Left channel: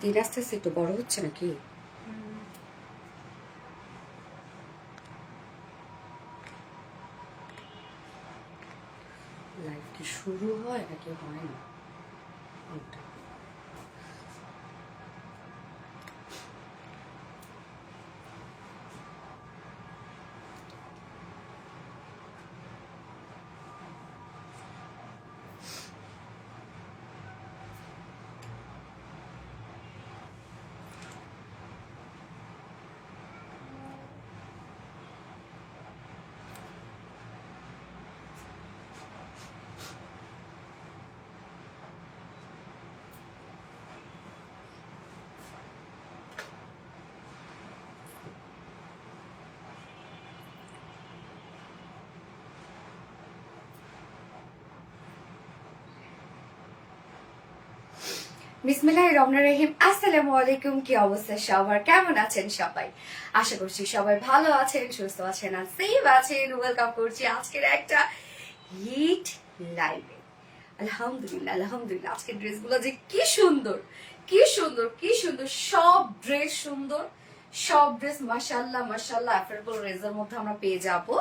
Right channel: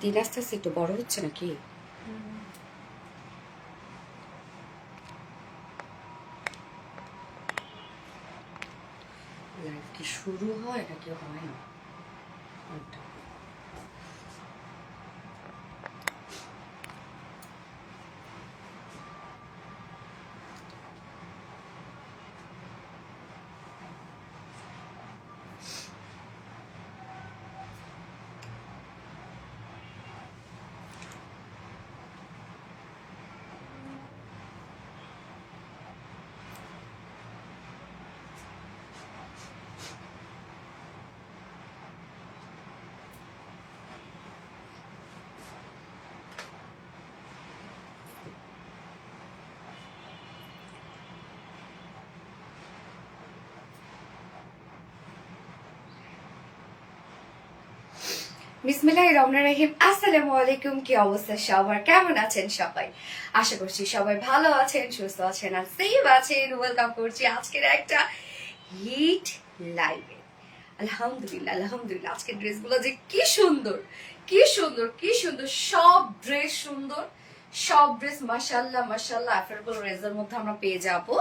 দিন আস্তে আস্তে একটু বড় হচ্ছে নাকি? লাইফ কি শুরু হয় নাকি হয় না? বিসমিল্লাহির রহমানির রহিম। আসসালামু আলাইকুম। কি অবস্থা সবার? কেমন আছেন সবাই? আশা করছি সবাই ভালো আছেন, সুস্থ আছেন আর সেফ আছেন। ওয়েলকাম করছি আজকের একটা হিট লাইভে। আলহামদুলিল্লাহ আলহামদুলিল্লাহ। আজকের ড্রেসগুলো যে কি সুন্দর, কি সুন্দর, কি সুন্দর। সব ড্রেস সুন্দর, সব ড্রেস মাশাআল্লাহ মাশাআল্লাহ অ্যাফোর্ডেবল রেঞ্জের মধ্যে আমরা পেয়ে যাবো।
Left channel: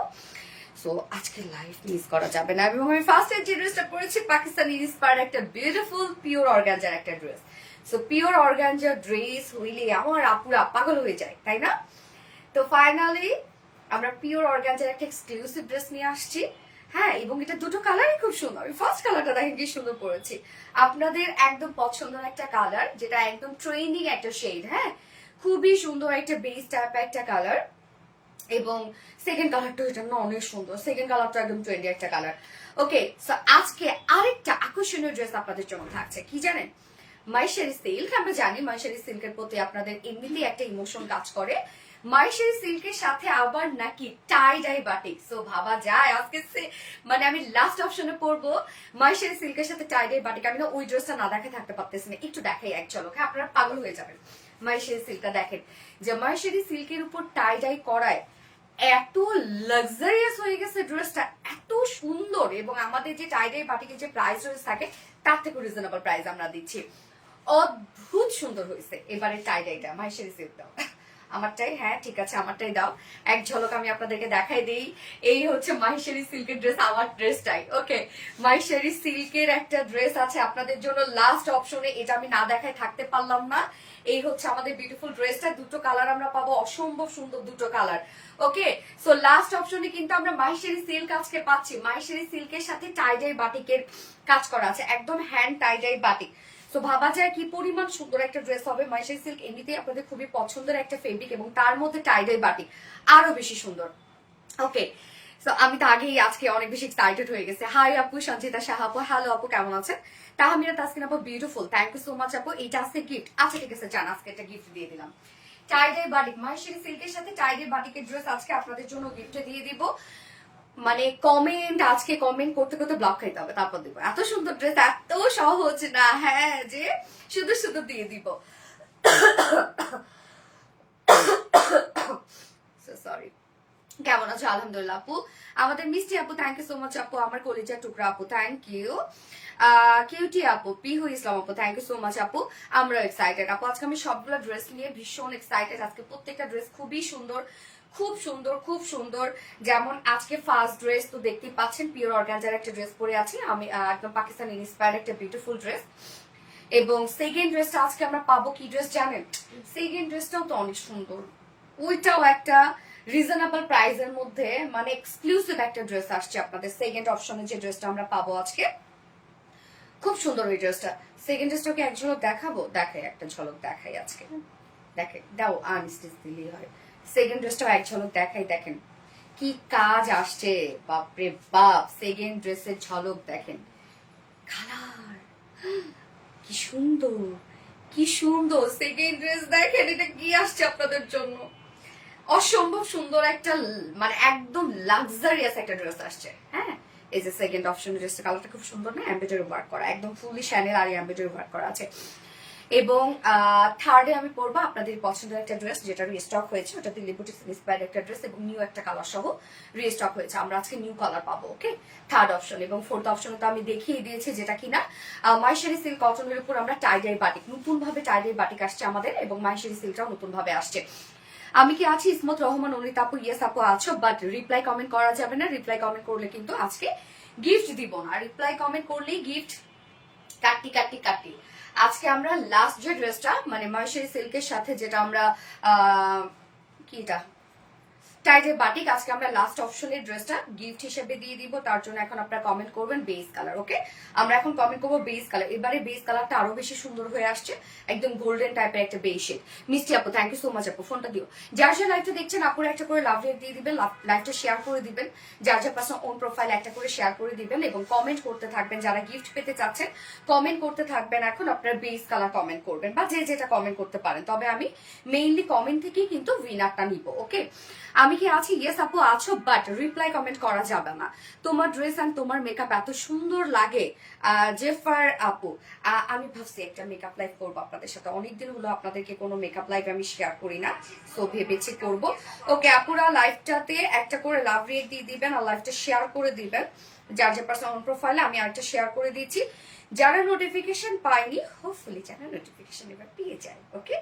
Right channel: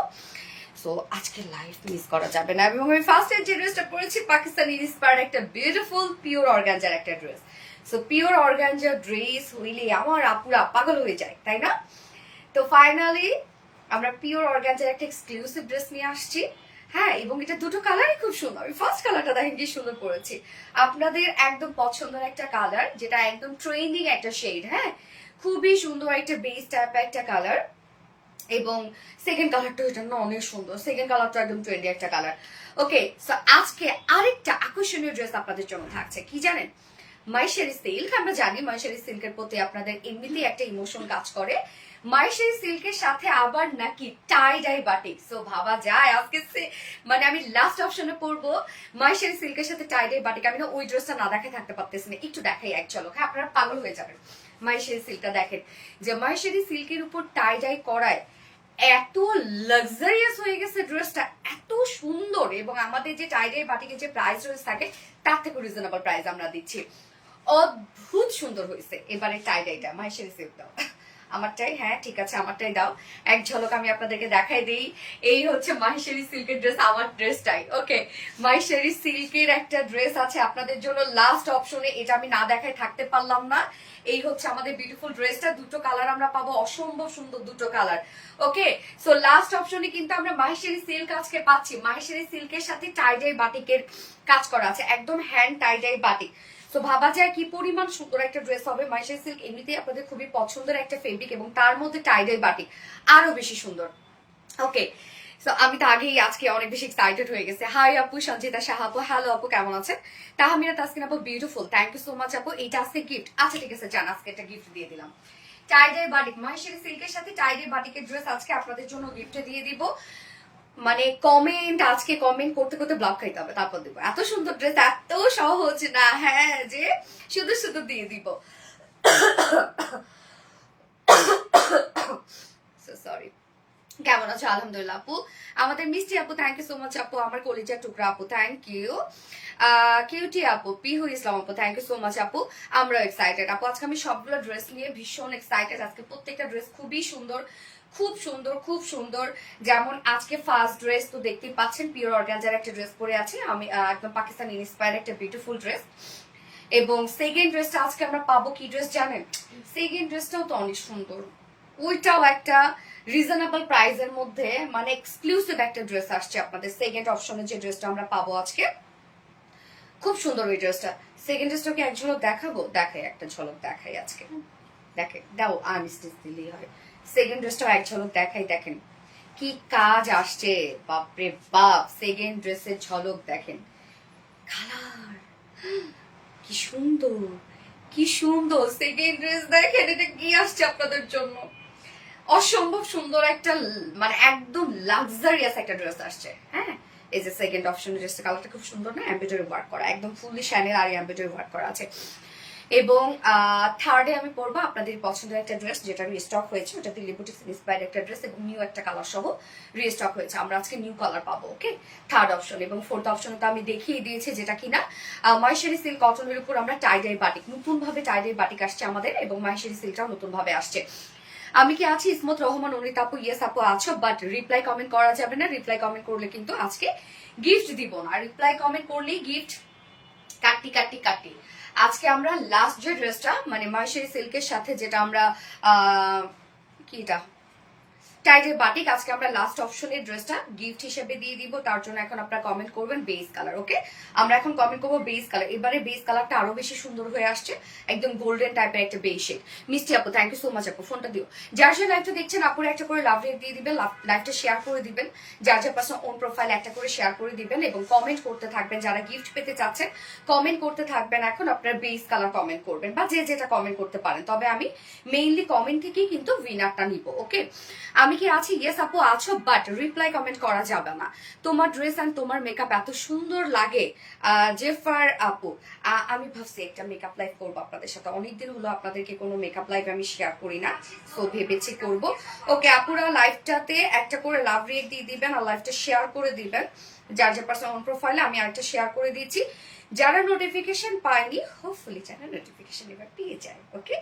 সো আজকে লাইভ মিস করা যাবে না। এবং আমি ফার্স্টে যে ড্রেসটা পরেছি পাকিস্তানি ইন্সপায়ার্ড একটা বিউটিফুল পিওর অর্গানজার একটা dress. So pure organza dress হইলে আমার আপুরা পাগল হয়ে যায়, তাই না? তো ফাইনালি আমরা পিওর অর্গানজার একটা এক্সক্লুসিভ ড্রেস নিয়ে আসছি। হ্যাঁ, এবং এটা দুটো কালারই খুব সুন্দর। আমি ফার্স্ট কালারটা দেখেন কি সুন্দর পরেছি, আপনাদের একদম পছন্দের একটা কালার, যেটা একদম ট্রেন্ডিং একটা শেড। হ্যাঁ, খুবই সুন্দর একটা বেস টাইপের একটা কালার। এবং সেকেন্ড কালারটা এটা না অনেক সুন্দর। সেকেন্ড কালারটা একদম ট্রেন্ডি একটা কালার। ওকে, সো আজকে আরেকটা আকর্ষণীয় ড্রেস আপনাদের জন্য থাকছে। কি জানেন? মাইশারি সিল্ক। আমরা জানি মাইশারি সিল্কের প্রতি আপনাদের এমনিতেই একটা ইমোশন কাজ করে। মাইশারি সিল্কের সাথে আবার নাকি টাই ডাই বাটিক। সো ভাবা যায় আজকে মানে আমি লাস্ট অপশনে পড়বো মাইশারি সিল্কের সাথে টাই ডাই বাটিক। আমি না ওই ড্রেসটা না দেখে থাকতে পারতেছি না, একটু দেখাই এক ঝলক। হ্যাঁ, আপনারা পাগল হয়ে যাবেন। মাইশারি সিল্কটা দেখেন, যে মাইশারি সিল্কের উপর টাই ডাই করায় এত লাক্সারিয়াস হয়ে গেছে ড্রেসটা, এত সুন্দর। এবং আমাদের যে টাইডাই বাটিকের যে প্রাইস রয়েছে থাকে তার থেকে রিজনেবল প্রাইস আমরা দিচ্ছি। অদ্ভুত সুন্দর হয়েছে এবারে টাইডাইটা। মাইশারি সিল্ক দাও আমারটাই। হ্যাঁ ঠিক আছে, আমারটাই দাও। এক ঝলক আমি আপনাদেরকে দেখাই দিই। এই হচ্ছে মাইশারি সিল্কের ড্রেস, আমার ড্রেসটাই। ওকে, মাইশারি সিল্কের একটা ড্রেস আছে আপনাদের জন্য লাস্ট অপশনে। এটা আমি না দেখায় থাকতে পারলাম না। এই হচ্ছে আমাদের বিউটিফুল ড্রেসটা। দুটো কালার আমরা পাবো, অসম্ভব সুন্দর দুটো কালার। ওকে, সো লাস্ট অপশনে কিন্তু আমরা মাহেশ্বরী সিল্ক আজকে পাচ্ছি। মাহেশ্বরী সিল্কের সাথে টাইডাই বাটিকের কাজ করা আছে, একদম হ্যান্ড টাইডাই বাটিক। তো ভাবা যায় কি পরিমাণ সুন্দর একটা ড্রেস হবে। মাহেশ্বরী সিল্ক এমনিতেই আপনাদের খুবই পছন্দের একটা ফেব্রিক, এবং তার মধ্যে টাইডাই বাটিক আরো বেশি সুন্দর। ওকে, সো আমি তো আগেই আজকে অনেক বেশি এক্সাইটেড হয়ে গেছে। হাই আপু, সঞ্চিতা শাহ আপু। হ্যালো আপু, কেমন আছেন? তাহমিনা তাসকিন আপু, beautiful, thank you so much আপু। এইটা আজকে গিফট। আচ্ছা ঠিক আছে, জান আজকে একটা গিফট দিয়ে দিলাম। টাইডাই বাটিক, মাহেশ্বরী সিল্কের সাথে টাইডাই বাটিকের ড্রেস আজকে আপনাদের জন্য গিফটে দিয়ে দিব। মানে কমেন্ট, আজকে কমেন্ট করতে করতে ব্লক খাইতে হবে, তারপর দিব। এত সুন্দর ড্রেস, এত সহজ না। হ্যাঁ, যে শুধু শুধু দিয়ে দিব। সরি। কেমন আছো? আলহামদুলিল্লাহ আপু। আমাদের মিষ্টি আপু, থ্যাংক ইউ সো মাচ আপু। আমার কলিজার টুকরা আপু, থ্যাংক ইউ। কিউটি আপু, পিহু ইসলাম আপু, থ্যাংক ইউ সো মাচ আপু। আমরা এক্সাইটেড আপু। আজকে আমি সবগুলো ড্রেস নিয়ে ভীষণ এক্সাইটেড। আজকে প্রত্যেকটা ড্রেস খুবই সুন্দর, খুব সুন্দর, খুব সুন্দর। যেমন আজকে ফার্স্ট ড্রেস তো দেখতেই পাচ্ছেন, পিওর অর্গানজার একটা ড্রেস পরে আছি আমি, একদম পাকিস্তানি ইন্সপায়ার্ড একটা বিউটিফুল ড্রেস। এবং সেকেন্ড ড্রেসটা আজকে আমরা পাবো কি ড্রেস জানেন? সেকেন্ড ড্রেসটাও তো অনেক সুন্দর। ওইটাও একটা রিজনেবল প্রাইসের মধ্যে, মানে এক্সক্লুসিভ একটা ড্রেস আসছে আপনাদের। সেকেন্ড অপশনে যে ড্রেসটা আমরা পাবো আজকে, খুব সুন্দর ওই ড্রেসটা। সেকেন্ড ড্রেসটাকে এক ঝলক দেখাবো, দেখাই একটা ঝলক দেখাই আজকে। দেখে দাও, আনস্টিচ দিলেই হয়। সেকেন্ড ড্রেসটাও এক ঝলক দেখাই। দেখেন কি কাজ আসছে, বাপরে বাপ। সেকেন্ড ড্রেসের ঝলক দেখেন, কালার কি সুন্দর, কি সুন্দর। সেকেন্ড ড্রেস দেখেন, এটা কি আসছে আপনাদের জন্য। অসম্ভব সুন্দর একটা, মানে একদম লাক্সারিয়াস একটা ড্রেস আসছে। হ্যাঁ, এই যে সেকেন্ড অপশন ড্রেসটা, কালারটা খুব সুন্দর না? এমব্রয়ডারি ওয়ার্ক করা, একদম ফুললি শ্যানেল আর এমব্রয়ডারি ওয়ার্ক করা আছে। এবং থার্ডে আমি পরবো আপনাদের পছন্দের একটা ড্রেস, যেটা রিস্টক হয়েছে, ওটা দিল্লি বুটিক্স ইন্সপায়ার্ড একটা ড্রেস এবং নিউ একটা কালার সহ রিস্টক হয়েছে। আমরা আজকে নিউ কালার পাবো। ওকে, থার্ড অপশন। এবং ফোর্থ অপশনে তো আমি দেখিয়ে দিয়েছি, যেটা কিনা মাইশারি সিল্ক কটনের উপর আমরা টাইডাই বাটিক, নতুন ভাবে টাইডাই বাটিক আসছে আমাদের, এবং মাইশারি সিল্কটাও নতুন ভাবে আসছে। আমি কি আছি ইসমত রহমান অনিত আপু? ইয়েস আপু আছো, বাট রিপ্লাই কমেন্ট করা যাবে না। রিপ্লাই কমেন্ট করলে কিন্তু আজকে গিফট দিব না। রিপ্লাই কমেন্ট করলেই গিফট কাটি কাটি কাটি। আজকে আমরা লাস্ট যে ড্রেসটা, মানে মাইশারি সিল্কের সাথে যেটা আমরা কিটা টাইটের বাটিক, আজকে আমরা লাস্ট অপশনের ড্রেসটা গিফট হিসেবে দিয়ে দিব। তার জন্য এখন আপনারা কমেন্ট করবেন বেস কালার। ওকে, আমরা এখন কমেন্ট করবো বেস কালার। এবারে বেস কালারটা আরো বেশি সুন্দর হয়ে আসছে, একদম গোল্ডেন টাইপের একটা বেস শেড। মিষ্টি আপু থ্যাংক ইউ সো মাচ আপু, ফোনটা দিও। যার যার লাইভটা দেখছেন আপুরা একটা করে লাভ রেট দিয়ে দিবেন, লাইভটা শেয়ার করে দিবেন, যার যার পাশে ওন প্রোফাইল একটা করে শেয়ার করে দিবেন এবং কমেন্ট করতে থাকবেন। যারা গিফট পেতে চাচ্ছেন কমেন্ট করতে থাকবেন। এখন আপনারা বেস কালার কমেন্ট করবেন, বা যে যেটা কমেন্ট করতে পারেন, তবে আমি মেইনলি কমেন্ট থেকেই কিন্তু উইনারটা নিব। ওকে, আমি কি আছি? ইয়েস আপু আছো, বাট রিপ্লাই কমেন্ট করা যাবে না। তোমার ড্রেস এন্ড তোমার মেকআপ এত সুন্দর লাগে জেফার আপু। আমি ভাবছি একটা মেকআপ লাইভ করবো আপনাদের সাথে, অনেকদিন হলো আপনাদেরকে কোনো মেকআপ লাইভ আমি শেয়ার করি না, তো ভেবেছি করব। ওকে আপুরা, লাইভটাতে একটা করে লাভ রেট দিয়ে দিবেন আর লাইভটা শেয়ার করে দিবেন। যার যে পার্সোনাল প্রোফাইলে আমি আরেকটা শেয়ার করে দিয়েছি। যারা নোটিফিকেশন পায়নি, হোপফুলি যারা নোটিফিকেশন এবার পেয়ে যায়। ওকে,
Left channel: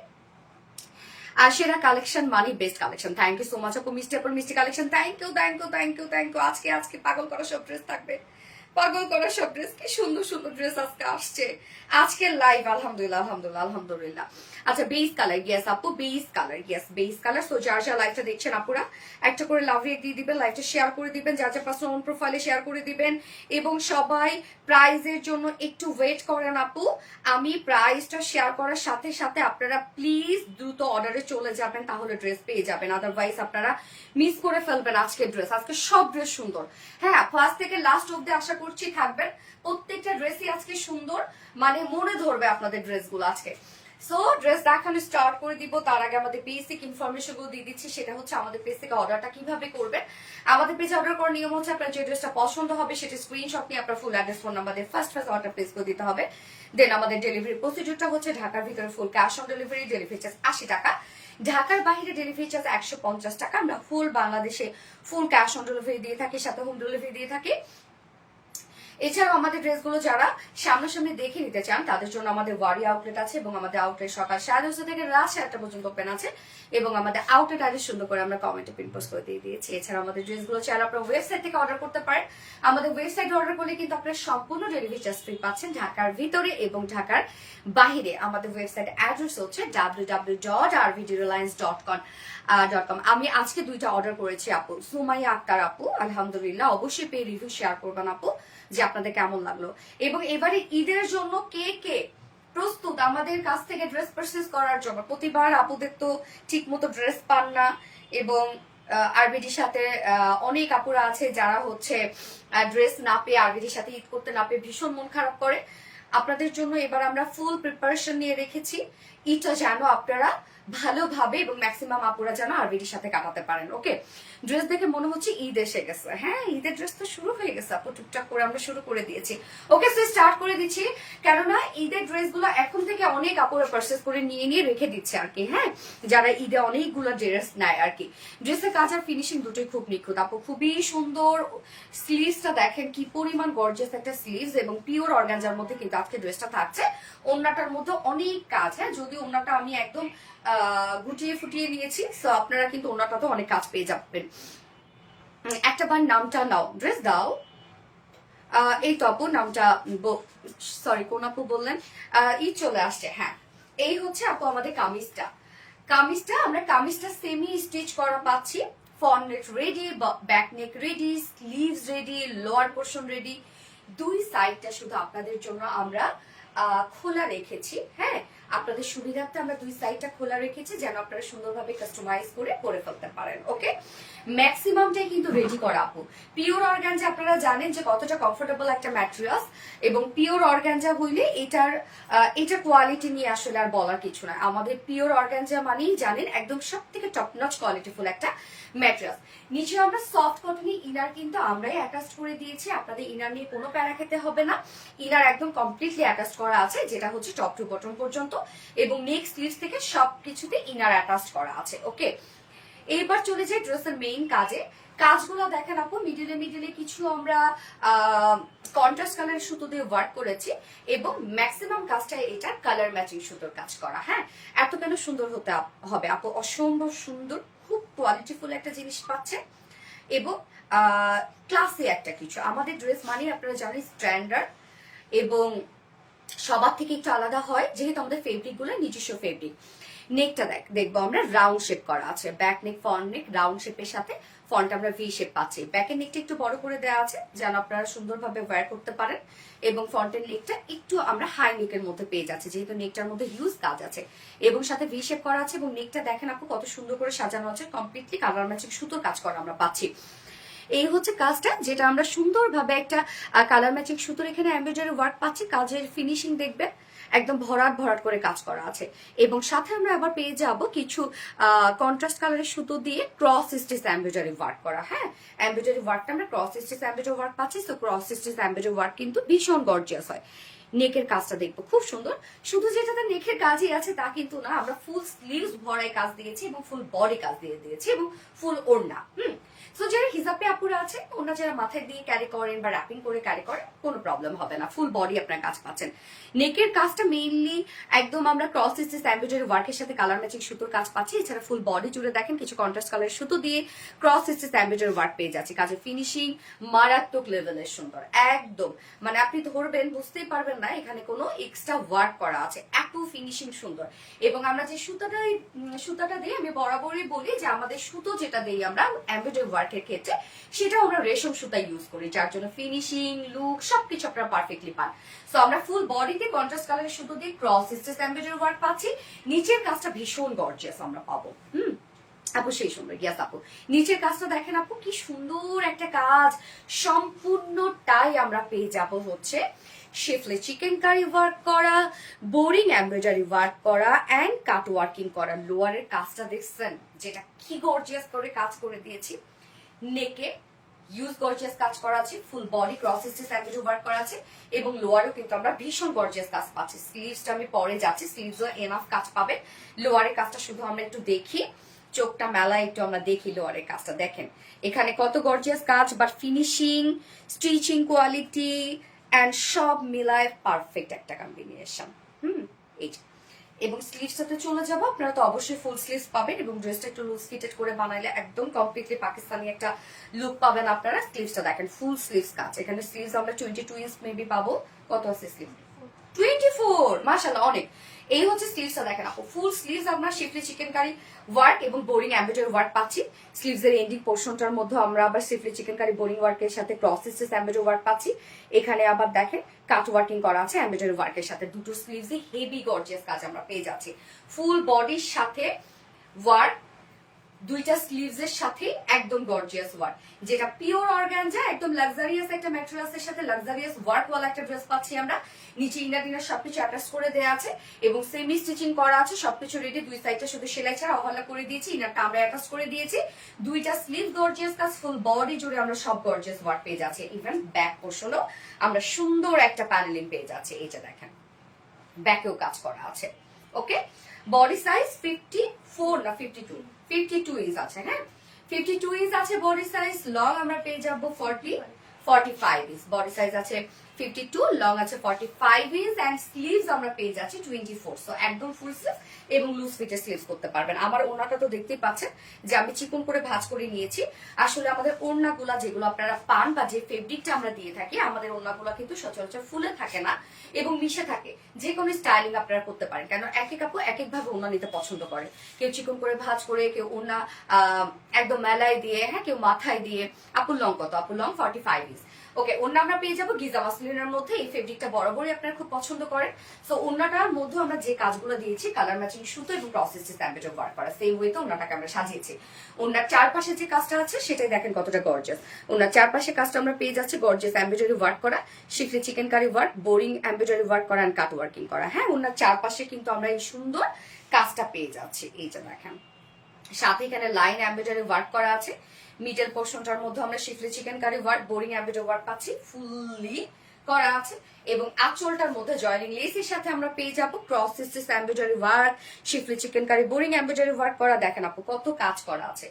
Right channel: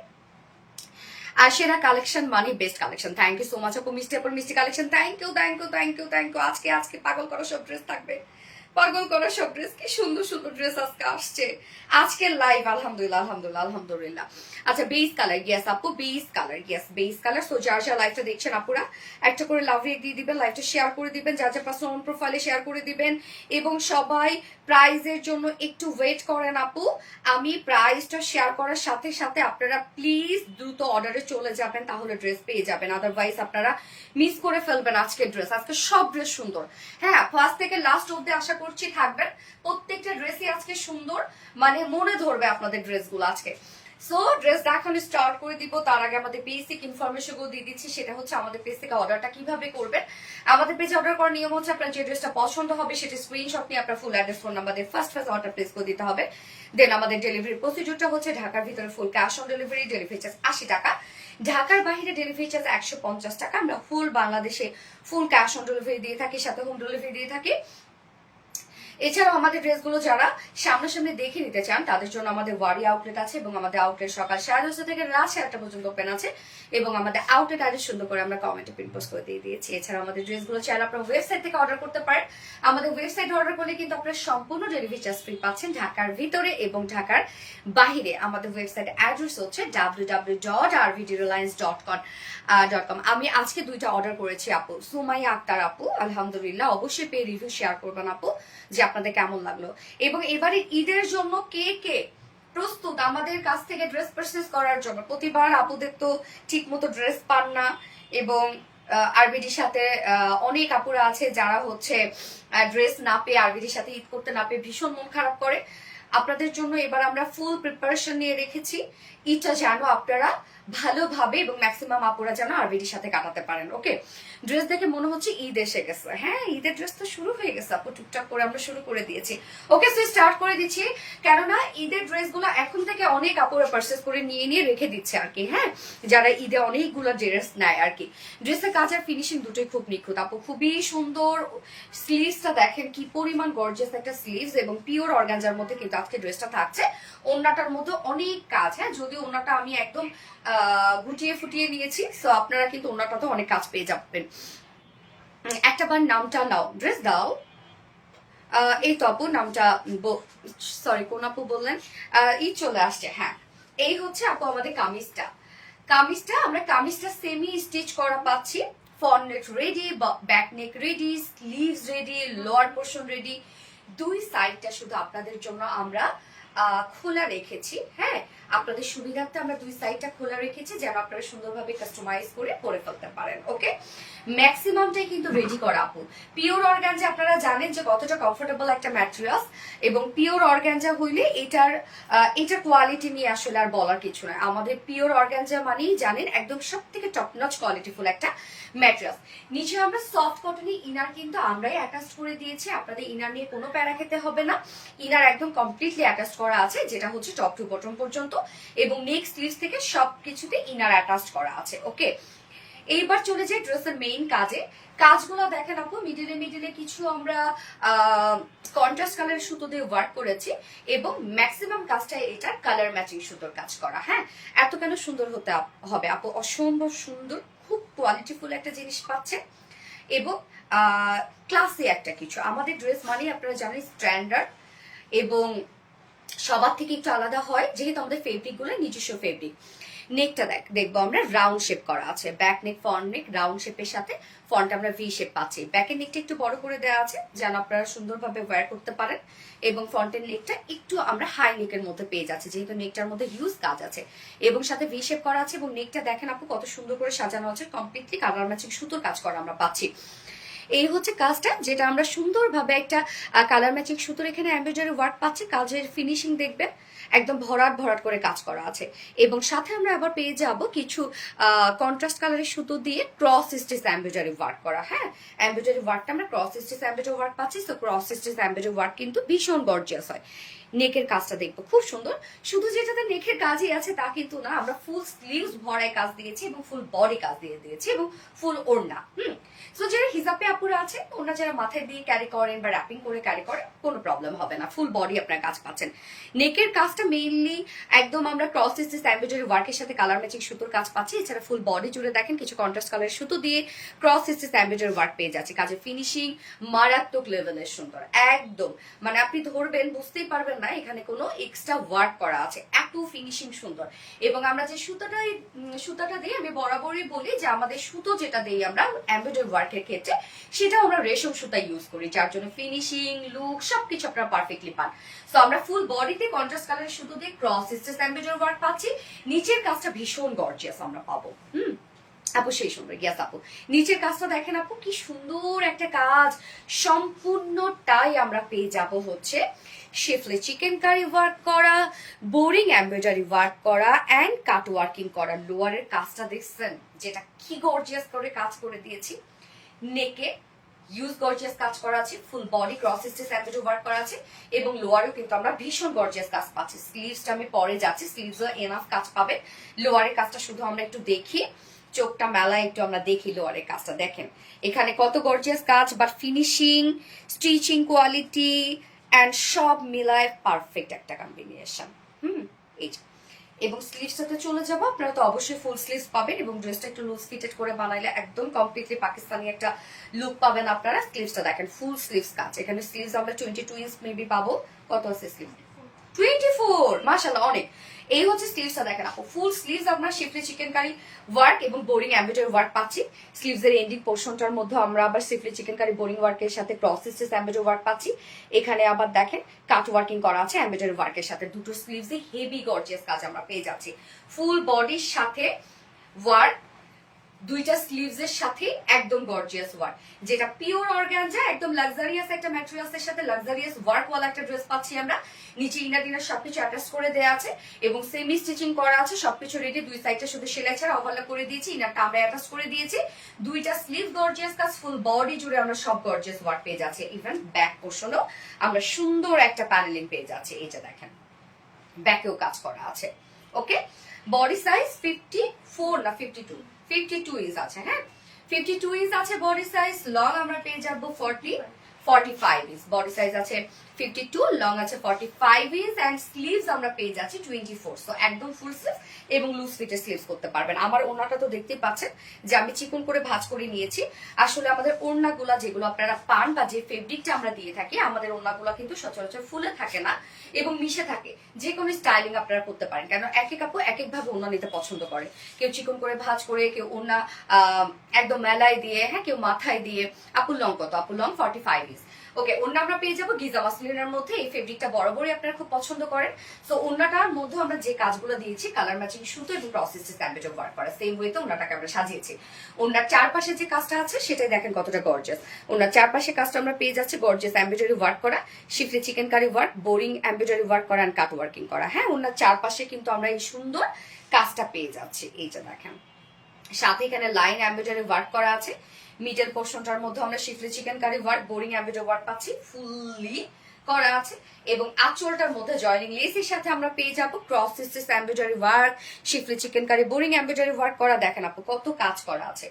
আর সেরা কালেকশন মানে best collection. Thank you so much আপু। মিষ্টি আপুর মিষ্টি collection, thank you thank you thank you thank you. আজকে আজকে পাগল করা সব ড্রেস থাকবে, পাগল করা সব ড্রেস, কি সুন্দর সুন্দর ড্রেস আজকে আসছে আজকে লাইভ। আলহামদুলিল্লাহ আলহামদুলিল্লাহ আলহামদুলিল্লাহ। আচ্ছা বেস কালার, ইয়েস আপু base colour, yes base colour. So যার যার লাইভটা দেখছেন আপুরা একটা করে লাভ রেট দিয়ে দিবেন, লাইভটা শেয়ার করে দিবেন, যার যার পার্সোনাল প্রোফাইলে শেয়ার করে দিবেন। এবং সবাই প্রাইজের জন্য একটু ওয়েট করেন আপু, আমি প্রাইসটা শেয়ার করার সাথে সাথে আপনারা প্লিজ দ্রুত অর্ডারে চলে যাবেন, তাহলে ড্রেস পেয়ে যাবেন। আদারওয়াইজ আপনারা মিস করে ফেলবেন আজকের ড্রেস। আজকে সব ড্রেস সুন্দর, হ্যাঁ ফার্স্ট থেকে লাস্ট অব্দি আশা করছি থাকবেন। প্রত্যেকটা ড্রেসই আজকে সুন্দর, মানে মনে ধরবে আপনাদের ড্রেসগুলো আজকে। সো ড্রেস দেখানো স্টার্ট করে দিব, তার আগে আমাদের বেসিক ইনফরমেশন গুলো দিয়ে দিচ্ছি। সেটা হচ্ছে আমাদের পেজ থেকে অর্ডারটা কিভাবে করবেন। আমাদের পেজে অর্ডার করার নিয়ম হচ্ছে আপনার যে ড্রেসটা পছন্দ হবে সেটা স্ক্রিনশট নিয়ে আপনার ফুল অ্যাড্রেস ফোন নাম্বার দিয়ে ফার্স্ট অর্ডার প্লেস করে দিতে হবে। দেন আমাদের ডেলিভারি প্রসিডিউরটা হচ্ছে ঢাকার ভিতরে full cash on delivery, delivery charge 80 টাকা। ঢাকার বাইরে ডেলিভারি চার্জ 150 টাকা। আমরা ফুল বাংলাদেশে ফুল ক্যাশ অন ডেলিভারি দিয়ে থাকি, সাথে হোম ডেলিভারি দিয়ে থাকি। এছাড়াও আমাদের ড্রেসগুলো যারা সামনাসামনি দেখে নিতে চান তাদের জন্য আমাদের ওয়ারি আউটলেট আছে, এবং আমাদের আউটলেট সকাল 10:30 থেকে রাত 7টা পর্যন্ত ওপেন আছে, এবং আমাদের আউটলেট আজ সুন্দর করে আমরা কমেন্টে পিন পোস্ট করে দিয়ে দিয়েছি। এছাড়া আমাদের ড্রেসগুলো চাইলে আপনার ওয়েবসাইট থেকে অর্ডার করতে পারেন। আমাদের ওয়েবসাইটে অর্ডার করলে কিন্তু আপনারা সম্পূর্ণ ডেলিভারি চার্জ ফ্রি পাচ্ছেন ঢাকার ভিতরে এবং ঢাকার বাহিরে। আমাদের ওয়েবসাইট অ্যাড্রেস হচ্ছে www.rvdreliance.com। আমি আজকে দুইটা অর্ডার করেছি আপু, সুমাইয়া আক্তার আপু, আলহামদুলিল্লাহ। অবশ্যই পেয়ে রিভিউ শেয়ার করবেন আপু যে আপনাদের কেমন লাগলো। এবং এবারে ঈদের জন্য কে কে প্রস্তুত আমাদের কাছ থেকে ড্রেস পারচেজ করার জন্য? প্রতিবার আপুদের তো ঠিক মতো ড্রেস পান না, এবং আরবিডির সাথে অনেক আপুরা আছে যারা হচ্ছে ড্রেস না পেয়ে, আরবিডির সাথে ঈদ করতে না পেয়ে ভীষণ মন খারাপ করে। আপনাদের জন্য এবার আমরা ফুল প্রিপারেশন নিয়ে রেখেছি, ঈদটা যেন আপনারা ভালোভাবে এবং ম্যাক্সিমাম আপুরা যেন আরবিডির সাথে কাটাতে পারেন। ওকে, ড্রেস দেখে মনে হচ্ছে ঈদ এসে গেছে। হ্যাঁ, ঈদের ড্রেস তো শুরু হয়ে গেছে আপু, টুকটাক করে আমরা শুরু করে দিয়েছি। ওকে, সো স্টার্ট করে দিচ্ছি, কেননা ঈদের ড্রেসগুলো এখন থেকে অনেক আপুরা পারচেজ করে নিয়ে নিয়ে রেখে দিচ্ছে আর কি। হ্যাঁ, যারা ঈদে অনেকগুলো ড্রেস নেয় আর কি। ড্রেসের কাজ আর ফিনিশিং দুটোই খুব নিখুঁত আপু, খুবই সুন্দর। স্লিভসটা দেখেন কি পরিমাণ গর্জিয়াস একটা স্লিভস, এবং পিওর অর্গানজার মধ্যে কিন্তু আজকে ড্রেসটা থাকছে। ওড়নাটার মধ্যে অনেক কাজ, হ্যাঁ যদি ওড়নাটা আমি একদম গুটিয়ে ফুটিয়ে নিয়েছি, সো আপনারা কিন্তু ওড়নাটাতে অনেক কাজ পেয়ে যাবেন। একটা বার নামটা নাও, ড্রেস দাও। এই তো আপু নামটা, সরি কোন আপু বললেন? ঈদ চলে আসছে, হ্যাঁ এই হচ্ছে আপু আমাদের কামিজটা। আমরা কামিজটা সেমি স্টিচ করা পাচ্ছি, ফ্রন্ট নেক ready, back neck ready, sleeves ready, lower portion ready. দুই সাইডটা শুধু আপনাদের জন্য আমরা খোলা রেখেছি। হ্যাঁ, আপনাদের সুবিধার্থে আমরা দুই সাইডটা খোলা রেখেছি যেন আপনারা সুন্দরভাবে কাস্টমাইজ করে ফেলতে পারেন। ওকে, ম্যাক্সিমামটাই কিন্তু রেডি করা আপু। পিওর অর্গানজা আপনারা জানেন যে কতটা কমফোর্টেবল একটা ম্যাটেরিয়ালস, এবং পিওর অর্গানজা হইলে এটা কোয়ালিটি নিয়ে আসলে আর বলার কিছু নয়। আমাদের পিওর অর্গানজা মানেই জানেন একদম সব থেকে টপ নচ কোয়ালিটিফুল একটা ম্যাটেরিয়ালস। নিচে আমরা সফট কটনের ইনার কিন্তু আমরাই অ্যাটাচ করে দিয়েছি, আপনাদের ইনার নিয়ে কোনো প্যারা খেতে হবে না। ইনার একদম কমপ্লিটলি অ্যাটাচ করা আছে, যেটা হচ্ছে টপ টু বটম পর্যন্ত। এবং নেক স্লিভস থেকে সবকিছুতে ইনার অ্যাটাচ করা আছে। ওকে, এইবার চলে যাই ড্রেসের মেইন কাজে। কাজগুলো দেখেন আপু, মিডিলে মিডিলে কিছু আমরা কন্ট্রাস্ট কালারের সুতো দিয়ে ওয়ার্ক করেছি এবং ম্যাক্সিমাম কাজটা এটা কালার ম্যাচিং সুতোর কাজ করা। হ্যাঁ, এত কেন সুন্দর হতে হবে আপু, অসম্ভব সুন্দর, খুব কোয়ালিটিফুল একটা জিনিস পাচ্ছে এবং ক্লাসি একটা কিছু। আমাদের ড্রেস মানে আপনারা জানেন স্ট্যান্ডার্ড এবং সবার থেকে একটু আলাদা হয় যেহেতু আমাদের ফেব্রিক গুলো নিজস্ব ফেব্রিক। নেকটা দেখবো আমরা রাউন্ড শেপ করা আছে, ব্যাক নেক ফ্রন্ট নেক রাউন্ড শেপের সাথে ফ্রন্ট আমরা ভি শেপ পাচ্ছি। ব্যাকের নেকটা একটু বড় করে দেওয়া আছে যেন আপনারা সুন্দরভাবে ওয়্যার করতে পারেন এবং ফ্রন্টের নেকটা একটু আমরা হাই নেকের মধ্যে পেয়ে যাচ্ছি যেহেতু নেকটার মধ্যে হিউজ কাজ আছে এবং সাথে ভি শেপ করা আছে এবং নেকটা দেখেন আপু কত সুন্দর করে সাজানো আছে, কমপ্লিটলি কালার ম্যাচিং সুতোর কাজ করা আমরা পাচ্ছি। এই হচ্ছে কাজটা যেটা আমরা সুন্দরভাবে একটা কালার ম্যাচিং সুতোর এখানে এমব্রয়ডারি ওয়ার্ক পাচ্ছি। কাজের ফিনিশিং দেখবেন একদম ভরাট ভরাট করে কাজ করা আছে এবং সাথে আমরা আবার পেয়ে যাব কিছু কন্ট্রাস্ট কালারের সুতো দিয়ে ক্রস স্টিচ এমব্রয়ডারি ওয়ার্ক করা। হ্যাঁ, এমব্রয়ডারি ওয়ার্কটা আমরা ক্রস স্টিচ এমব্রয়ডারি ওয়ার্ক পাচ্ছি। তো ক্রস স্টিচ এমব্রয়ডারি ওয়ার্ক কিন্তু ভীষণ গর্জিয়াস হয়। নেকের কাজটা দেখবো খুব সুন্দর, শুধু যেটাতে নেকের কাজই আছে তা কিন্তু না, আমরা ফুল স্লিভস ভরায় কাজ দিয়েছি এবং ফুল বডি কাজ দিয়ে দিয়েছি এবং ফুল ওড়না। সো যারা হিজাবে আপুরা আছে ওনারা যারা মাথায় দিয়ে ক্যারি করেন বা র্যাপিং করে ক্যারি করেন কোনো প্রবলেম হবে না, ফুল বডি আপনার কাজ পাচ্ছেন। নেকের কাজটা মেইনলি একদম আমরা ক্রস স্টিচ এমব্রয়ডারি ওয়ার্কের সাথে কালার ম্যাচিং সুতোর কাজ পাচ্ছি। এছাড়া ফুল বডি জুড়ে দেখেন কিছু কন্ট্রাস্ট কালারের সুতো দিয়ে ক্রস স্টিচ এমব্রয়ডারি ওয়ার্ক পেয়ে যাচ্ছে। কাজের ফিনিশিং মারাত্মক লেভেলের সুন্দর, একদম মানে আপনি ধরবেন বুঝতেই পারবেন না এখানে কোনো এক্সট্রা ওয়ার্ক করা আছে, এত ফিনিশিং সুন্দর। এবং আমরা যে সুতাটা দিই আমি বরাবরই বলি যে আমাদের সুতো যেটা দিই আমরা এমব্রয়ডারি ওয়ার্কের ক্ষেত্রে সেটা আমরা রেশম সুতা ইউজ করি, যার জন্য ফিনিশিং লুক সবকিছু আপনারা পারফেক্টলি পান। সো আমরা ফুল বডিতে কন্ট্রাস্ট কালারের সুতো দিয়ে ক্রস স্টিচ এমব্রয়ডারি ওয়ার্ক পাচ্ছি। নিচের কাজটা ভীষণ গর্জিয়াস আমরা পাবো। আপু সেই সুন্দর, ইয়াস আপু নিচের কাজটা দেখেন আপু কি সুন্দর একটা কাজ, সম্পূর্ণটাই আমরা পেয়ে যাব হচ্ছে শিফলি চিকেন কারি ওয়ার্ক করা, বোরিং এমব্রয়ডারি ওয়ার্ক করা অ্যান্ড কাট ওয়ার্কিং করা। লোয়ারের কাজটা দেখছেন যেটা কি গর্জিয়াস করে কাজ করে দিয়েছি। নেকে ইউজ গর্জিয়াস কাজ করা আছে, full body cross stitch embroidery work করা আছে এবং লোয়ারেও কিন্তু আমরা ভীষণ গর্জিয়াস কাজ পাচ্ছি। স্লিভসটা আমি পরে যাচ্ছি, স্লিভসও এনাফ কাজ পাবে। লোয়ারের কাজটা শুধু আমরা একটু দেখি, চোখটা মেলা একটু আমরা দেখি লোয়ারের কাজটা দেখেন এখানে কত গর্জিয়াস কাজ, but finishing stitching quality and সব মিলায় পারফেক্ট একটা কম্বিনেশন। এই এবং স্লিভস সাথে চলে যাবো, আপনারা তো অবশ্যই ফুল স্লিভস পাবেন এবং ড্রেসটা একটু লুজ ফিটেড করে বানাইলে একদম কমপ্লিটলি পাকিস্তানি একটা লুক পাবেন আপনারা। স্লিভসটা দেখেন ফুল স্লিভস কাজ, এখানে স্লিভস আমরা 22 ইঞ্চ মেবি পাবো। কত আছে স্লিভ? 24, মাশাআল্লাহ অনেক। এই হচ্ছে স্লিভসটা দেখেন আপু, ফুল স্লিভস আমরা শিফলি চিকেন কারি ওয়ার্ক এবং বোরিং এমব্রয়ডারি ওয়ার্ক পাচ্ছি। স্লিভস এর এন্ডিং পোর্শনটার মধ্যে আমরা আবার শিফলি চিকেন কারি বোরিং ওয়ার্কের সাথে ক্রস স্টিচ এমব্রয়ডারি ওয়ার্ক পাচ্ছি। এখানে আবার দেখেন কাট ওয়ার্কিং করা আছে এমব্রয়ডারি ওয়ার্কের সাথে। দুটো স্লিভসে হেভি গর্জিয়াস কাজ আমরা পেয়ে যাচ্ছি। ফুল বডির সাথে ওয়ার্ক, দুইটা স্লিভস এর সাথে একদম গর্জিয়াস ওয়ার্ক, যেটা পিওর অর্গানজা একদম লাক্সারিয়াস একটা ম্যাটেরিয়ালস সাথে লাক্সারিয়াস ওয়ার্ক ওয়ালা একটা ড্রেস পাচ্ছি আমরা। নিচে ইনার ডিনার সবকিছু অ্যাটাচ করে দেওয়া আছে এবং সেমি স্টিচিং করা আছে, সবকিছু রেডি। দুই সাইডটা শুধু সেলাই ছাড়া ওভারল্যাপ করে দিয়েছি, ইনারটা আমরা অ্যাটাচ করে দিয়েছি। দুইটা স্লিভ গর্জিয়াস কাজ, ফুল বডি জুড়ে আমরা সব গর্জিয়াস ওয়ার্ক পেয়ে যাচ্ছি। ইভেন ব্যাক পোর্শনও আমরা সুন্দর একটা প্যানেলিং পেয়ে যাচ্ছি। এইটা দেখেন ব্যাকেও কাজ করা আছে। ওকে, বডি সাইজ 54 না 52 ইঞ্চ আছে। হ্যাঁ, 52 ইঞ্চ আছে বডি সাইজ। লং আমরা পেয়ে যাবো 45 ইঞ্চ। বডি সাইজ আছে 52, লং আছে 45 ইঞ্চ অ্যান্ড স্লিভস আমরা পেয়ে যাচ্ছি 24। সো একদম ফুল স্লিভ এবং লুজ ফিটের স্লিভস করতে পারবেন। আমার ওড়নাটা তো দেখতেই পাচ্ছেন যে আমি চিকন করে ভাঁজ করে নিয়েছি। আসলে আমাদের ওড়নাগুলা যেগুলো আপনারা পান বা যে ফেব্রিকটা আমরা দিয়ে থাকি, আমাদের ওড়নাগুলা কিন্তু সচরাচর ফুলে থাকে না এবং মিশে থাকে। যে কোনো স্টাইলিং আপনারা করতে পারেন, কেন এক এক আপু এক এক ভাবে ওড়না নিতে পছন্দ করে। কেউ চিকন করে ভাঁজ করে, কেউ ওড়না একদম মেলায় দিয়ে, হ্যাঁ কেউ মাথায় দিয়ে। আপুর লং কত? আপুর লং 45 ইঞ্চ। ওকে, ওড়না আমরা পেয়ে যাবো গিজা মাসলিনের মধ্যে। এই ফেব্রিকটা বরাবরই আপনারা খুব পছন্দ করেন। সো ওড়নাটার মধ্যে আমরা যে কাজগুলো দিয়েছি কালার ম্যাচিং সুতো এবং প্রসেস এমব্রয়ডারি ওয়ার্ক করা, সেম ওয়েতে ওড়নাটাকে আমরা সাজিয়েছি। ওড়নার চারপাশে যে কাজটা আছে সেটাই দেখেন কতটা গর্জিয়াস। ওড়নার চারপাশে কাজটা আমরা পেয়ে যাচ্ছি গর্জিয়াস এমব্রয়ডারি ওয়ার্ক করা, schiffli chikankari work, boring embroidery work করা এন্ড কাট ওয়ার্কিং করা। হ্যাঁ, ওড়নার চারপাশে কিন্তু আমরা এই সুন্দর কাজটা পেয়ে যাচ্ছি। এইটা দেখেন, সাথে এখানে লাইন এমব্রয়ডারি ওয়ার্ক করা আছে। মিডল পোর্শনটার মধ্যে আমরা schiffli chikankari work, boring embroidery work পাচ্ছি। ফুললি করা আছে এবং আঁচলটার মধ্যে জয়নিং লেসের সাথে আমরা পেয়ে যাবো cross stitch embroidery work, schiffli chikankari boring embroidery work করা। দেখেন আপু কত কাজ করা আছে,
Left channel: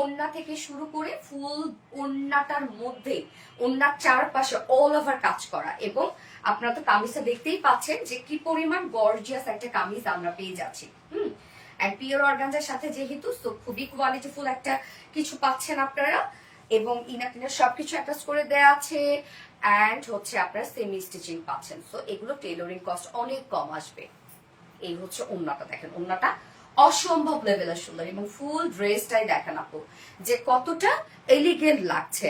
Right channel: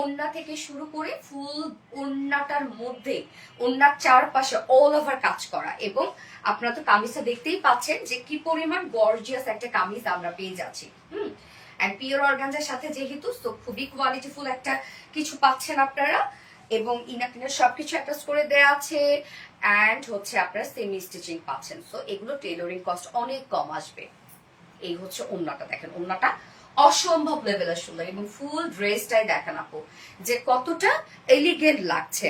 ওন্না থেকে শুরু করে ফুল ওন্নাটার মধ্যে ওন্নার চারপাশে অল ওভার কাজ করা। এবং আপনারা তো কামিজটা দেখতেই পাচ্ছেন যে কি পরিমাণ গর্জিয়াস একটা কামিজ আমরা পেয়ে যাচ্ছি। এন্ড পিওর অর্গানজার সাথে যেহেতু তো খুবই কোয়ালিটিফুল একটা কিছু পাচ্ছেন আপনারা, এবং ইনার সবকিছু অ্যাটাচ করে দেয়া আছে। অ্যান্ড হচ্ছে আপনারা সেমি স্টিচিং পাচ্ছেন, সো এগুলো টেইলরিং কস্ট অনেক কম আসবে। এই হচ্ছে ওন্নাটা, দেখেন ওন্নাটা অসম্ভব লেভেলের সুন্দর, এবং ফুল ড্রেসটাই দেখেন আপু যে কতটা এলিগেন্ট লাগছে।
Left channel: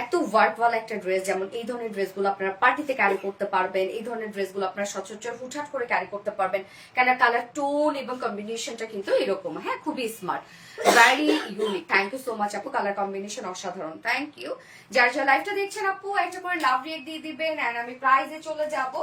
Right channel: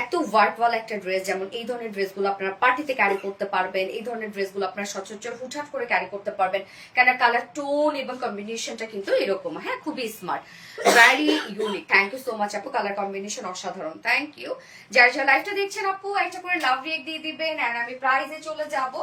এত ওয়ার্কওয়ালা একটা ড্রেস, যেমন এই ধরনের ড্রেসগুলো আপনারা পার্টিতে ক্যারি করতে পারবেন, এই ধরনের ড্রেসগুলো আপনারা সচরাচর হুটহাট করে ক্যারি করতে পারবেন, কেন কালার টোন এবং কম্বিনেশনটা কিন্তু এরকম, হ্যাঁ খুবই smart, very unique. Thank you so much আপু, কালার কম্বিনেশন অসাধারণ, থ্যাংক ইউ। যার যার লাইভটা দেখছেন আপু একটা করে লাভ রিয়েক্ট দিয়ে দিবেন। আর আমি প্রাইজে চলে যাব।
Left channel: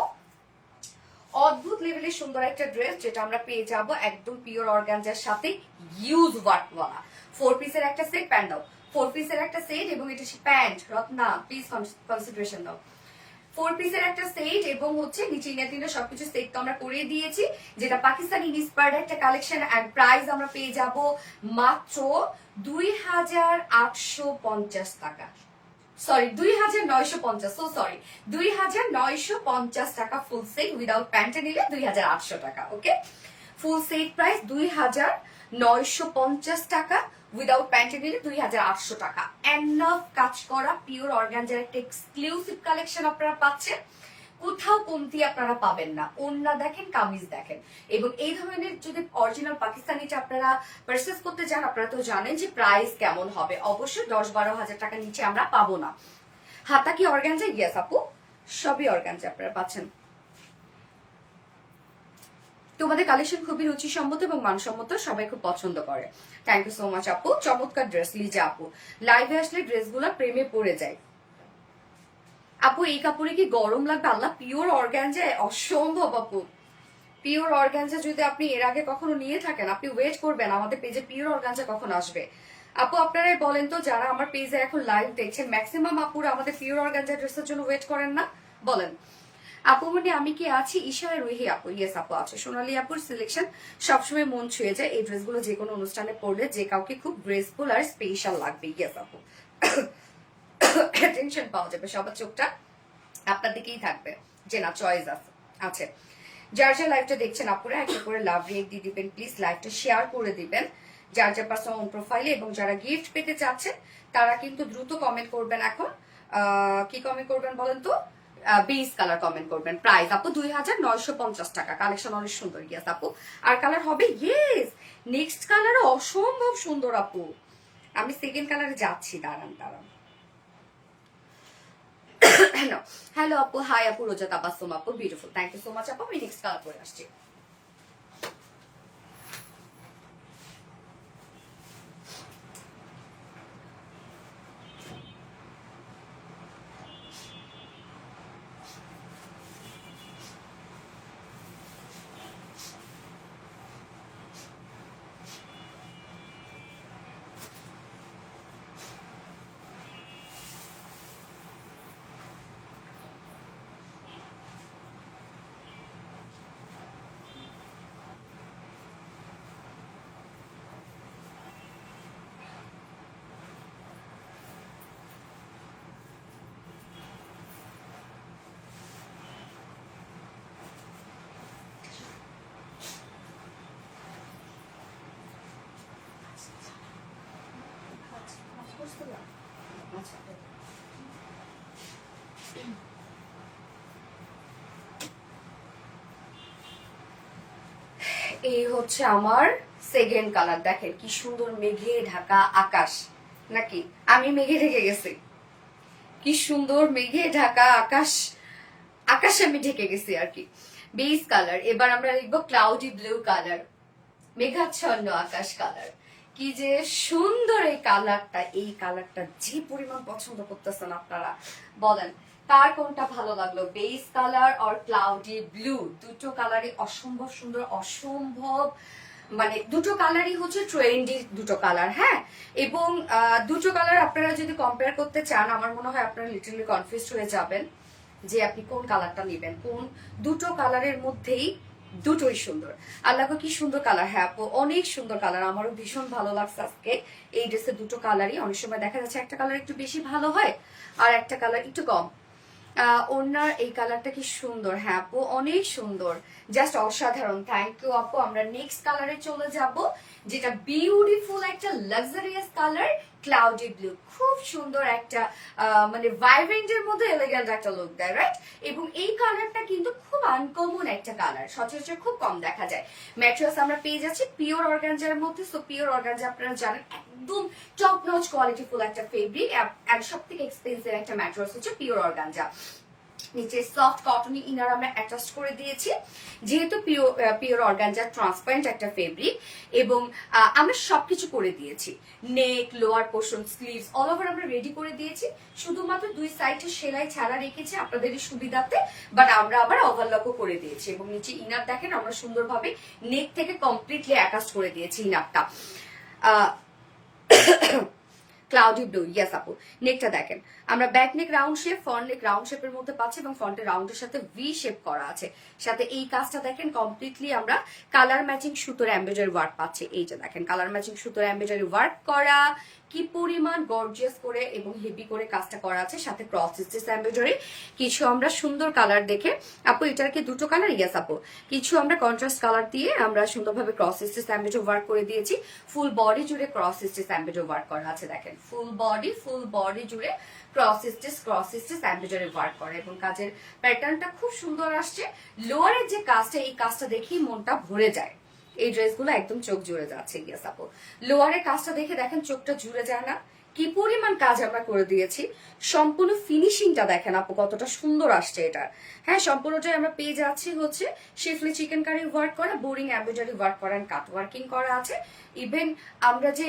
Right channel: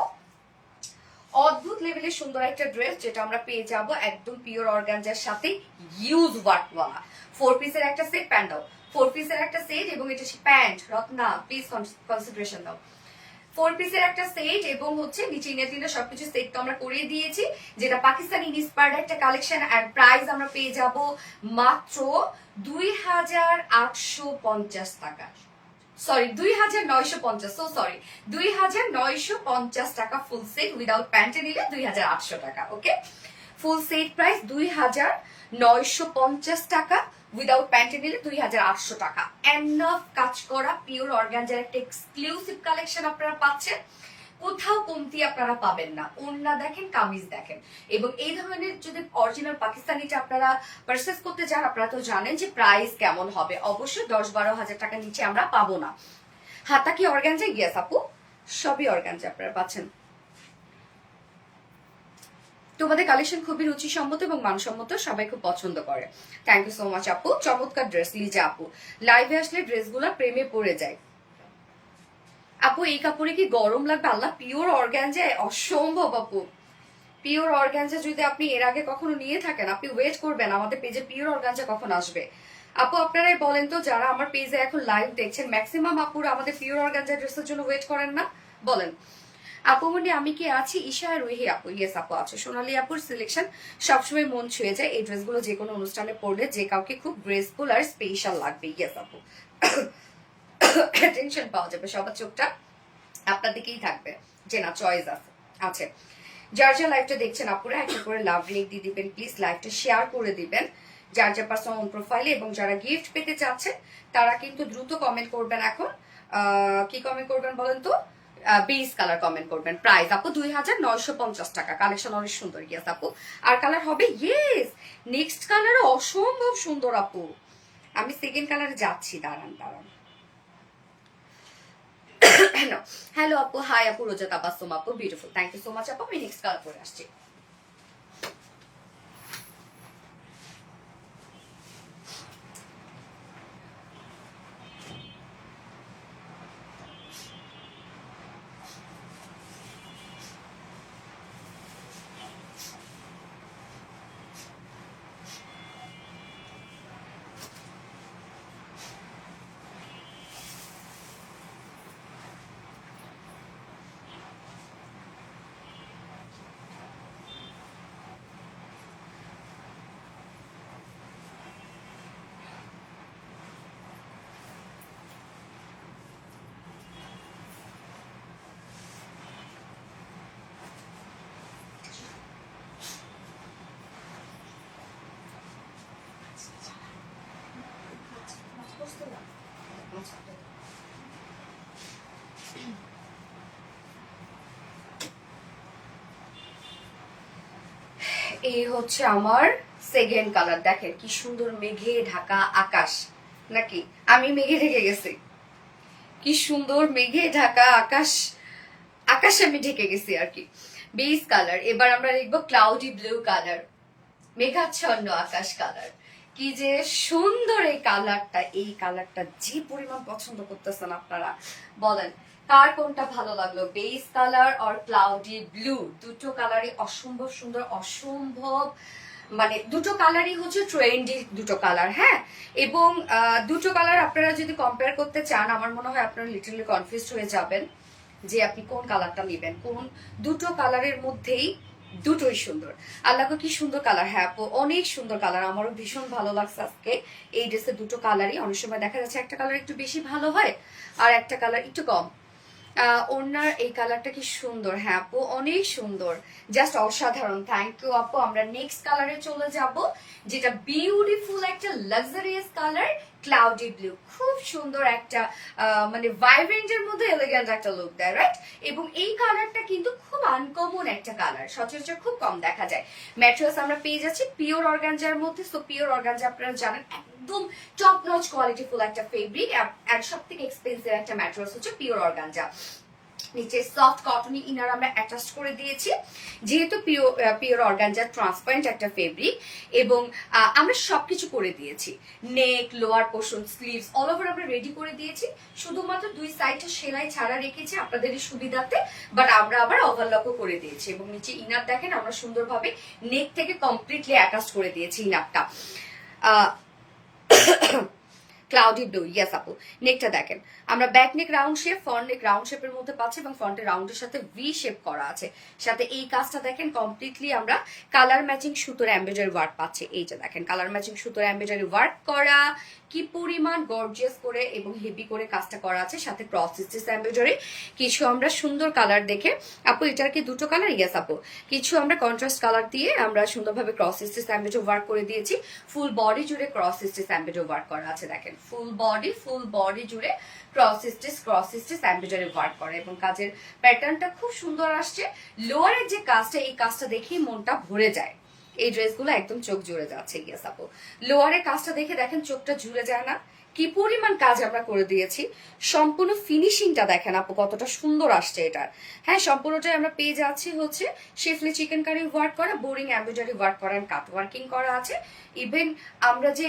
অদ্ভুত লেভেলের সুন্দর একটা ড্রেস যেটা আমরা পেয়ে যাব একদম পিওর অর্গানজার সাথে হিউজ ওয়ার্কওয়ালা। 4 পিসের একটা সেট, প্যান্ট দাও 4 পিসের একটা সেট, এবং এটা প্যান্ট রত্না প্লিজ কনসিডারেশন দাও। 4 পিসের একটা সেট এবং হচ্ছে নিচে ইনার সবকিছু সেট তো আমরা করিয়ে দিয়েছি, যেটা পাকিস্তানি ইন্সপায়ার্ড একটা কালেকশন। এন্ড প্রাইস আমরা পেয়ে যাব মাত্র 2850 টাকা, সরি 2950, সো সরি 2950 টাকা ফুল সেট, উইদাউট প্যান্টে নিলে 2800 টাকা। ওকে, ফুল সেট প্রাইস 2950 টাকা, উইদাউট প্যান্টে নিলে 2800 টাকা। এনাফ কাজ করা পিওর অর্গানজার একটা এক্সক্লুসিভ কালেকশন আপনারা পাচ্ছেন, কোথাও কমতি আপনারা পাবেন না। ওড়না দেখেন, কামিজ দেখেন, এবং এই ধরনের যদি অরিজিনাল পাকিস্তানিটা আপনারা পারচেজ করতে চান, আপনারা তো জানেন যে প্রাইস কেমন হবে, অবশ্যই 10-12 হাজার টাকার নিচে আমরা পাবো না। হাতা কি অর্গানজা? ইয়েস আপু, সবই অর্গানজা আপনারা পাচ্ছেন। তোমাদের কালেকশন খুবই রুচিসম্মত এবং মানসম্মত, সবাই খুব পছন্দ করে। থ্যাংক ইউ সো মাচ আপু, চমৎকার ড্রেস। লিজা আপু, লাইভে আসলে ড্রেসগুলো প্রেমে পড়ে যায়। আপু এই কাপড়ে কি গরম লাগবে? আল্লাহ, পিওর অর্গানজা অসম্ভব আপু। পিওর অর্গানজা যদি আপনি এর আগে কখনো নিয়ে থাকেন, আপনি ওয়েট করবেন আমাদের পেজে পিওর অর্গানজা কখন আসবে। আপু আপনারাই বলেন তো, যারা আমার পেজে এখন লাইভ দেখছেন, ম্যাক্সিমাম আপুরা আমাদের পিওর অর্গানজা ড্রেসের জন্য ওয়েট করেন না? বলেন। আপু মনে আমি কি আছি? ঈশা রুহি আপু, ইয়েস আপু আছে। সোনালী আপুর সিলেকশন সবসময় মন ছুঁয়ে যায়, এই ড্রেসগুলো যে কোনো অনুষ্ঠানে পরলে যে কাউকে খুব গ্রেসফুল আর স্পেশাল লাগবে। ইয়েস আপু, টেনশন পাওয়া যাবে, সবার চোখটা আপনার দিকেই থাকবে যে না চয়েস আছে। যার যার লাইভটা দেখছেন আপুরা একটা করে লাভ রিয়েক্ট দিয়ে দিবেন প্লিজ, লাইভটা শেয়ার করে দিবেন যার যার পার্সোনাল প্রোফাইলে, এবং যারা গিফট পেতে চাচ্ছেন তারা কিন্তু দ্রুত কমেন্ট করবেন। এখন কি কমেন্ট করবেন বলেন তো? বেস কালার কমেন্ট করবেন। প্রাইস আপু 2950 টাকা, কালেকশন অনেক সুন্দর। ইয়েস আপু, আর কালার হবে? ইয়েস, নেক্সট কালার অসম্ভব সুন্দর আপু। আমি সেকেন্ড কালারে যাচ্ছি, দাঁড়ান। হ্যালো আপু, হাই আপু, রোজা তাবাসসুম আপু, beautiful, thank you so much আপু। আমি নেক্সট কালার করে আসছি। এই হচ্ছে আমার সেকেন্ড কালার, দেখেন কি সুন্দর, মেঘে ঢাকা আকাশ, নাকি আমি মেঘে ঢেকে গেছি? কি সুন্দর মেঘে ঢাকা আকাশ, আকাশে আমি ঢেকে গেছি আর কি। বেস কালার, এবার আমরা লিখবো ক্লাউডি ব্লু কালার, মেঘাচ্ছন্ন আকাশ কালার। কি যে সুন্দর এই কালারটা, এই কালারটা যে পরিমাণ পছন্দ করতেছেন আপনারা, বলেন কার কোনটা ভালো লাগলো? বেস কালার আর ক্লাউডি ব্লু, দুটো কালারই অসম্ভব সুন্দর, অসম্ভব, মানে দুটো কালারই হচ্ছে ট্রেন্ডি দুটো কালার। হ্যাঁ, এবং দুটো কালার আপনারা যদি কম্পেয়ার করতে চান, আমার মনে হয় আপনারা লিটারলি কনফিউজড হয়ে যাবেন। যে আপনি কোন কালারটা নেবেন। কোন দুটো কালারের মধ্যেই দুটোই সুন্দর। আল্লাহকে কি সুন্দর কালার। হ্যাঁ আপু অনেক সুন্দর কালার, আমারও ভীষণ ভালো লাগছে আজকে এই ড্রেসের দুটো কালারই। অনেক সময় দেখা যাচ্ছে একটা কালার একটু বেশি ভালো হয় আর একটা কালার একটু কম। ওনার এই কালারটা কি সুন্দর। হ্যাঁ আপু অনেক সুন্দর, জাস্ট অসাধারণ। থ্যাংক ইউ আপু। আমরা নেক্সট কালারে চলে যাব, যেটা বিউটিফুল একটা লাক্সারিয়াস কালার, ক্লাউডি ব্লু। খুব সুন্দর একটা মানে ভাইব্রেন্টের মধ্যে এলিগেন্ট একটা লুক দেয়, রাইট? এবং এই কালারটা কিন্তু খুব আনকমন একটা কালার, সচরাচর খুব কম দেখা যায়। ম্যাটেরিয়ালস আমরা পেয়ে যাচ্ছি পিওর অর্গানজার মধ্যে। সো পিওর অর্গানজা আপনারা জানেন একদম টপ নচ কোয়ালিটিফুল একটা ফেব্রিক, আর সব থেকে এক্সপেন্সিভ একটা ম্যাটেরিয়ালস হচ্ছে পিওর অর্গানজা। নিচে সফট কটনি ইনার আমরা অ্যাটাচ করে দিয়েছি, যেহেতু পিওর অর্গানজা ট্রান্সপারেন্ট একটা ফেব্রিক। এবং আমরা সবকিছু করে দিয়েছি, neck, lower portion, sleeves all over আমরা রেডি করে দিয়েছি। শুধুমাত্র দুই সাইডে সেলাই ছাড়া রেখেছি আপনাদেরই সুবিধাতে, বাট আমরা আবার ওভারলকও করে দিয়েছি। এবং নিচে ইনার দেখেন আমরা সুন্দরভাবে নেক থেকে কমপ্লিটলি অ্যাটাচ করে দিয়েছি ইনারটা। ক্লাউডি ব্লু, ইয়েস আপু। নেকটা দেখেন আমরা back neck round shape, front নেক রাউন্ড শেপের মধ্যে পাচ্ছি এবং ফ্রন্টের রাউন্ডের সাথে ভি শেপ করা আছে। সাথে এই কাজটা দেখেন কমপ্লিটলি আমরা কালার ম্যাচিং সুতোর এমব্রয়ডারি ওয়ার্ক পাচ্ছি। এই যে দেখেন কালার ম্যাচিং সুতোর এমব্রয়ডারি ওয়ার্ক করা, কি পরিমাণ গর্জিয়াস করে এবং হেভি করে কাজটা করা আছে। সাথে ক্রস স্টিচ এমব্রয়ডারি কিছু আমরা সুন্দর কালার দেখে, আপু এটার কি দুটো কালার? ইয়েস আপু। কিছু আমরা কন্ট্রাস্ট কালার দিয়ে আমরা সুন্দরভাবে ক্রস স্টিচ এমব্রয়ডারি ওয়ার্ক করে দিয়েছি। ফুল বডি জুড়ে ক্রস স্টিচ এমব্রয়ডারি ওয়ার্ক করা আছে। দেখেন ফুল বডি জুড়ে ক্রস স্টিচ এমব্রয়ডারি ওয়ার্ক করে এবং কাজের প্যাটার্নটা খুব সুন্দর আসছে। লোয়ারের যে কাজটা, এই কাজটা দেখেই মনটা ভরে যায়। এই ড্রেসগুলো একদম চোখ জুড়ে যাচ্ছে। ইয়েস আপু। লোয়ারের কাজটা দেখে দেখেন চোখটা জুড়ে যায় না? কি পরিমাণ কাজ আমরা করে দিয়েছি। সম্পূর্ণ ফিনিশিংটা দেখেন আপু কতটা সুন্দর আসছে এটার। হ্যাঁ সম্পূর্ণটাই আমরা পেয়ে যাচ্ছি হচ্ছে শিফলি চিকেন কারি ওয়ার্ক করা, বোরিং এমব্রয়ডারি ওয়ার্ক করা, কাট ওয়ার্কিং করা আছে। ইভেন আমরা যে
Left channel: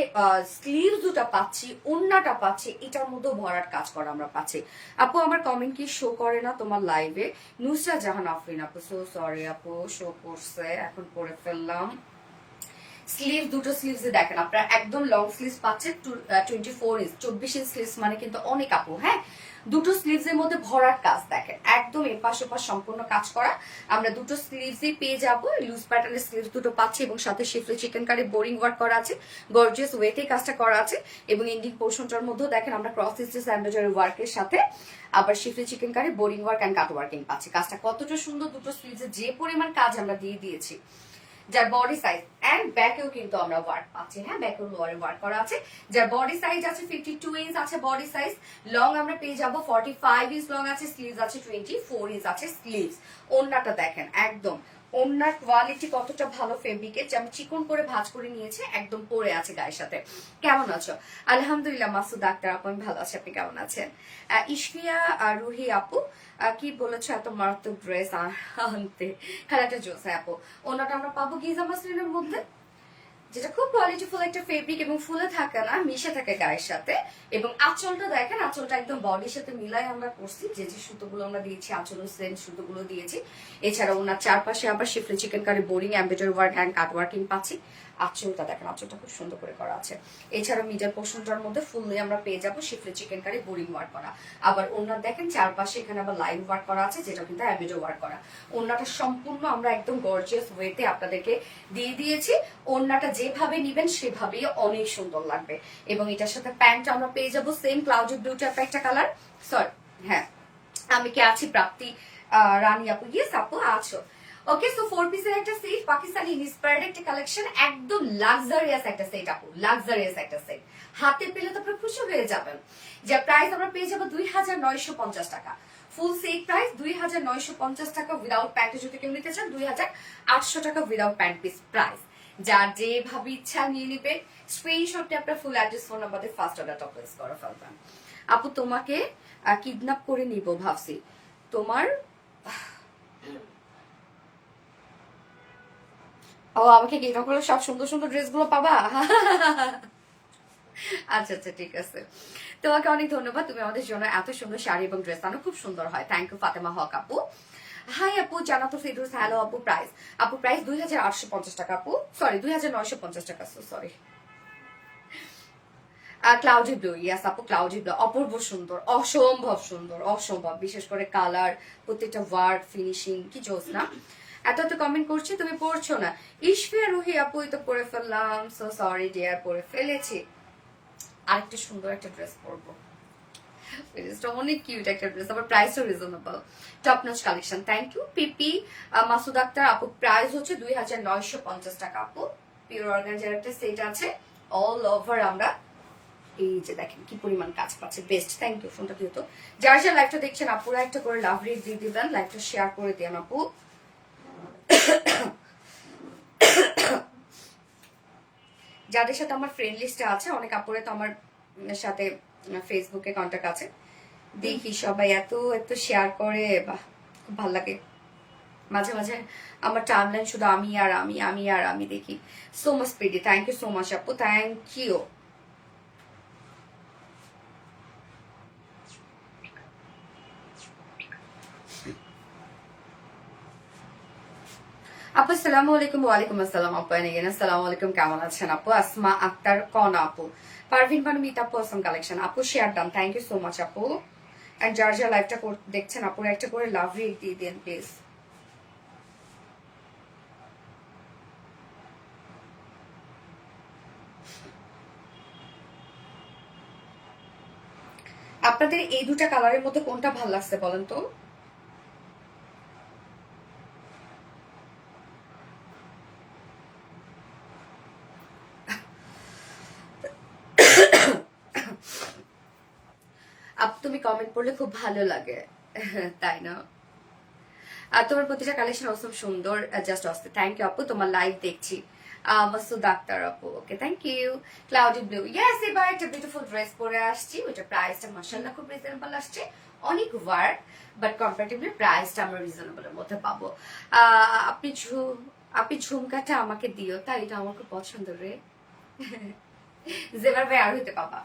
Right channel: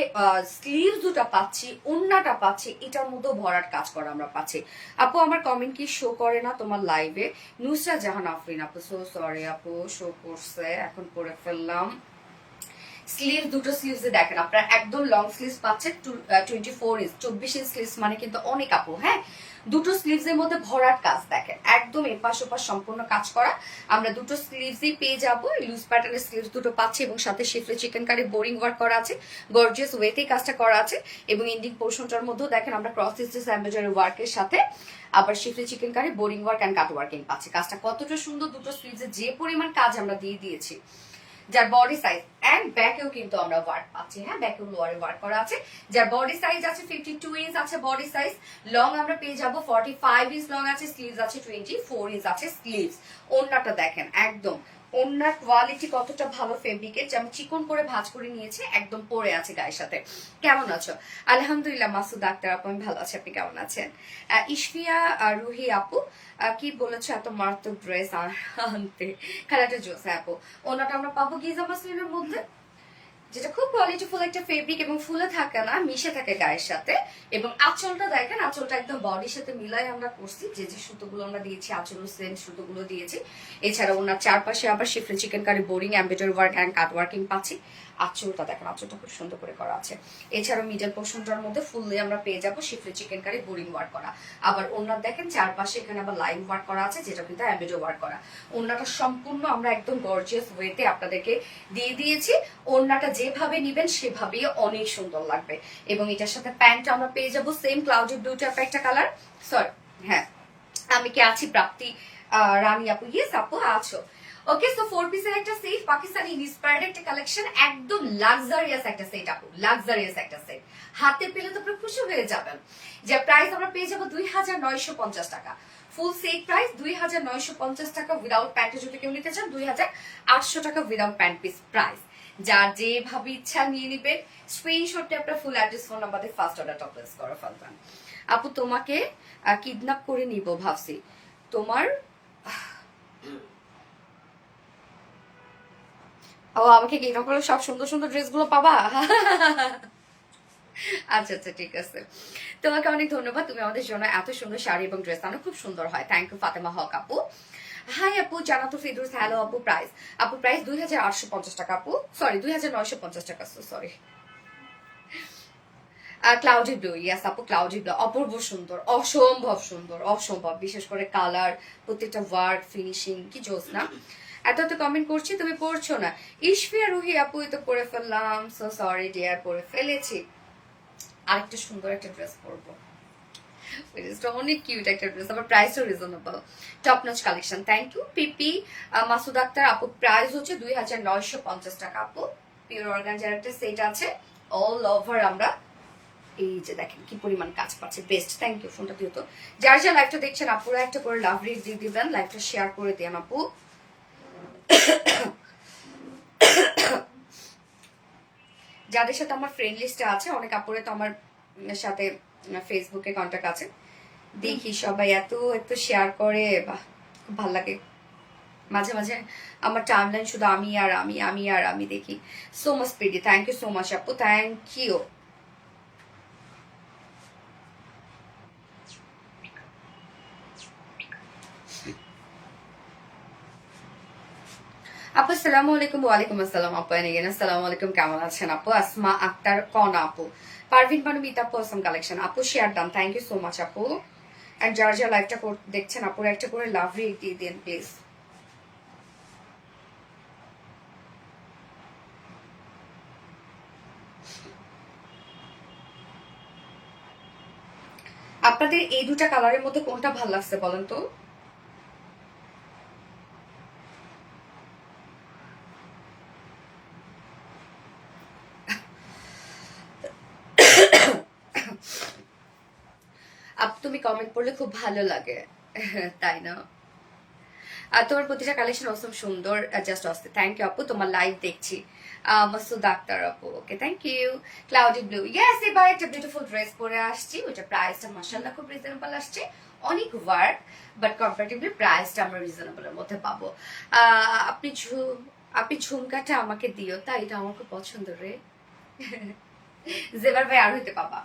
স্লিভ দুটা পাচ্ছি, ওন্নাটা পাচ্ছি, এটার মধ্যেও ভরাট কাজ করা আমরা পাচ্ছি। আপু আমার কমেন্ট কি শো করে না তোমার লাইভে? নুসরা জাহান আফরিন আপু, সো সরি আপু, শো করছে, এখন করে ফেললাম। স্লিভ দুটো স্লিভস দেখেন আপনারা একদম লং স্লিভস পাচ্ছেন 24 ইঞ্চ, 24 ইঞ্চ স্লিভস মানে কিন্তু অনেক আপু। হ্যাঁ দুটো স্লিভস এর মধ্যে ভরাট কাজ দেখেন, একদম এপাশ ওপাশ সম্পূর্ণ কাজ করা। আমরা দুটো স্লিভসই পেয়ে যাবো, লুজ প্যাটার্নের স্লিভস দুটো পাচ্ছি এবং সাথে শিফলি চিকেন কারি বোরিং ওয়ার্ক করা আছে, গর্জিয়াস ওয়েতে কাজটা করা আছে। এবং এন্ডিং পোর্শনটার মধ্যেও দেখেন আমরা ক্রস স্টিচ এমব্রয়ডারি ওয়ার্কের সাথে আবার schiffli chikankari boring work and cut working পাচ্ছি। কাজটা কতটা সুন্দর, দুটো স্লিভসে যে পরিমাণ কাজ আমরা দিয়ে দিয়েছি। যার বডি সাইজ এন্ড ব্যাকেও কিন্তু আমরা ওয়ার্ক পাচ্ছি। হ্যাঁ ব্যাকেও লোয়ারে ওয়ার্ক করা আছে। যার বডি সাইজ আছে 52 ইঞ্চ আছে বডি সাইজ, লং আমরা পেয়ে যাবো 45 ইঞ্চ লং আছে, স্লিভস আছে 24 ইঞ্চ আছে স্লিভস। ওন্নাটা দেখেন একদম, ওন্নার কোয়ালিটি কতটা ভালো ফেব্রিকের, যে আমি চিকন করে ভাঁজ করে নিয়েছি, একদম পরে আছে গায়ের সাথে। কেমন আছো? আলহামদুলিল্লাহ মাসুদ ডাক্তার আপু আমি ভালো আছি, আপনি কেমন আছেন? ইশফিয়া রুহি আপু কি বলেছো এত মারাত্মক ড্রেস আনতে, খেলাটা জোস। আপু ওনাটা আমরা পাবো গিজা মাসলিনের মধ্যে, যেটা খুব কোয়ালিটিফুল একটা ফেব্রিক এবং ফুলে থাকে না, মিশে থাকে গায়ের সাথে। এবং আঁচলটা দেখেন, আঁচলটা একদম বডির সাথে মিলাই আমরা করছি, যে যে সুতোগুলো আমরা দিয়েছি আঁচলের সেম সুতোগুলো দিয়েছি। এছাড়া ওনার চারপাশে আবার schiffli chikankari boring embroidery work and cut working পাচ্ছি। আঁচলটা দেখেন, আঁচলটা খুব সুন্দর করে করা আছে। এছাড়া মিডল পোর্শনটার মধ্যে ফুললি আমরা পেয়ে যাবো শিফলি চিকেন কারি বোরিং ওয়ার্ক করা। আবার ওনার দেখেন চারপাশে এখানে আবার লাইন ওয়ার্ক করা আছে, যেটা কিন্তু এমব্রয়ডারি ওয়ার্ক করা। ওনাটা সম্পূর্ণ আমরা একদম গর্জিয়াস ওয়েতে আপনাদেরকে দিয়ে দিয়েছি। ওনাটা যেভাবে নিবেন সেভাবেই অনেক সুন্দর লাগবে। এবং এটার সাথে প্যান্ট আমরা পেয়ে যাবো সেম ক্লাউডি ব্লু টাইপ একটা কালার। সরি হ্যাঁ আমি কি আছি প্রাপ্তি রানী আপু? ইয়েস আপু আছো। ওকে সো 4 পিসের একটা সেট, পাকিস্তানি ইন্সপায়ার্ড একটা কালেকশন, একদম লাক্সারিয়াস একটা সেট আপু, লাক্সারিয়াস একটা সেট। হাতে পেলে তো আপনি খুশি হয়ে যাবেন। যে প্রাইস আমরা পেয়ে যাবো 2950 টাকা। ফুল সেট প্রাইস 2950 টাকা, উইদাউট প্যান্টে যদি কেউ নিতে চান 2800 টাকা উইদাউট প্যান্ট পিস প্রাইস। যার যেভাবে ইচ্ছা নিয়ে নিবে, স্ক্রিনশটে আপনার ফুল অ্যাড্রেস ফোন নাম্বার দিয়ে ফার্স্ট অর্ডার টপ প্লেস করে ফেলবেন। আপু তোমাকে কিডন্যাপ করে নিব ভাবছি, তোমার ও আমাকে কিডন্যাপ করলে সব সুন্দর সুন্দর ড্রেসগুলো পাবা। আচ্ছা আচ্ছা ঠিক আছে, তোমাকে অনেক ধন্যবাদ, তুমি আমাদের জন্য এত সুন্দর শাড়ি এবং ড্রেস আনো, খুব সুন্দর হয়। থ্যাংক ইউ ফাতেমা হক আপু। হাই আপু জানাতো ফিদুস, হ্যালো আপু। আপু প্রাইস 2850 টাকা আপু, সরি 2950 টাকা, সরি। ক্লাউডি ব্লু, ইয়াস আপু ক্লাউডি ব্লু, অপূর্ব সুন্দর, অসম্ভব সুন্দর, অসম্ভব, বিশেষ করে কালার, প্রত্যেকটা ওয়ার্ক ফিনিশিং কি জোস না। এত এত কমেন্ট করছি তুমি পড়ছো না। ইশফিয়া রুহি আপু তো পরে ফেললাম, সো সরি ডিয়ার, পরে ফেলেছি। আরেকটা সুন্দর একটা ড্রেস পরবো, অনেক কিউট একটা ড্রেস, আবার প্রাইসও reasonable, top notch collection. Thank you পিপি মাসুদ আক্তার আপু, প্রাইস হচ্ছে 2950 টাকা আপু। পিওর অর্গানজার একটা সেট আছে, অল ওভার আমরা এই যে দেখেন কি পরিমাণ কাজ পাচ্ছে, বেস্ট। থ্যাংক ইউ, ফোনটা দিও তো। যার যা লাইভটা দেখছেন আপুরা একটা করে লাভ রিড দিয়ে দিবেন, লাইভটা শেয়ার করে দিন আপু। যাদের সাথে আমার ফ্রেন্ড লিস্টে আছে, অনেক আপুরে তো আমার সাথে ফেসবুকে কন্ট্যাক্ট আছে, দেখি সবাই এত এত শেয়ার করে, বাহ খুব ভালো লাগে। মাঝে মাঝে আমার টাইমলাইন শুধু আমি আর আমি, আমি আর আমি দেখি। So much pretty, thank you so much আপু, থ্যাংক ইউ। আপু আসসালামু আলাইকুম। ওয়ালাইকুম আসসালাম আপু, এনে আসসালামু আলাইকুম, কেমন আছেন আপু? আসমা আক্তার কন আপু, পারভিন বানু মিতা আপু, আসাম কালেকশন আপু, share done, thank you so much আপু। এন্ড যার যা লাইভটা দেখছেন আপুর একটা করে লাভ রিড দিয়ে দিন প্লিজ। আপনাদের এই দুটা কালারের মধ্যে কোনটা ভালো লাগছে বলেন তো? তুমি কমেন্ট পড়লে খুব ভালো লাগে, তাই না? আর তোমার প্রতিটা কালেকশন অসম সুন্দর, জাস্ট অস্তে। থ্যাংক ইউ আপু, তোমার লাইভ দেখছি। মাসুদ আক্তার আপু, okay thank you. Cloudy blue, yes এবার একটা বিউটিফুল ড্রেস পরে আসছি, ওইটা প্রাইসটা মাশাআল্লাহ খুব রিজনেবল আসছে, অনেক ওয়ার্ক বাট কম্পারেটিভলি প্রাইসটা আমরা রিজনেবলের মধ্যে পাবো। আপনি ঝুমকাটা আমাকে দিও, তাই এটা আমার খুব পছন্দ রে। জেবার ভাই আর হইতে পাবা।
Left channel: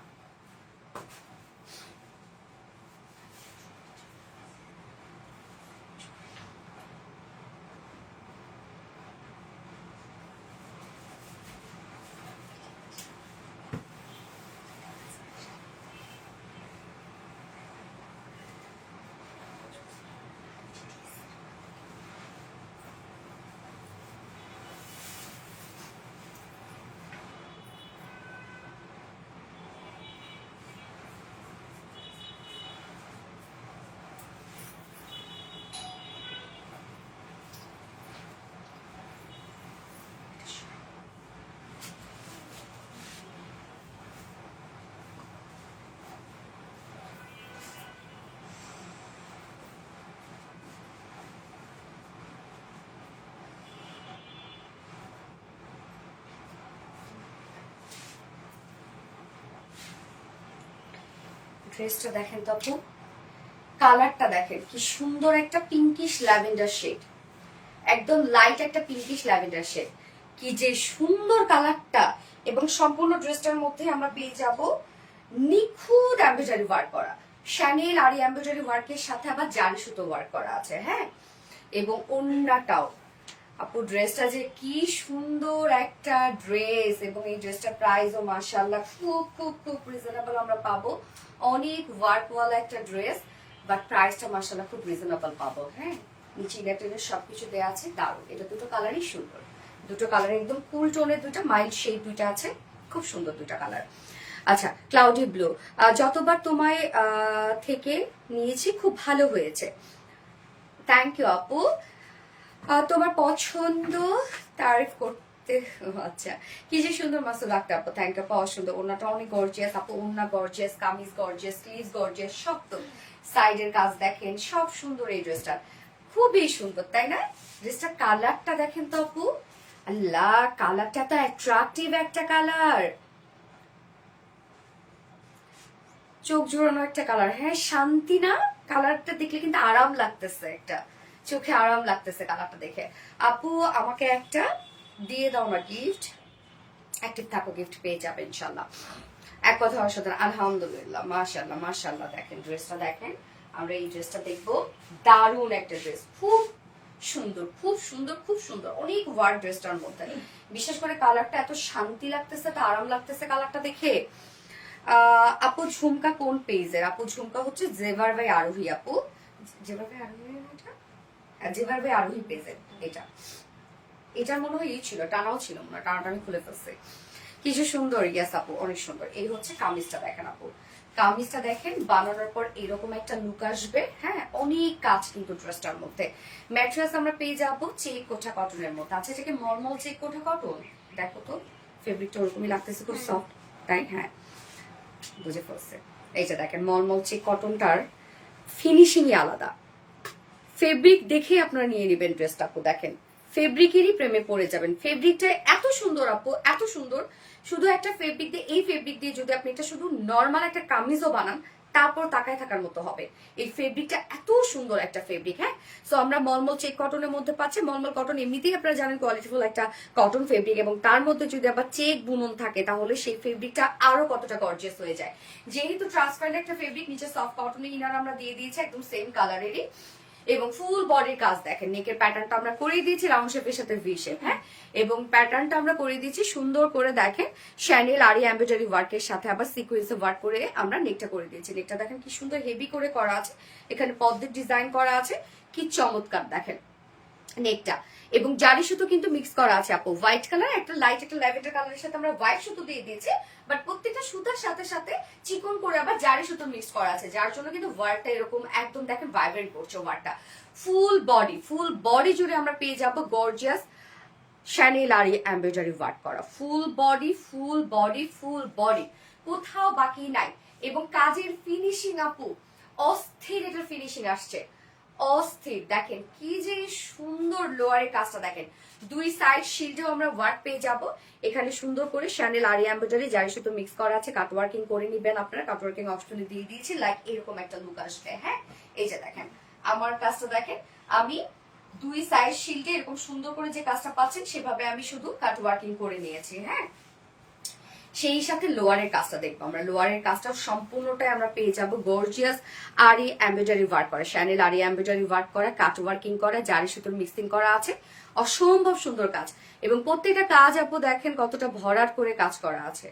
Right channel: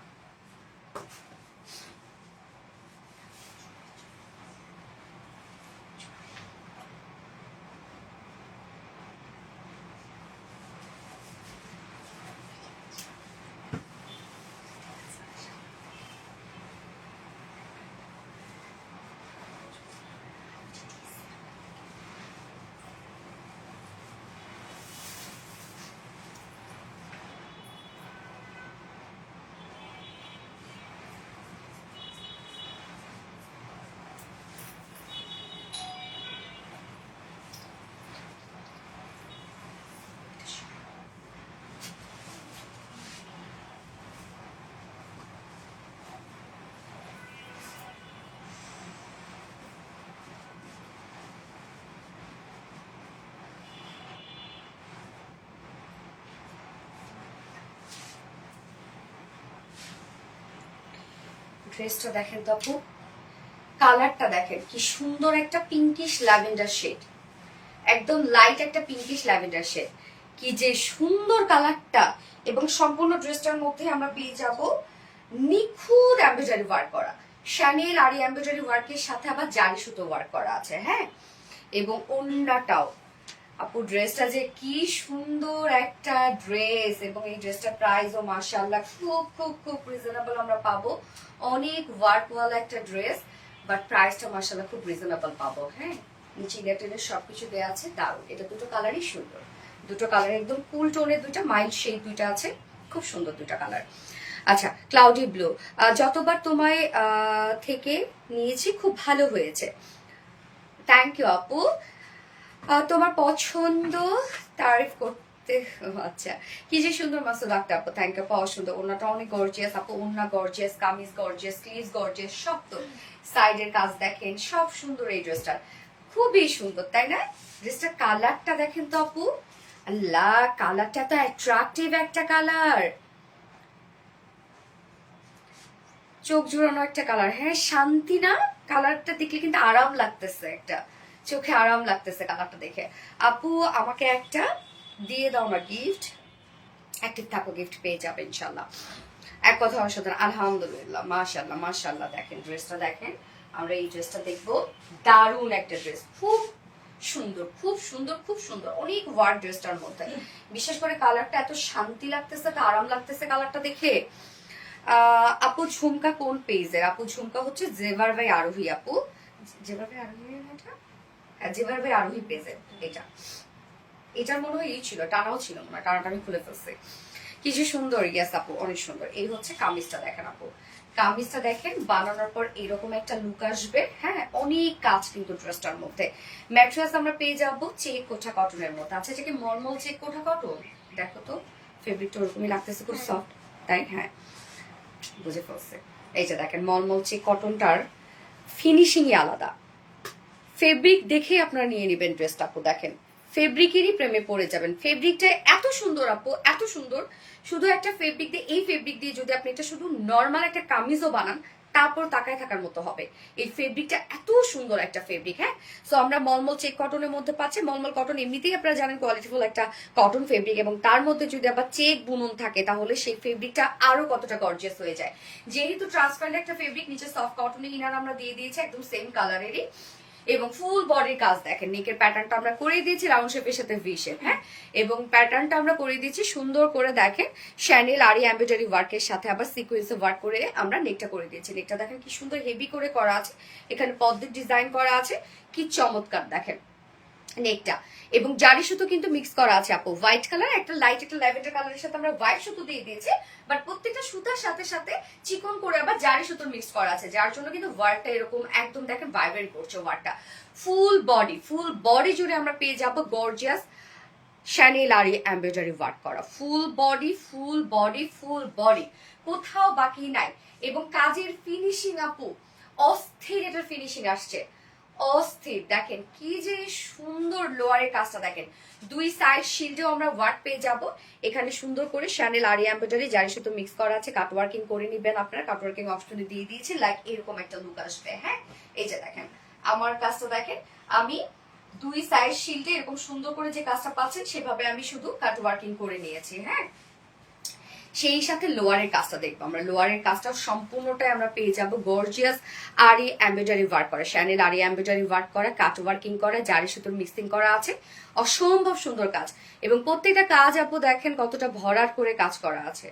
ড্রেসটা দেখেন তো আপু, কালারটা দেখেন কি সুন্দর, একটা পিঙ্কিশ ল্যাভেন্ডার শেড, একদম লাইট একটা পিঙ্কিশ ল্যাভেন্ডার শেড, কি যে সুন্দর কালারটা। এবং সম্পূর্ণ ড্রেসটার মধ্যে আমরা পেয়ে যাব নিখুঁত এমব্রয়ডারি ওয়ার্ক করা, শ্যানেল আর এমব্রয়ডারি ওয়ার্কের সাথে আবার জারি সুতো ওয়ার্ক করা আছে, হ্যাঁ। এবং ওন্নাটাও আপু, ড্রেসটা যে কি সুন্দর একটা ড্রেস, এবং এই ড্রেসটার প্রাইসও মাশাআল্লাহ খুব খুব খুব রিজনেবল আমরা পাবো, অনেক ওয়ার্কওয়ালা একটা ড্রেস, বাট প্রাইসটা মাশাআল্লাহ খুব রিজনেবল পাবো, হ্যাঁ। নিচে ইলেকট্রনের সবকিছু দেওয়া আছে, দারুণ। এটা দুটো কালারই সুন্দর, দুটো কালার একদম কুল টোনের, দুটো মাইল্ড শেড দুইটা আছে, খুব সুন্দর দুইটা কালার। আচ্ছা, ক্লাউডি ব্লু, যতবার তোমায় থেকে নিয়েছি খুব ভালো হয়েছে, থ্যাংক ইউ আপু। তোমার পছন্দ তারিফ করতে, আচ্ছা কি যে সুন্দর মাসুদ আক্তার আপু, থ্যাংক ইউ আপু, অসুন্দর। ওনাটা অনেক গর্জিয়াস আপু, ওনা gorgeous, kameez gorgeous, sleeves gorgeous, সব তো সাইডের কাজ দেখেন, সব সুন্দর। এই ড্রেসটা খুবই সুন্দর, তাই না? ড্রেসটা কালারটা দেখেন তো আপু, আল্লাহ কালারটা তো অ্যাট্রাকটিভ একটা কালার, চোখ জুড়ানো একটা কালার, হ্যাঁ শান্তি না? কালারটা দেখলে কিন্তু আরাম লাগতেছে, একটা চোখে আরাম লাগতেছে কালারটা দেখে। আপু আমাকে একটা দিয়ে দাও না গিফট, অ্যাক্টিভ থাকো, গিফট পেয়ে যাবে ইনশাল্লাহ। এক কথা অসাধারণ, আলহামদুলিল্লাহ, মাশাল্লাহ মাশাল্লাহ। দেখেন ড্রেসটা দেখেন, আমরা এই ড্রেসটা দেখবো, দারুণ একটা ড্রেস, খুব সুন্দর খুব সুন্দর খুব সুন্দর, অনেক ওয়ার্ড ড্রেসটার মধ্যে। বিশেষ করে কালারটা এত শান্তি লাগতেছে, এত আরাম লাগতেছে কালারটা দেখে। আপু ঝুমকা কোন পেজের? আপু ঝুমকা হচ্ছে জেভার ভাই আরোহী আপু। জেভার ভাই আরোহী না এটা? হ্যাঁ, জেভার ভাই আরোহী পেজের এটা। এটার মনে হয় ছিল, টানাও ছিল মনে হয়, টানাটা আমি খুলে ফেলছি। কিছু সুন্দর, ইয়াস আপু অনেক সুন্দর। এই হচ্ছে কামিজটা দেখেন আপু, কামিজটা দেখেন বানানোর পর এরকম একটা লুক আসবে। হ্যাঁ, অনেক কাজ কিন্তু ড্রেসটার মধ্যে। ম্যাট্রেস আমরা পেয়ে যাবো চেক কোঠা কটনের মধ্যে। আচ্ছা, যেটা মলমল চেক কোঠা কটন, দেখো তো ফেব্রিকটা ওরকমই লাগতেছে, খুব সফট, তাই? হ্যাঁ, বুঝে ফেলছে। এই যে দেখেন মলমল চেক কটনটার ফিনিশিংই আলাদা। ফেব্রিক দেখে আপনারা নিয়ে নেবেন ড্রেসটা আপু। দেখেন ফেব্রিকেরই প্রেমে পড়ে যাবেন। ফেব্রিকটা এত সুন্দর আপু, এত সুন্দর। শুধু একটা ফেব্রিক দিয়ে, এই ফেব্রিক দিয়ে যদি আপনি এটা শুধু নর্মাল একটা কামিজও বানান, তারপর তাকায় থাকার মতো হবে। এই ফেব্রিকটা এত সুন্দর একটা ফেব্রিক। হ্যাঁ, সো আমরা মলমল চেক কটনের মধ্যে পাচ্ছি। মলমল কটন এমনিতেই আপনারা জানেন কোয়ালিটিফুল একটা কটন ফেব্রিক, এবং তার মধ্যে যদি আবার চেক বুনন থাকে তাহলে সেই ফেব্রিকটা আরো কতটা গর্জিয়াস হয়ে যায়। যেহেতু ট্রান্সপারেন্ট একটা ফেব্রিক, নিচে সফট কটনের ইনার আমরা দিয়ে দিয়েছি একদম সেম কালারেরই, এবং ফুল বডির কাজ দেখেন। নেকের প্যাটার্নটা আমরা করে দিয়েছি রাউন্ড শেপের সাথে ভি শেপ। হ্যাঁ, এবং প্যাটার্নটা আমরা করে দিয়েছি সুন্দর করে দেখেন শ্যানেল আরি এমব্রয়ডারি ওয়ার্কের সাথে আবার সিকোয়েন্সে ওয়ার্ক করে আমরা নেকটা করে দিয়েছি। নেকটা দেখেন কি সুন্দর হেভি করে করা আছে, এখানে পদ্মের ডিজাইন করা আছে, কি চমৎকার দেখেন নেকটা। এবং জারি সুতো কিন্তু মিক্স করা আছে আপু, হোয়াইট কালার, একটা লাইট একটা ল্যাভেন্ডার কালারের সাথে আমরা হোয়াইট সুতো দিয়ে দিয়েছি, বাট প্রত্যেকটা সুতার সাথে সাথে চিকন করে আবার জারি সুতো মিক্স করা আছে, যার জন্য কিন্তু ওয়ার্কটা এরকম একদম দেখেন ভাইব্রেন্ট করছে ওয়ার্কটা। ফুল বডি জুড়ে আমরা পেয়ে যাবো গর্জিয়াস শ্যানেল আরি এমব্রয়ডারি ওয়ার্ক করা। ফুল বডি কোথাও বাকি নাই। এবং কাজের ফিনিশিং আপু অস্থির, এটার ফিনিশিং আসছে অস্থির। দেখেন কি যে সুন্দর লোয়ারের কাজটা দেখেন, দুই সাইড শিল্ডেও আমরা ওয়ার্ক পেয়ে যাব। এখানে সুন্দর করে শ্যানেল আরি এমব্রয়ডারি জারি সুতো মিক্স করা আছে, কাট ওয়ার্কিং করে নিবেন আপনারা, কাট ওয়ার্কিং অপশনে দিয়ে দিয়েছি, লাইক এরকম একটা লুক আসবে। হ্যাঁ, এই যে দেখেন আমার কাজটা দেখেন, আমি দুই সাইড শিল্ডে এরকম সুন্দর করে যে কাজটা পাচ্ছেন সেভাবে আমি শুধু কাট ওয়ার্কিং করে নিয়েছি। হ্যাঁ, সেই সাথে লোয়ারের কাজটা দেখবো আমরা। লোয়ারের কাজটা সম্পূর্ণটাই আমরা পেয়ে যাব গর্জিয়াস আরি এমব্রয়ডারি ওয়ার্ক করা, শ্যানেল আরি এমব্রয়ডারি ওয়ার্ক করা, কাট ওয়ার্কিং করা, জারি সুতোর মিক্সিং করা আছে, অসম্ভব সুন্দর কাজ। এবং প্রত্যেকটা কাজ আপু দেখেন কতটা ভরাট করে কাজ করা আছে,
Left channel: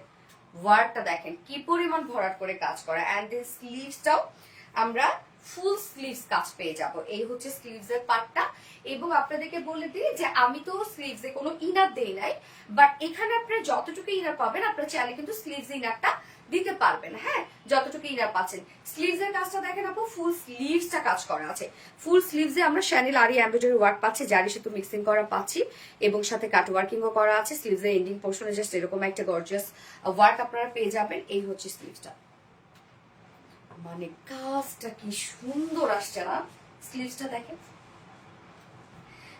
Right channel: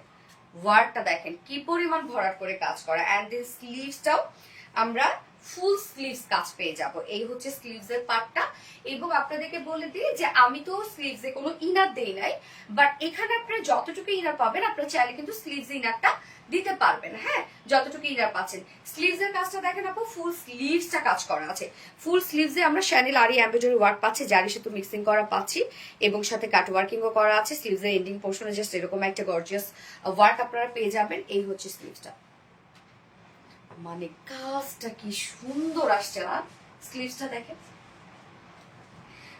ওয়ার্কটা দেখেন কি পরিমাণ ভরাট করে কাজ করা। অ্যান্ড দিস স্লিভসটাও আমরা ফুল স্লিভস কাজ পেয়ে যাব। এই হচ্ছে স্লিভস এর পার্টটা। এবং আপনাদেরকে বলে দিই যে আমি তো স্লিভস এ কোনো ইনার দেই নাই, বাট এখানে আপনারা যতটুকু ইনার পাবেন আপনারা চাইলে কিন্তু স্লিভস ইনারটা দিতে পারবেন। হ্যাঁ, যতটুকু ইনার পাচ্ছেন। স্লিভস এর কাজটা দেখেন আপু, ফুল স্লিভসটা কাজ করা আছে। ফুল স্লিভস এ আমরা শ্যানেল আরি এমব্রয়ডারি ওয়ার্ক পাচ্ছি, জারি সুতো মিক্সিং করা পাচ্ছি, এবং সাথে কাট ওয়ার্কিংও করা আছে। স্লিভস এর এন্ডিং পোর্শনে জাস্ট এরকম একটা গর্জিয়াস ওয়ার্ক আপনারা পেয়ে যাবেন। এই হচ্ছে স্লিভসটা, মানে কাজটা কি সুন্দর আসছে না? স্লিভসটা দেখেন।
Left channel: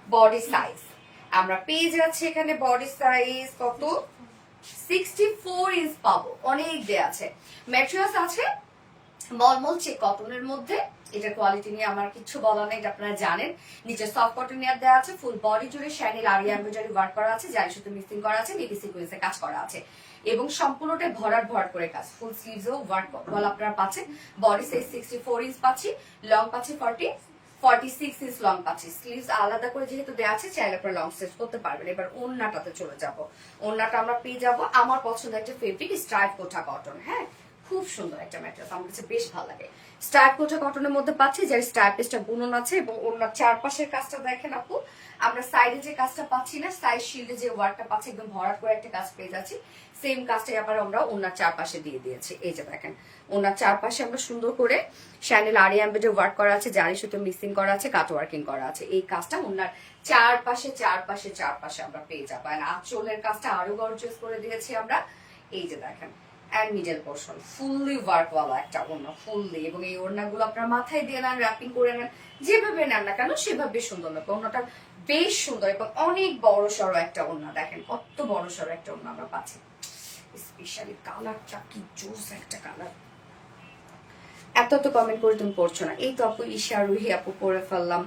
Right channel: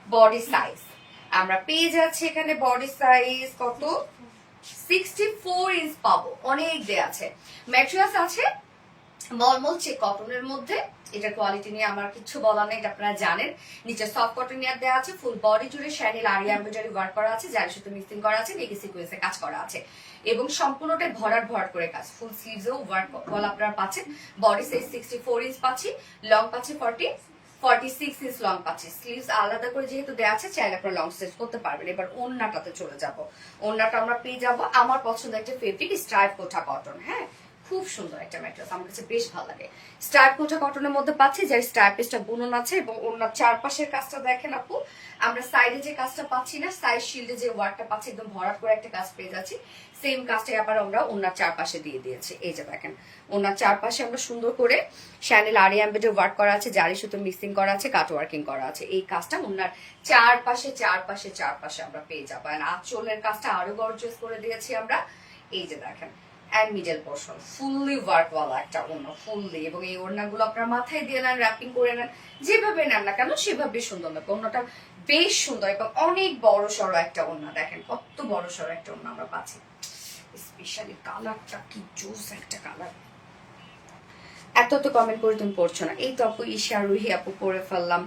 বডি সাইজ আমরা পেয়ে যাচ্ছি এখানে, বডি সাইজ কত 64 ইঞ্চ পাবো, অনেক দেয়া আছে। ম্যাটেরিয়ালস আছে মলমল চেক কটনের মধ্যে, এটার কোয়ালিটি নিয়ে আমার কিছু বলার নেই, এটা আপনারা জানেন। নিচে সফট কটন ইয়ার দেওয়া আছে, ফুল বডি জুড়ে শ্যানেল আরি এমব্রয়ডারি ওয়ার্ক করা আছে, জারি সুতো মিক্সিং করা আছে, নেকি সিকোয়েন্সে কাজ করা আছে, এবং সম্পূর্ণটাই ভরাট করে কাজ। ফুল স্লিভসও ওয়ার্ক বল আপনারা পাচ্ছেন। বডি সাইজ 64 ইঞ্চ পাচ্ছি, লং পাচ্ছি 46 ইঞ্চ লং পাচ্ছি। স্লিভস আলাদা করে যেহেতু দেওয়া আছে, চাইলে আপনারা লং স্লিভ করতে পারবেন। এবার ওড়নাটাতে চলে যাব। ওড়নাটা আমরা পেয়ে যাব আমার পছন্দ একটা ফেব্রিক স্ট্রাইপ কোঠা কটন। হ্যাঁ, খুব সুন্দর একটা ম্যাটেরিয়াল, আমার কাছে বেশ ভালো লাগে। স্ট্রাইপ কোঠা কটনের মধ্যে পাচ্ছি, যার স্ট্রাইপেসটা বুনন আছে, এবং ওড়নার চারপাশের কাজটা দেখেন আপু, আমরা সাইডে যে কাজটা পাচ্ছি না, সাইড শিল্ডে যে ওয়ার্কটা পাচ্ছি, একদম ভরাট করে একটা কাজ পেয়ে যাচ্ছি। সেম কাজটাই আবার আমরা ওড়নার চারপাশে দিয়ে দিয়েছি। এই যে দেখেন ওড়নার চারপাশে আমরা সুন্দর করে শ্যানেল আরি এমব্রয়ডারি ওয়ার্ক করা আছে, জারি সুতো মিক্সিং করা আছে, কাট ওয়ার্কিং করা আছে। এই কাজটা ওড়নার চারপাশে আমরা পেয়ে যাবো। আর আঁচলের কাজটা আরো গর্জিয়াস করে দিয়েছি আমরা। এই যে দেখেন অ্যান্ড মিডল পোর্শন ফুললি ওয়ার্কওয়ালা একটা ওড়না, ফুললি। এবং এই ওড়নাগুলো আপনার মাথায় দিয়ে নেন, র্যাপিং করে নেন, যেভাবে নেন না কেন সেভাবে সুন্দর লাগবে। ওড়নাটা বেশ সুন্দর এবং অনেক বড় সড়ো একটা ওড়না। দেখেন কত বড় সড়ো একটা ওড়না আমরা পাচ্ছি। স্পেশালি কালারটা কি জোস একটা কালার। এত তো কমেন্ট করে তুমি পড়ছো না। এই তো আপু ঈশা রুহি আপু পরে ফেললাম,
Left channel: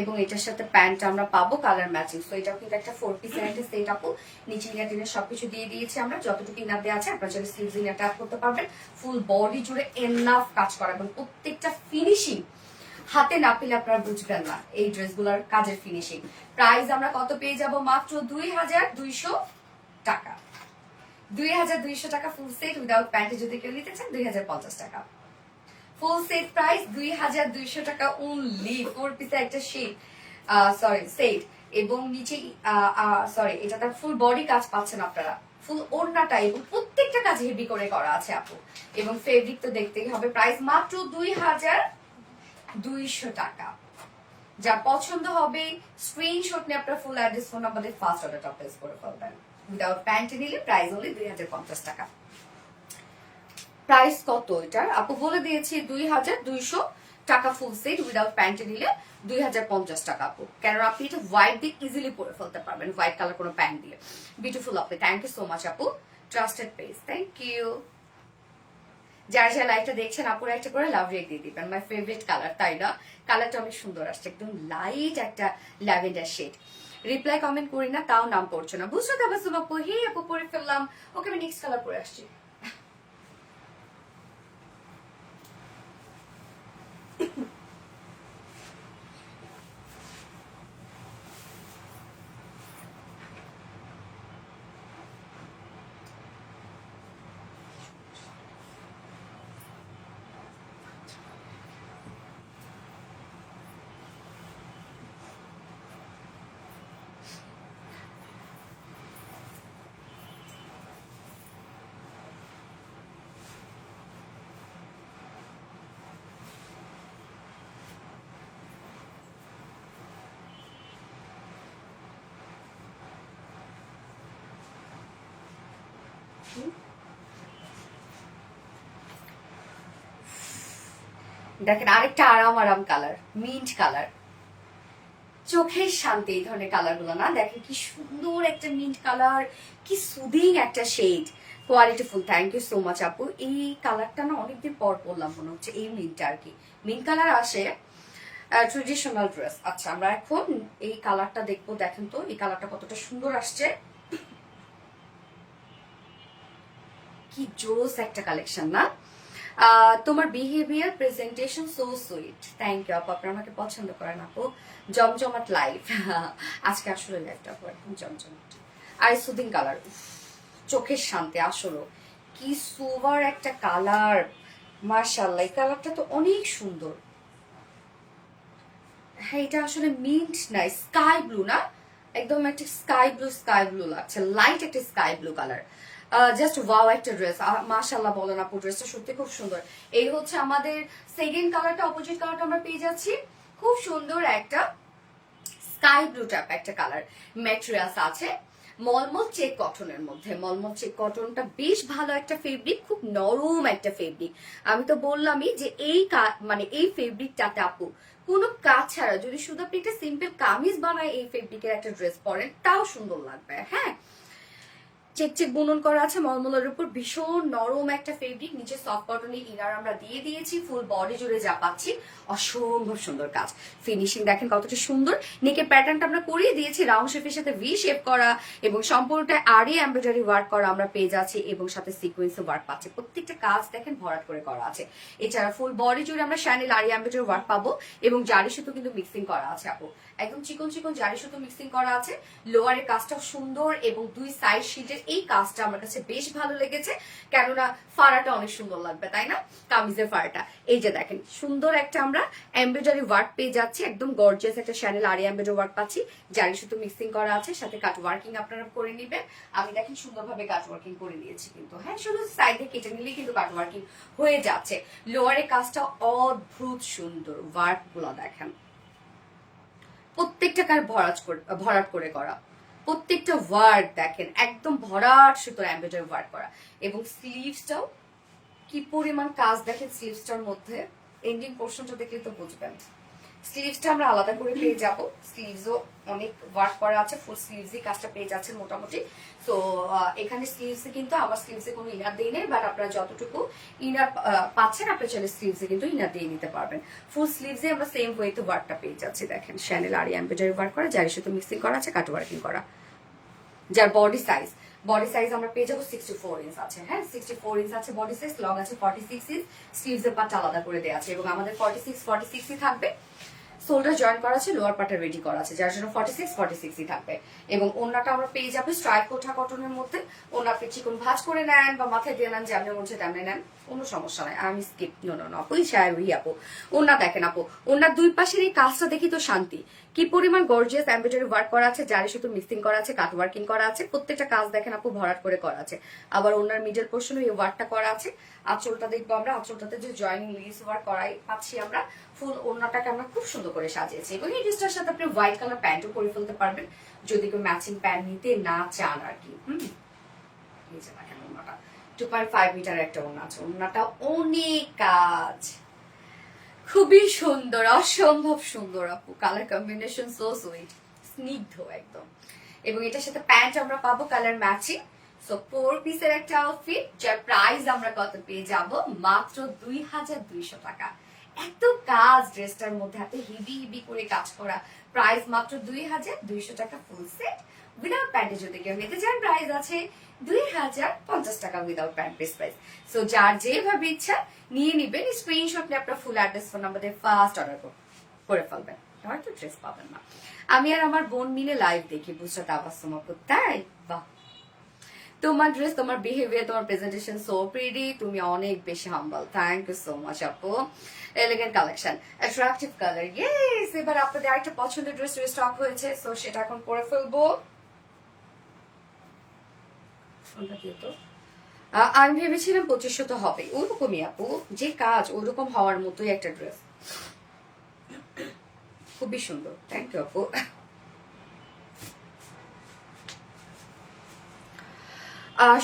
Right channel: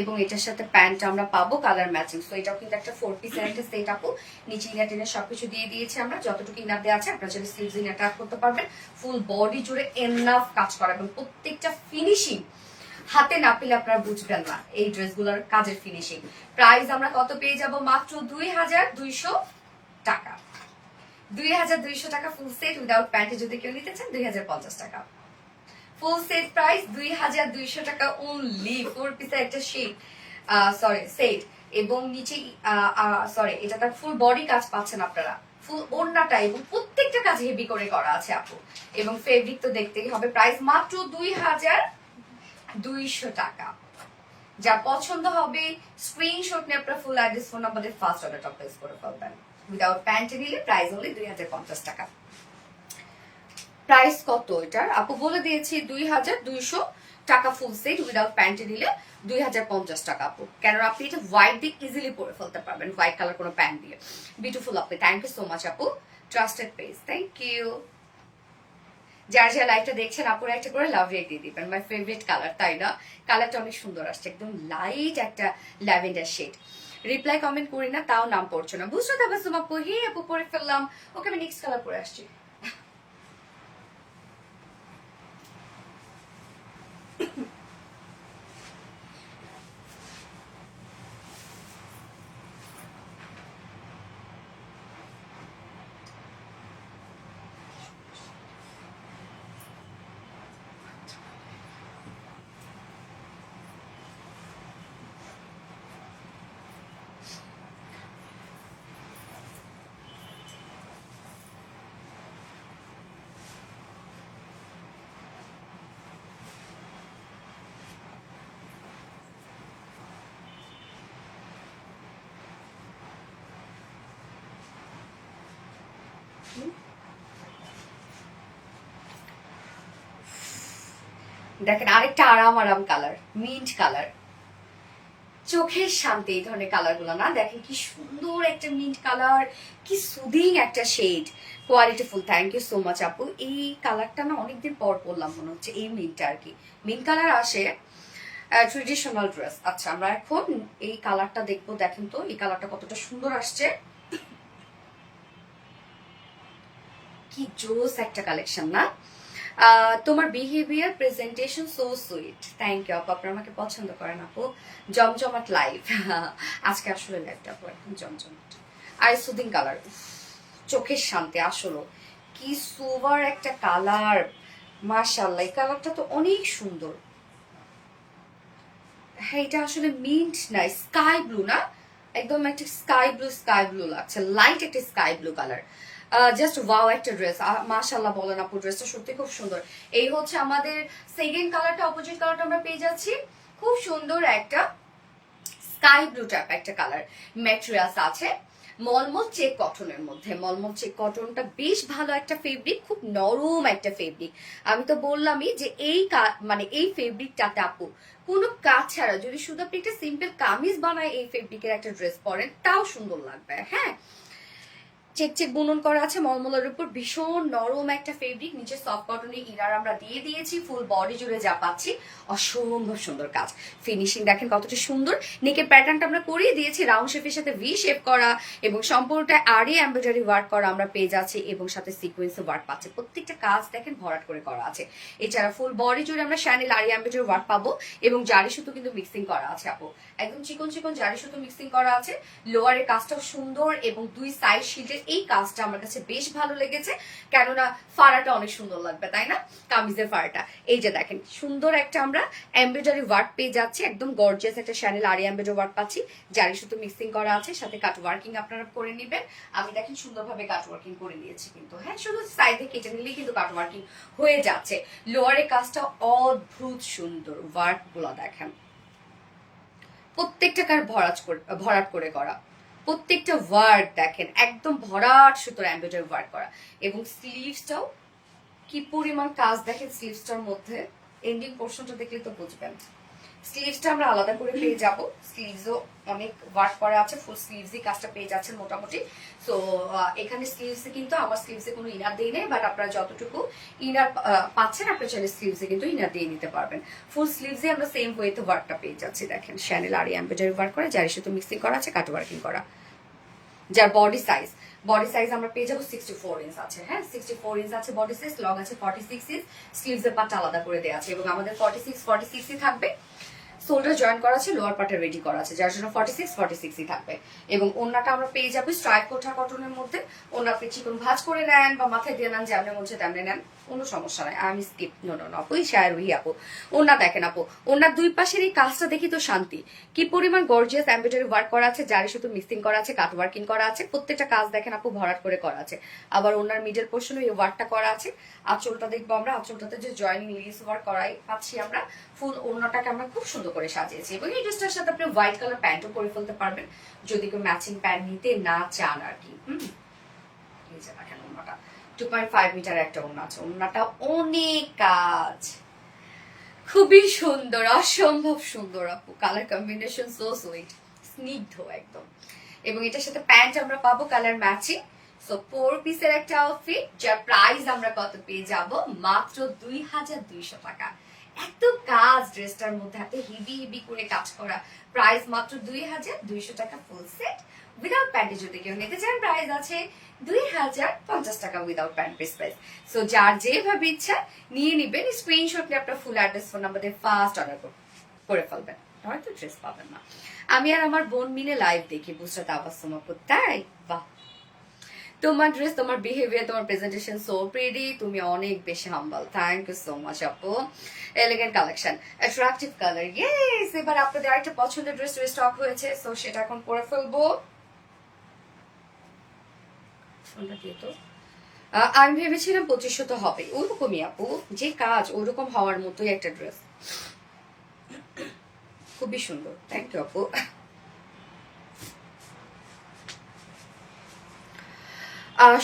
এবং এটার সাথে প্যান্ট আমরা পাবো কালার ম্যাচিং। তো এটাও কিন্তু একটা 4 পিস সেট আপু। নিচে ইনার টিনার সবকিছু দিয়ে দিয়েছি আমরা, যতটুকু ইনার দেওয়া আছে আপনারা যদি স্লিভস ইনারটা করতে পারবেন। ফুল বডি জুড়ে এনাফ কাজ করা, এবং প্রত্যেকটা ফিনিশিং হাতে না পেলে আপনারা বুঝবেন না এই ড্রেসগুলোর কাজের ফিনিশিং। প্রাইস আমরা কত পেয়ে যাব? মাত্র 2200 টাকা। 2200 টাকা ফুল সেট উইদাউট প্যান্টে যদি কেউ নিতে চান 2050 টাকা। ফুল সেট প্রাইস 2200 টাকা অনলি। 4 পিসের একটা শেড সেট এবং নিচে সরি এটা তার ফুল বডি কাজ পাচ্ছেন আপনারা, ফুল ওড়নাটা এবং প্রত্যেকটা কাজ হেভি করে করা আছে আপু, এবং ফেব্রিক তো দেখতেই হবে। প্রাইস মাত্র 2200 টাকা। যা পছন্দ হবে স্ক্রিনশট নিয়ে আপনার ফুল অ্যাড্রেস ফোন আমাদের ফার্স্ট অর্ডারটা প্লেস করে ফেলবেন। উইদাউট প্যান্টে নিলে প্রাইস অনলি 2050 টাকা। প্রাইস কত এটার আপু বলে দিয়েছি, 2200 টাকা ফুল সেট উইদাউট প্যান্টে নিলে 2050 টাকা আপু। কেন আপনি এটা হোয়াইট দিয়ে ইজিলি পরে ফেলতে পারবেন, হোয়াইট কালার কোনো প্যান্ট দিয়ে। বিউটিফুল আপু, থ্যাংক ইউ সো মাচ আপু, ট্রাস্টেড পেজ, থ্যাংক ইউ। যারা যারা লাইভটা দেখছেন আপুরা একটা করে লাভ রেট দিয়ে দিবেন। মাই ফেভারিট কালার, তাই না? কালারটা অনেক সুন্দর আসছে, একদম লাইট একটা ল্যাভেন্ডার শেড। রিপ্লাই কমেন্ট করি না তাও নাম পড়ছে না, বুঝতে তাবাসুম আপু, হে আপু পরে ফেললাম। ওকে আমি নেক্সট কালার পরে আসছি। দেখেন আরেকটা আরাম আরাম কালার, মিন্ট কালার, চোখের শান্তি এই ধরনের কালার গুলো না। দেখেন কি সুন্দর একটা মিন্ট কালার, কি সুদিং একটা shade, quality full. Thank you so much আপু। এই কালারটা না অনেকদিন পর পরলাম মনে হচ্ছে, এই মিন্টটা আর কি। মিন্ট কালার আসে ট্রেডিশনাল ড্রেস। আচ্ছা আমরা এখন এই কালারটা দেখবো। দেখেন তো এই কালারটা কতটা সুন্দর আসছে, কি জোস একটা কালেকশন না? তোমার behaviour presentation so sweet. Thank you আপু, আপনারা আমাকে পছন্দ করেন আপু। জমজমাট লাইভ আজকে আসলে লাইভটা একদম জমজমাট। আর সুদিং কালার, চোখের শান্তি। আসলে কি সুপার একটা কালার, মাশাআল্লাহ। এই কালারটা তো অনেক সুন্দর। হ্যাঁ এটা আসলে মিন্ট না, স্কাই ব্লু না, একদম একটা স্কাই ব্লু লাগছে, লাইট একটা sky blue colour. Just wow একটা ড্রেস, মাশাআল্লাহ বলেন আপু, ড্রেসটা সত্যি খুব সুন্দর। এই হচ্ছে আমাদের সেকেন্ড কালারটা, অপোজিট কালারটা আমরা পেয়ে যাচ্ছি। খুব সুন্দর একটা স্কাই ব্লু টাইপ একটা কালার, ম্যাটেরিয়ালস আছে মলমল চেক কটনের মধ্যে। মলমল চেক কটনটা বেশ ভালো একটা ফেব্রিক, খুব নরম একটা ফেব্রিক। আমি তো বললামই যে এই মানে এই ফেব্রিকটাতে আপু কোনো কাজ ছাড়া যদি শুধু আপনি একটা সিম্পল কামিজ বানায় এই ফেব্রিকের একটা ড্রেস পরেন তাও সুন্দর লাগবে। হ্যাঁ চেক চেক বুনন করা আছে মলমলের উপর, ভীষণ নরম একটা ফেব্রিক। নিচে সফট কটনের ইনার আমরা দিয়ে দিয়েছি, ফুল বডি জুড়ে যা পাচ্ছি অসম্ভব সুন্দর কাজ। ফিনিশিং দেখেন কতটা সুন্দর। নেকের প্যাটার্নটা আমরা করিয়ে দিয়েছি রাউন্ড শেপের সাথে ভি শেপ করা, এবং সম্পূর্ণটা আড়ি এমব্রয়ডারি ওয়ার্ক করা আমরা পেয়ে যাচ্ছি, এবং সাথে সিকোয়েন্স ওয়ার্ক পাচ্ছি। প্রত্যেকটা কাজ দেখেন ভরাট করে করা আছে। এছাড়া ফুল বডি জুড়ে আমরা শ্যানেল আড়ি এমব্রয়ডারি ওয়ার্ক পাবো, এবং জারি সুতো কিন্তু মিক্সিং করা আছে আপু, একদম চিকন চিকন জারি সুতো মিক্সিং করা আছে। লোয়ারের কাজটাও সুন্দর, এবং দুই সাইড শিটের এই কাজটা আমার কাছে বেশ ভালো লেগেছে, কেননা ফাড়াটা অনেক সুন্দর লাগবে তাই না, কামিজের ফাড়াটা। এই যে দেখেন সুন্দর একটা আমরা এমব্রয়ডারি ওয়ার্ক পেয়ে যাচ্ছি, একদম গর্জিয়াস একটা শ্যানেল আরি এমব্রয়ডারি ওয়ার্ক পাচ্ছি, জারি সুতো মিক্সিং করা আছে, সাথে কাট ওয়ার্কিং আপনারা করে নেবেন। আমি দেখেন সুন্দরভাবে কাট ওয়ার্কিং করে নিয়েছি কিন্তু, হ্যাঁ শুধু সাইডে কেটে নিলেই কিন্তু কাট ওয়ার্কিং হয়ে যাচ্ছে। লোয়ারের কাজটা অদ্ভুত সুন্দর, ওয়ার্ক গুলো দেখেন প্রত্যেকটা কার ভরাট করে করা, প্রত্যেকটা ওয়ার্ড দেখেন একদম ভরাট সুতোর এমব্রয়ডারি ওয়ার্ক করা। এবং স্লিভসটাও কি পরিমাণ কাজ দেখেন স্লিভসটার মধ্যে, এন্ডিং পোর্শনটা দেখলে তো বুঝবেন। স্লিভসটা আমরা আলাদা করে পেয়ে যাব, স্লিভসও অনেক ওয়ার্ক করা আছে, ফুল স্লিভসই কাজটা পেয়ে যাচ্ছেন মোটামুটি। তো এখানে স্লিভসে কিন্তু আমার স্লিভসে কোনো ইনার দিয়ে নেই, বাট আপনারা যতটুকু ইনার পাচ্ছেন আপনি চাইলে স্লিভসে কিন্তু ইনার দিয়ে নিতে পারবেন। ফুল স্লিভসে আমরা সেম ওয়েতে ওয়ার্কটা পেয়ে যাচ্ছি। দেখেন শ্যানেল আরি এমব্রয়ডারি ওয়ার্ক করা, জারি সুতো মিক্সিং করা আছে, কাট ওয়ার্কিং করা। যার বডি সাইজ আমরা পেয়ে যাবো 64 ইঞ্চ আছে, হ্যাঁ 64 ইঞ্চ আছে বডি সাইজ, লং আছে 46 ইঞ্চ, স্লিভস এর পার্ট আলাদা করে দেওয়া আছে, এবং আমাদের 46 ই থাকবে। শোল্ডার জয়েন করা আছে, লোয়ার পার্টে রেডি করা আছে, যার জন্য 46 থাকবে। এবং ওড়নাটা আমরা পেয়ে যাবো স্ট্রাইপ কোঠা কটনের মধ্যে। ওড়না আপনি চিকন ভাঁজ করে নেন বা মাথায় দিয়ে নেন, যেমন মন তেমনি নেন, কোনো সমস্যা নাই। আমি স্কিপ নো আপু, শায়ার উই আপু। ওড়না দেখেন আপু, ওড়নার দুই পাশের এই কাজটা দেখি তো শান্তি, কি পরিমাণ গর্জিয়াস এমব্রয়ডারি ওয়ার্ক করা আছে, জারি সুতো মিক্সিং করা আছে, কাট ওয়ার্কিং করা আছে, প্রত্যেকটা কাজ দেখেন আপু ভরাট করে করা আছে। আবার ওনার মিডল পোর্শনে এই ওয়ার্কটা করা আছে। আঁচলটা দেখবো আমরা, আঁচলটাতে যে জয়েনিং লেস ওয়ার্ক করাই পাচ্ছি আমরা। ফুল ওড়নাটাকে আমরা খুব সুন্দর করে সাজিয়েছি। এবং এই ড্রেসটার সাথে আপনি হোয়াইট কালার প্যান্টও পরে ফেলতে পারবেন যদি কেউ ম্যাচিং প্যান্ট নিতে না চান আর কি। এই যে দেখেন ওড়নাটা 2.5 মিটার একটা ওড়না আছে। ওড়নাটা অনেক কাজ, খুবই সুন্দর, অসম্ভব সুন্দর আপু। কালার কম্বিনেশন সো সুইট, স্নিগ্ধ একদম। এবং এটার সাথে প্যান্ট আমরা পাবো কালার ম্যাচিং। সো 4 পিসের একটা আউটফিট, যার প্রাইস আমরা কত পেয়ে যাব, মাত্র 2200 টাকা। এত কাজ ড্রেসটার মধ্যে, এত হেভি করে কাজ করা, প্রাইস মাত্র 2200 টাকা ফুল সেট উইদাউট প্যান্টে। যদি কেউ নিতে চান প্রাইস আছে 2050 টাকা without pant piece price. So যার যেভাবে ইচ্ছা নিয়ে নিবেন, স্ক্রিনশট নিয়ে আপনার ফুল অ্যাড্রেস ফোন নাম্বার দিয়ে ফার্স্ট অর্ডার করে ফেলবেন, হয়তো ড্রেস পাবেন না। আমি আর আমার বোন মিলে লাইভ দেখি বুঝতে তাবাসসুম আপু, তাই বাহ। তোমার ড্রেস, তোমার বিহেভিয়ার, তোমার প্রেজেন্টেশন সো প্রিটি, তুমি অনেক বেশি হাম্বল। থ্যাংক ইউ সো মাচ আপু। Elegant collection, attractive colour, yes. এবার আপনাদের আরেকটা পছন্দের ড্রেস স্টক হয়েছে, সো সেটা এখন পরে ফেলবো। আমি ভেবেছিলাম 2500 তো হবে, ওরকমই আপু, যে কাজ ওরকম হওয়ার মতোই একটা ড্রেস, খুবই সুন্দর। থ্যাংক ইউ আপু।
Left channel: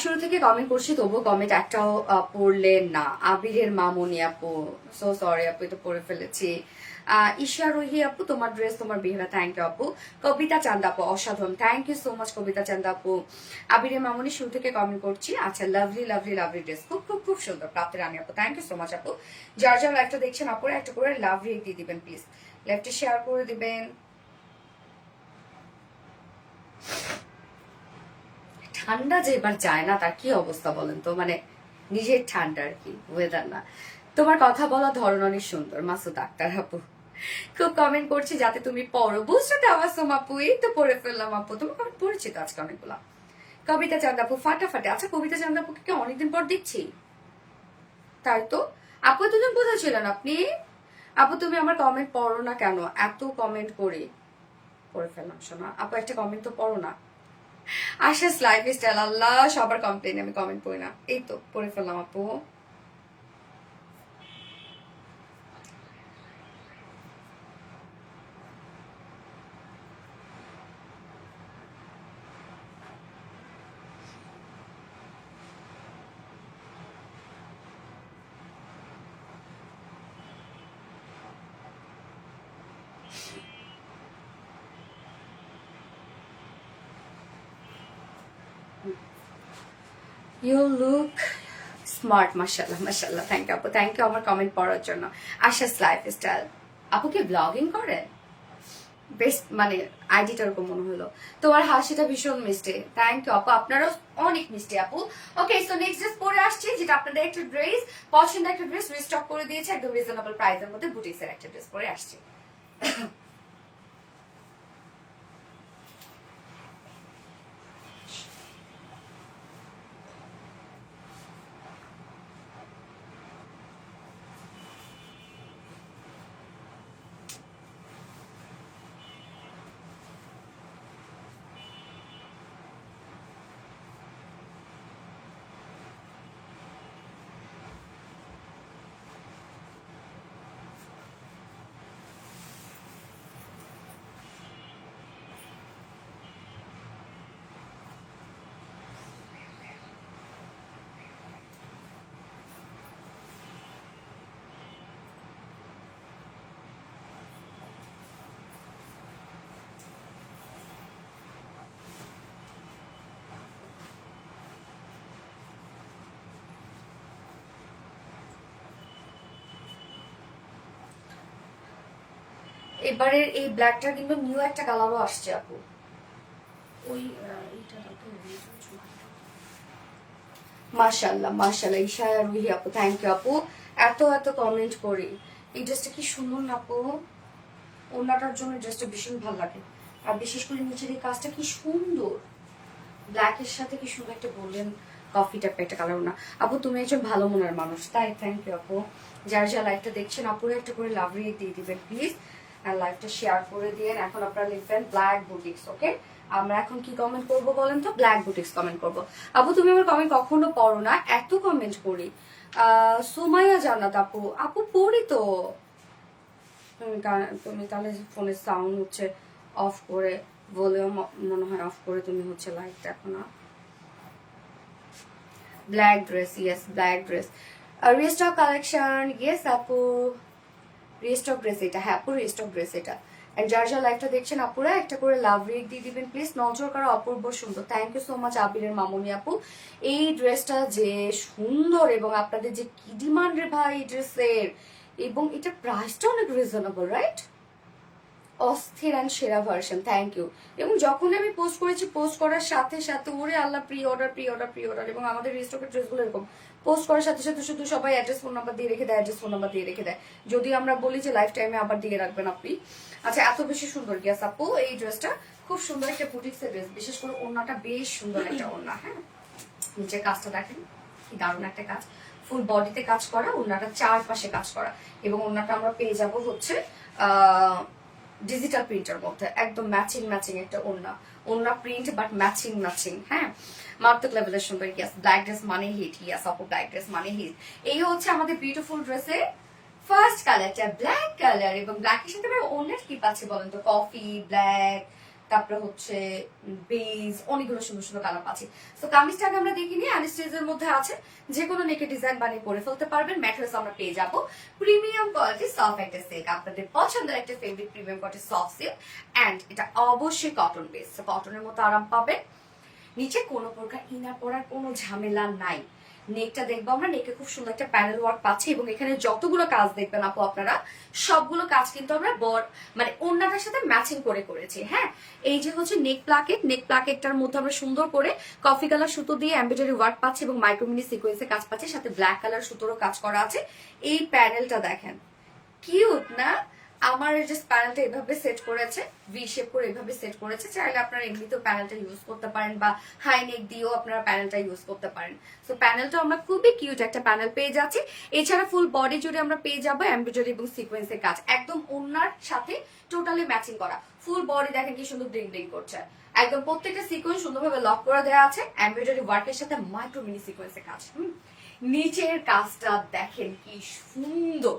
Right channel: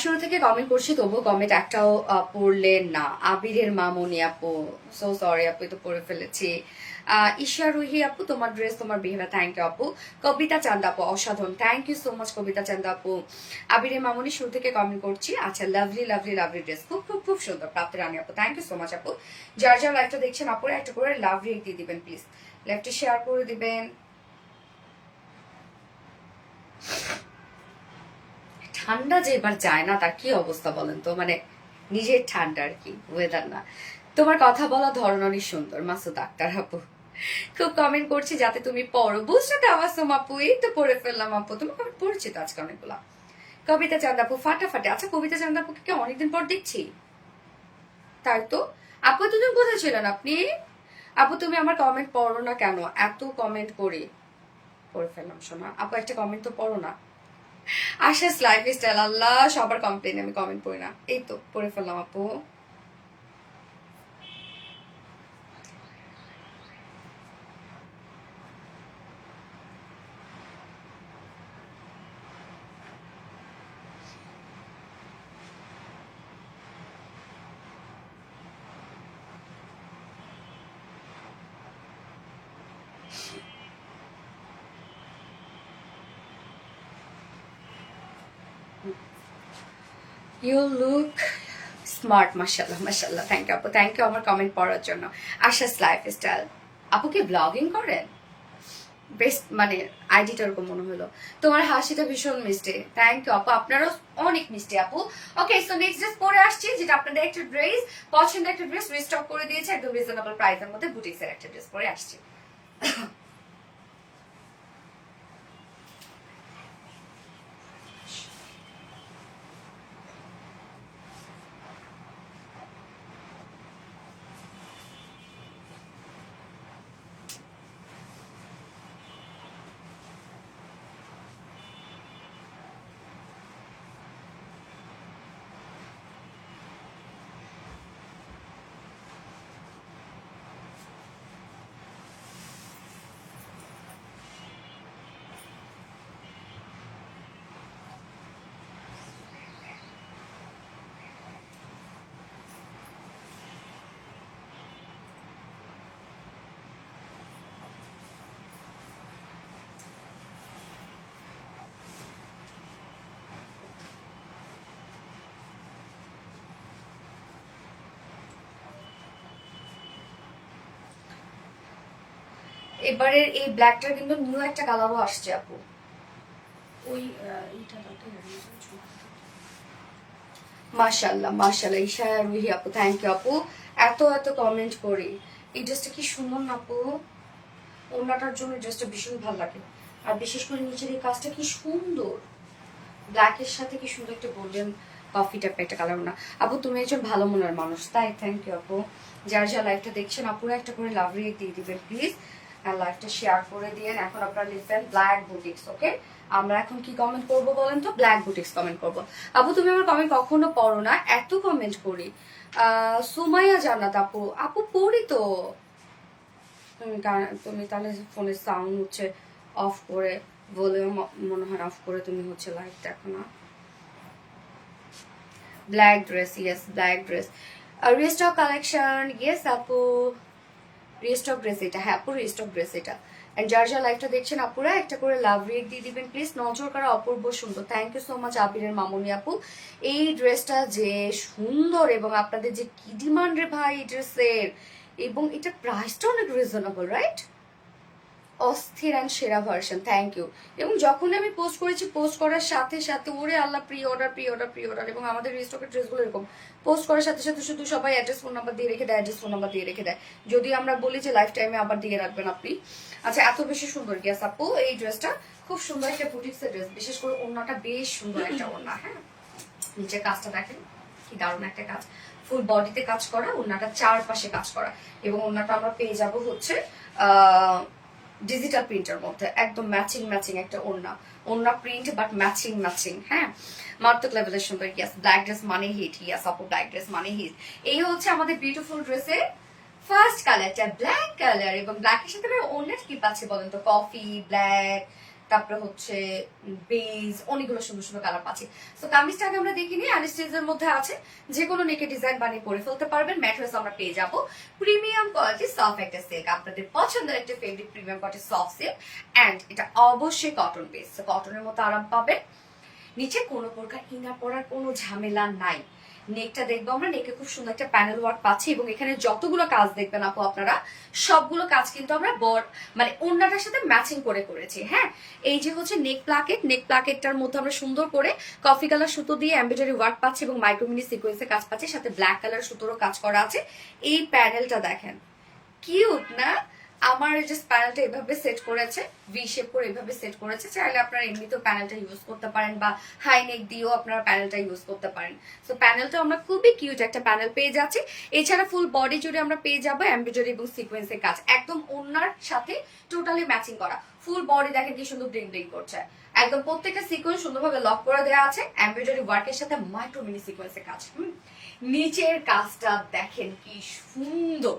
শুরু থেকে কমেন্ট করছি, তবুও কমেন্ট একটাও পড়লেন না। আবিরের মামনি আপু, সো সরি আপু, তো পড়ে ফেলেছি। ঈশা রুহি আপু, তোমার ড্রেস, তোমার বিহেভিয়ার, থ্যাংক ইউ আপু। কবিতা চান্দা আপু, অসাধারণ, থ্যাংক ইউ সো মাচ কবিতা চান্দা আপু। আবিরের মামনি, শুরু থেকে কমেন্ট করছি। আচ্ছা, লাভলি লাভলি লাভলি ড্রেস, খুব খুব খুব সুন্দর। প্রাপ্তি রানী আপু, থ্যাংক ইউ সো মাচ আপু। যার যার লাইভটা দেখছেন আপুরা একটা করে লাভ রিয়েক্ট দিয়ে দিবেন প্লিজ, লাইভটা শেয়ার করে দিবেন। ঠান্ডা যে এবার যায় না, তার কি অবস্থা বলেন তো, মানে নিজের ঠান্ডা আর কি, ওয়েদার না। তোমার কথা বলা ধরন অনেক সুন্দর, মাসুদ আক্তার আপু। খুব কমেন্ট করছি যাতে তুমি পড়ো, বুঝতে তাবাসসুম আপু, এই তো পড়ে ফেললাম আপু, তোমার কমেন্ট পড়ছি তো আজকে অনেকগুলা। কবিতা চান্দা আপু, ফাটাফাটে। আচ্ছা, কবিতা চান্দা আপুকে কি অনেকদিন পর দেখছি, তাই তো। আপু এতদিন কোথায় ছিলেন আপনি? আপু তুমি আমার কমেন্ট পড়ো না কেন? এত কমেন্ট করি, পড়ে ফেললাম শোনা। আপু একটা কমেন্ট তো পড়ো না। আশাস লাইফস্টাইল, আল্লাহ সবার কমপ্লেন, আমি কমেন্ট পড়ি না, এই তো পড়ে ফেললাম আপু। ইউ লুক স্মার্ট, মাশাআল্লাহ মাশাআল্লাহ, থ্যাংক ইউ আপু, থ্যাংক ইউ আমার কমেন্ট পড়ার জন্য। আশাস লাইফস্টাইল আপু কি ব্লগিং করেন? বেস্ট, মানে আইডিটা ওরকম মনে হলো। তোমার হাসিটা ভীষণ মিষ্টি, থ্যাংক ইউ আপু, আপনারও অনেক মিষ্টি আপু। ওকে, সো নেক্সট ড্রেস পরে আসছি, যেটা আপনাদের একটা ড্রেস, পছন্দের একটা ড্রেস রিস্টক করে দিয়েছে একদম রিজনেবল প্রাইসের মধ্যে, বুটিক্সের একটা ড্রেস পরে আসছি। এবারের এই ব্ল্যাকটার কিন্তু নিউ একটা কালারও আসছে আপু, ওই মাশাআল্লাহ মাশাআল্লাহ। ইশায়া রুহি আপু, থ্যাংক ইউ আপু। এত এত কমেন্ট করি, এই ড্রেসটা কি সুন্দর না আপু, ওড়নাটার জন্য ড্রেসটা ভীষণ ভালো লাগে। আর বিশেষ করে নিচের এই কাজটা কি সুন্দর, ব্ল্যাকের সাথে কি সুন্দর একটা গোল্ডেন কফি টাইপের একটা কালার না। আপু তুমি একজন ভালো মনের মানুষ, তাই থ্যাংক ইউ আপু। যার যা লাইভটা দেখছেন আপুরা একটা করে লাভ রিয়েক্ট দিয়ে দিবেন প্লিজ, আর লাইভটা শেয়ার করে দিয়েন। এখন আপনারা লিখবেন ব্ল্যাক বুটিক্স, ওকে? আমরা এখন কি কমেন্ট করবো বলেন তো? ব্ল্যাক বুটিক্স কমেন্ট করবো। আপু তুমি আমার কমেন্ট কখনো পড়ো না? এত কমেন্ট করি। সুমাইয়া জান্নাত আপু, আপু পড়ি তো। তুমি তাহলে ফোনের সাউন্ড হচ্ছে অফ করে, ভলিউম মনে হয় অফ করে তুমি হচ্ছে লাইভ দেখো না। Black dress, yes black dress. Restock collection, yes আপু রিস্টক ড্রেস এটা, হ্যাঁ আপু রিস্টক ড্রেস এটা। এন্ড যার যা লাইভটা দেখছেন আপুরা একটা করে লাভ রেক দিয়ে দিবেন প্লিজ। নজর করা অপূর্ব সুন্দর, থ্যাংক ইউ সো মাচ আবিরের মামুনি আপু। এই ড্রেসটা যে সুন্দর এবং আপনাদের যে কি ডিমান্ড রে ভাই এই ড্রেসের, এবং এটা প্রাইসটা অনেক রিজনেবল, রাইট? অস্থির অ্যান্ড সেরা ভার্সন, থ্যাংক ইউ। এবং যখন আমি পোস্ট করেছি, পোস্ট করার সাথে সাথে ওরে আল্লাহ pre order pre order pre order. এবং আমাদের রিস্টকের ড্রেসগুলো এরকম পোস্ট করার সাথে সাথে শুধু সবাই অ্যাড্রেস ফোন নাম্বার দিয়ে রেখে দেয়, অ্যাড্রেস ফোন নাম্বার দিয়ে রেখে দেয়। যদি আমরা বলি যে লাইফ টাইমে আবার দিয়ে রাখবেন আপনি। আচ্ছা এত বেশি সুন্দর গ্যাস আপু এই ড্রেসটা, খুব সুন্দর একটা বুটিক্সের ড্রেস, বিশেষ করে ওড়নাটা বেশ সুন্দর একটা ওড়না। হ্যাঁ নিচের কাজটা দেখেন কি দারুণ একটা কাজ, ফুল বডিতে কাজ করা, ওড়নাটা চারপাশে কাজ করা। এবং ওড়নাটা আমরা পেয়ে যাব হচ্ছে ডিজিটাল প্রিন্টের মধ্যে, একদম ম্যাচিং ম্যাচিং একটা ওড়না, ওড়না প্রিন্ট বাট ম্যাচিং ম্যাচিং। হ্যাঁ মারাত্মক লেভেলের সুন্দর। ইয়াস ব্ল্যাক ড্রেস মানে হিট, ইয়াস আপু ব্ল্যাক ড্রেস মানে হিট। এই হচ্ছে আমাদের বিউটিফুল ড্রেসের ফার্স্ট কালারটা, ব্ল্যাক কালার। এবং ব্ল্যাকের সাথে অনেক কি পাচ্ছে বলেন তো? কফি, ব্ল্যাক, তারপরে হচ্ছে বেজ, অনেকগুলো সুন্দর সুন্দর কালার পাচ্ছি। তো কামিজটাকে আমরা দেখিনি, অ্যানিস্টেজের মধ্যে আছে, যে কোনো নেকে ডিজাইন বানিয়ে পরে ফেলতে পারবেন। ম্যাটেরিয়ালস আমরা পেয়ে যাব প্রিমিয়াম কোয়ালিটি সফট একটা সিল্ক, আপনাদের পছন্দের একটা favourite premium quality soft silk. And এটা অবশ্যই কটন বেস, কটনের মতো আরাম পাবেন। নিচে কোনো প্রকার ইনার পরার কোনো ঝামেলা নাই। নেকটা দেখবো আমরা, নেকে খুব সুন্দর একটা প্যানেল ওয়ার্ক পাচ্ছি। এবং এখানে যতগুলো কাজ দেখবেন আপু আপনারা, সবগুলো কাজ কিন্তু আমরা মানে ওড়নাটার সাথে ম্যাচিং করে করেছি। হ্যাঁ এই যে হচ্ছে নেক প্লাকেট, নেক প্লাকেটটার মধ্যে আমরা সুন্দর করে কফি কালার সুতো দিয়ে এমব্রয়ডারি ওয়ার্ক পাচ্ছি এবং মাইক্রোমিনি সিকোয়েন্সে কাজ পাচ্ছি, সাথে ব্ল্যাক কালার সুতোরও কাজ করা আছে। এই প্যানেলটা দেখেন কিউট না? আমার যে প্যানেলটা এভাবে সেট করেছে, ভি শেপ করে এভাবে সেট করেছে। চাইলে আপনারা এমনিতেও প্যানেলটা ইউজ করতে পারেন বা হাই নেক দিয়েও আপনারা প্যানেলটা ইউজ করতে পারেন। সো প্যানেলটা আমরা খুবই কিউট একটা প্যানেল পেয়ে যাচ্ছি। এছাড়া ফুল বডি জুড়ে আমরা পেয়ে যাবো এমব্রয়ডারি এবং সিকোয়েন্সের কাজ, একদম ওড়নার সাথে টোটালি ম্যাচিং করা। ফুল বডি দেখেন কি সুন্দর ব্লিং ব্লিং করছে, একদম প্রত্যেকটা সিকোয়েন্স সুন্দরভাবে লক করে দেওয়া আছে এমব্রয়ডারি ওয়ার্কের সাথে মাইক্রো মিনি সিকোয়েন্সের কাজ। নিচের কাজটা দেখেন কি সুন্দর,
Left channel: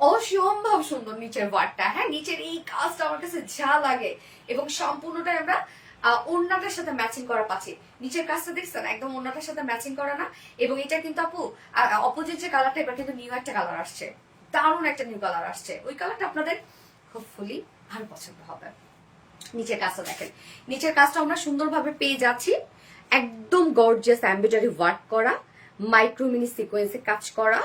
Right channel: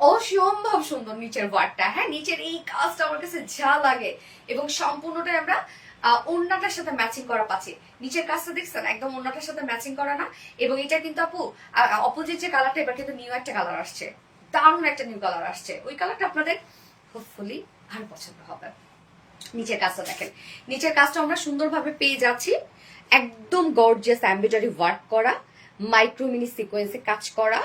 অসম্ভব সুন্দর নিচের ওয়ার্কটা। হ্যাঁ নিচের এই কাজটা আমার কাছে যা লাগে, এবং সম্পূর্ণটাই আমরা ওড়নাটার সাথে ম্যাচিং করা পাচ্ছি। নিচের কাজটা দেখছেন একদম ওড়নাটার সাথে ম্যাচিং করা না? এবং এটা কিন্তু আপু অপোজিট যে কালারটা, এবার কিন্তু নিউ একটা কালার আসছে, দারুণ একটা নিউ কালার আসছে। ওই কালারটা আপনাদের হোপফুলি ভালো পছন্দ হবে। নিচের কাজটা দেখেন, নিচের কাজটা আমরা সুন্দরভাবে পেয়ে যাচ্ছি, একদম গর্জিয়াস এমব্রয়ডারি ওয়ার্ক করা, মাইক্রো মিনি সিকোয়েন্সে কাজ করা।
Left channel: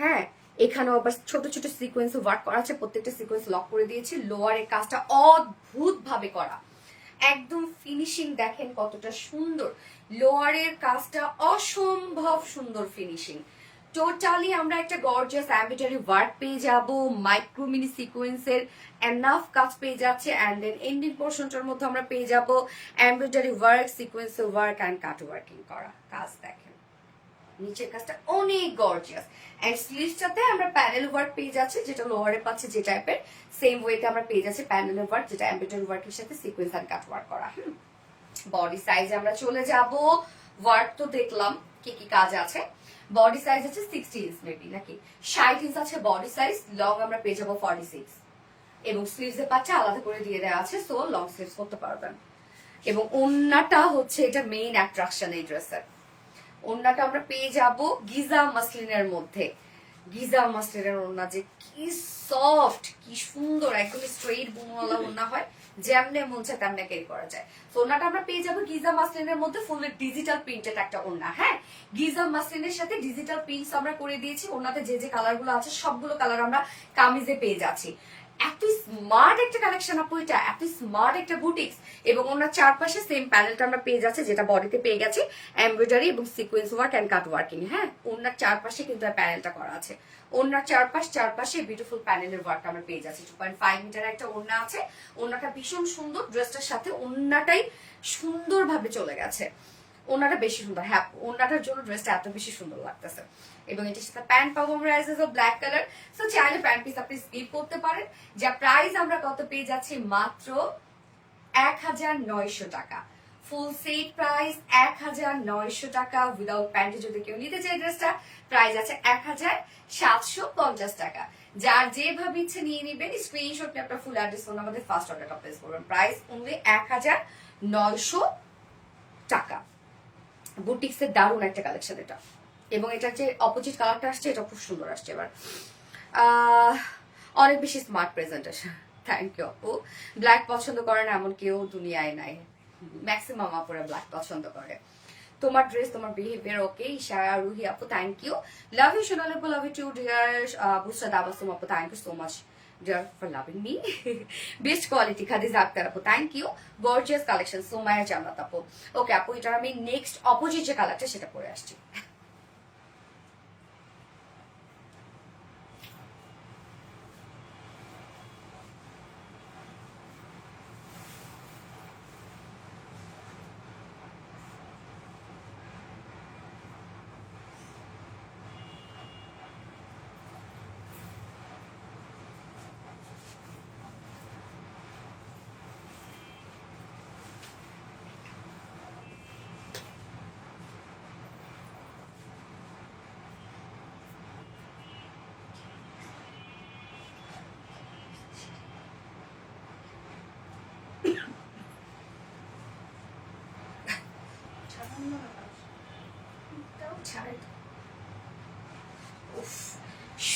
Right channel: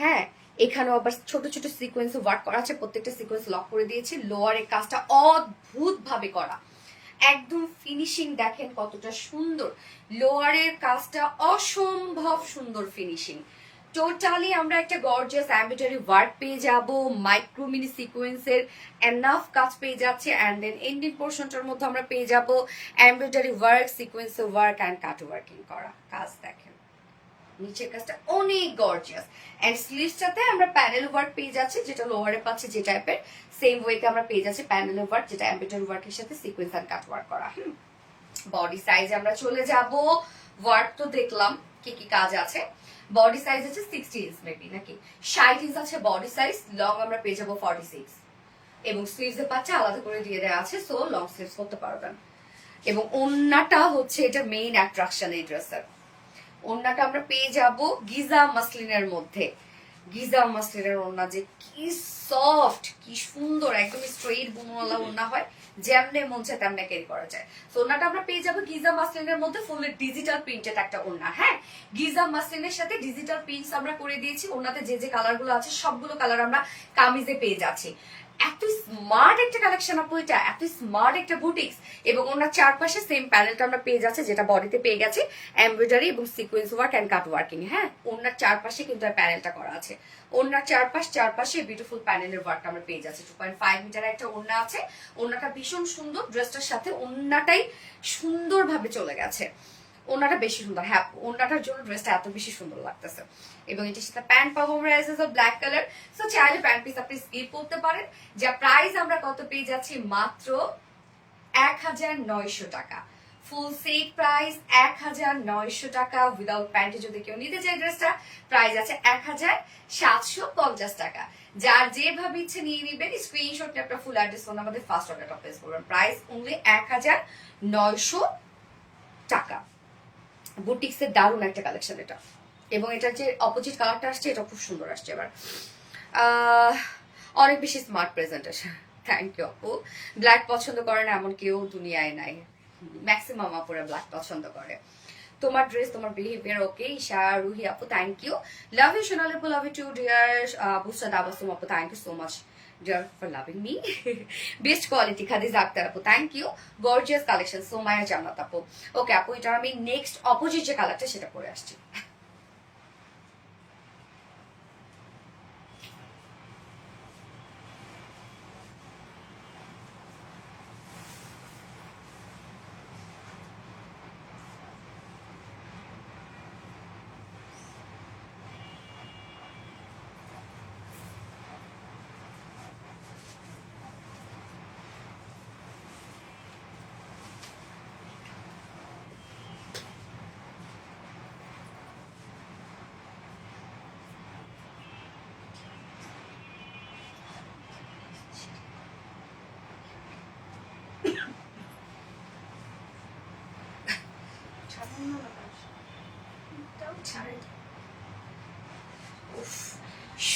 হ্যাঁ এখানেও আবার ছোট ছোট সিকোয়েন্স ওয়ার্ক করা আছে, প্রত্যেকটা সিকোয়েন্স লক করে দিয়েছি। লোয়ারের কাজটা অদ্ভুত ভাবে করা, একদম ফিনিশিং দেখেন কতটা সুন্দর। লোয়ারের কাজটা অসম্ভব সুন্দর ফিনিশিং। টোটালি আমরা একটা গর্জিয়াস এমব্রয়ডারি ওয়ার্ক পেয়ে যাব, মাইক্রো মিনি সিকোয়েন্সের এনাফ কাজ পেয়ে যাচ্ছে। অ্যান্ড দেন এন্ডিং পোর্শনটার মধ্যে আমরা পেয়ে যাব এমব্রয়ডারি ওয়ার্ক, সিকোয়েন্সের ওয়ার্ক অ্যান্ড কাট ওয়ার্কিং করা কাজ। দেখেন নিচের কাজটা অনেক গর্জিয়াস। এন্ড স্লিভসটাতে আমরা প্যানেল ওয়ার্ক পেয়ে যাচ্ছি, যেটা লোয়ারে পাচ্ছে যে টাইপের, সেম ওয়েতে আমরা পেয়ে যাচ্ছি প্যানেল ওয়ার্ক, যেটা এমব্রয়ডারি ওয়ার্কের সাথে সিকোয়েন্স এন্ড কাট ওয়ার্ক করা। বডি সাইজ আমরা চলে যাব, ওয়ার্ক তো দেখলাম কি কি কাজ আছে। বডি সাইজ আছে 60 ইঞ্চ মেবি নাকি 60 ইঞ্চ আছে বডি সাইজ। লং আমরা পেয়ে যাবো 46 এবং স্লিভস এর পাচ্ছা আলাদা করে দিয়ে দেওয়া আছে, সো লং স্লিভস করতে পারবেন। এবং ওন্নাটা হচ্ছে এটা মেইন অ্যাট্রাকশন এই ড্রেসের। ওন্নাটা আমরা পেয়ে যাব গিজা মাসলিনের মধ্যে। গিজা মাসলিনের ওন্না যে কি সফট, কি সুন্দর, একদম স্ট্রেইট বুনওয়ালা ওন্না হয়, যেমনে মন চায় তেমনে ক্যারি করা যায়। তো ওন্নাটা আমরা পেয়ে যাবো গিজা মাসলিনের মধ্যে, ফুললি ডিজিটাল প্রিন্টেড একটা ওন্না। হ্যাঁ গিজা মাসলিনের সাথে ডিজিটাল প্রিন্টস আমরা করে দিয়েছি। ওন্নাতে যে যে কালার গুলো আছে সবগুলো কালার আমরা কামিজে পেয়ে যাচ্ছি। এত স্মার্ট একটা কালেকশন আপু এটা, এত স্মার্ট একটা বুটিক্স। এবং ওনার চারপাশে সেম প্যানেলটা আমরা পেয়ে যাচ্ছে, যেটা বডিতে পেয়ে গেছে এমব্রয়ডারি এবং sequence work and cut working. হ্যাঁ ওনার চারপাশে কিন্তু প্যানেলটা করা আছে, ওড়নার চারপাশে বিউটিফুল প্যানেলের ওয়ার্ক আমরা পেয়ে যাচ্ছি। 2.5 মিটার একটা ওড়না আছে, ওড়নাটা ভীষণ সুন্দর, ড্রেসটার সাথে ওড়নাটাই সুন্দরভাবে চলে গেছে। ওড়নাটা বেশি সুন্দর, হ্যাঁ ওড়নাটার জন্য ড্রেসটা এত বেশি সুন্দর লাগতেছে। এবং এটার সাথে প্যান্ট পাবো আমরা ব্ল্যাক কালার। সো চাইলে প্যান্ট পিস আপনি স্কিপ করতে পারেন। যা প্রাইস আমরা কত পেয়ে যাচ্ছি, মাত্র 1900 টাকা। ফুল সেট প্রাইস 1900 টাকা। উইদাউট প্যান্টে যদি কেউ নিতে চায় ড্রেসটা, প্রাইস আছে 1750 টাকা। যার যেভাবে ইচ্ছে নিয়ে নিবেন, স্ক্রিনশট নিয়ে আপনার ফুল অ্যাড্রেস ফোন আমাদের ফার্স্ট অর্ডারটা প্লেস করবেন। প্রাইস অনলি 1900 টাকা। বুটিক্সের দারুণ একটা কালেকশন এটা। এবং এটার যে অপোজিট কালারটা আসছে, এটা খুব সুন্দর আসছে এবার। অনেক বেশি স্মার্ট প্রেজেন্টেশন, থ্যাংক ইউ আপু। ব্ল্যাক পছন্দ করে না এমন কেউ দুনিয়ায় নাই, ম্যাক্সিমাম আপুরা ব্ল্যাক পছন্দ করে। তোমার ড্রেস, তোমার বিহেভিয়ার ওকে। ঈশা রুহি আপু thank you, love you Sonal আপু, love you too dear Bushra Dabasum আপু, thank you so much dear for loving me. Best quality Khadija Akter আপু thank you, gorgeous collection Somaya Jannat আপু। ওকে আপু, এটা আমি নেক্সট অপোজিট যে কালারটা সেটা পরে আসছি।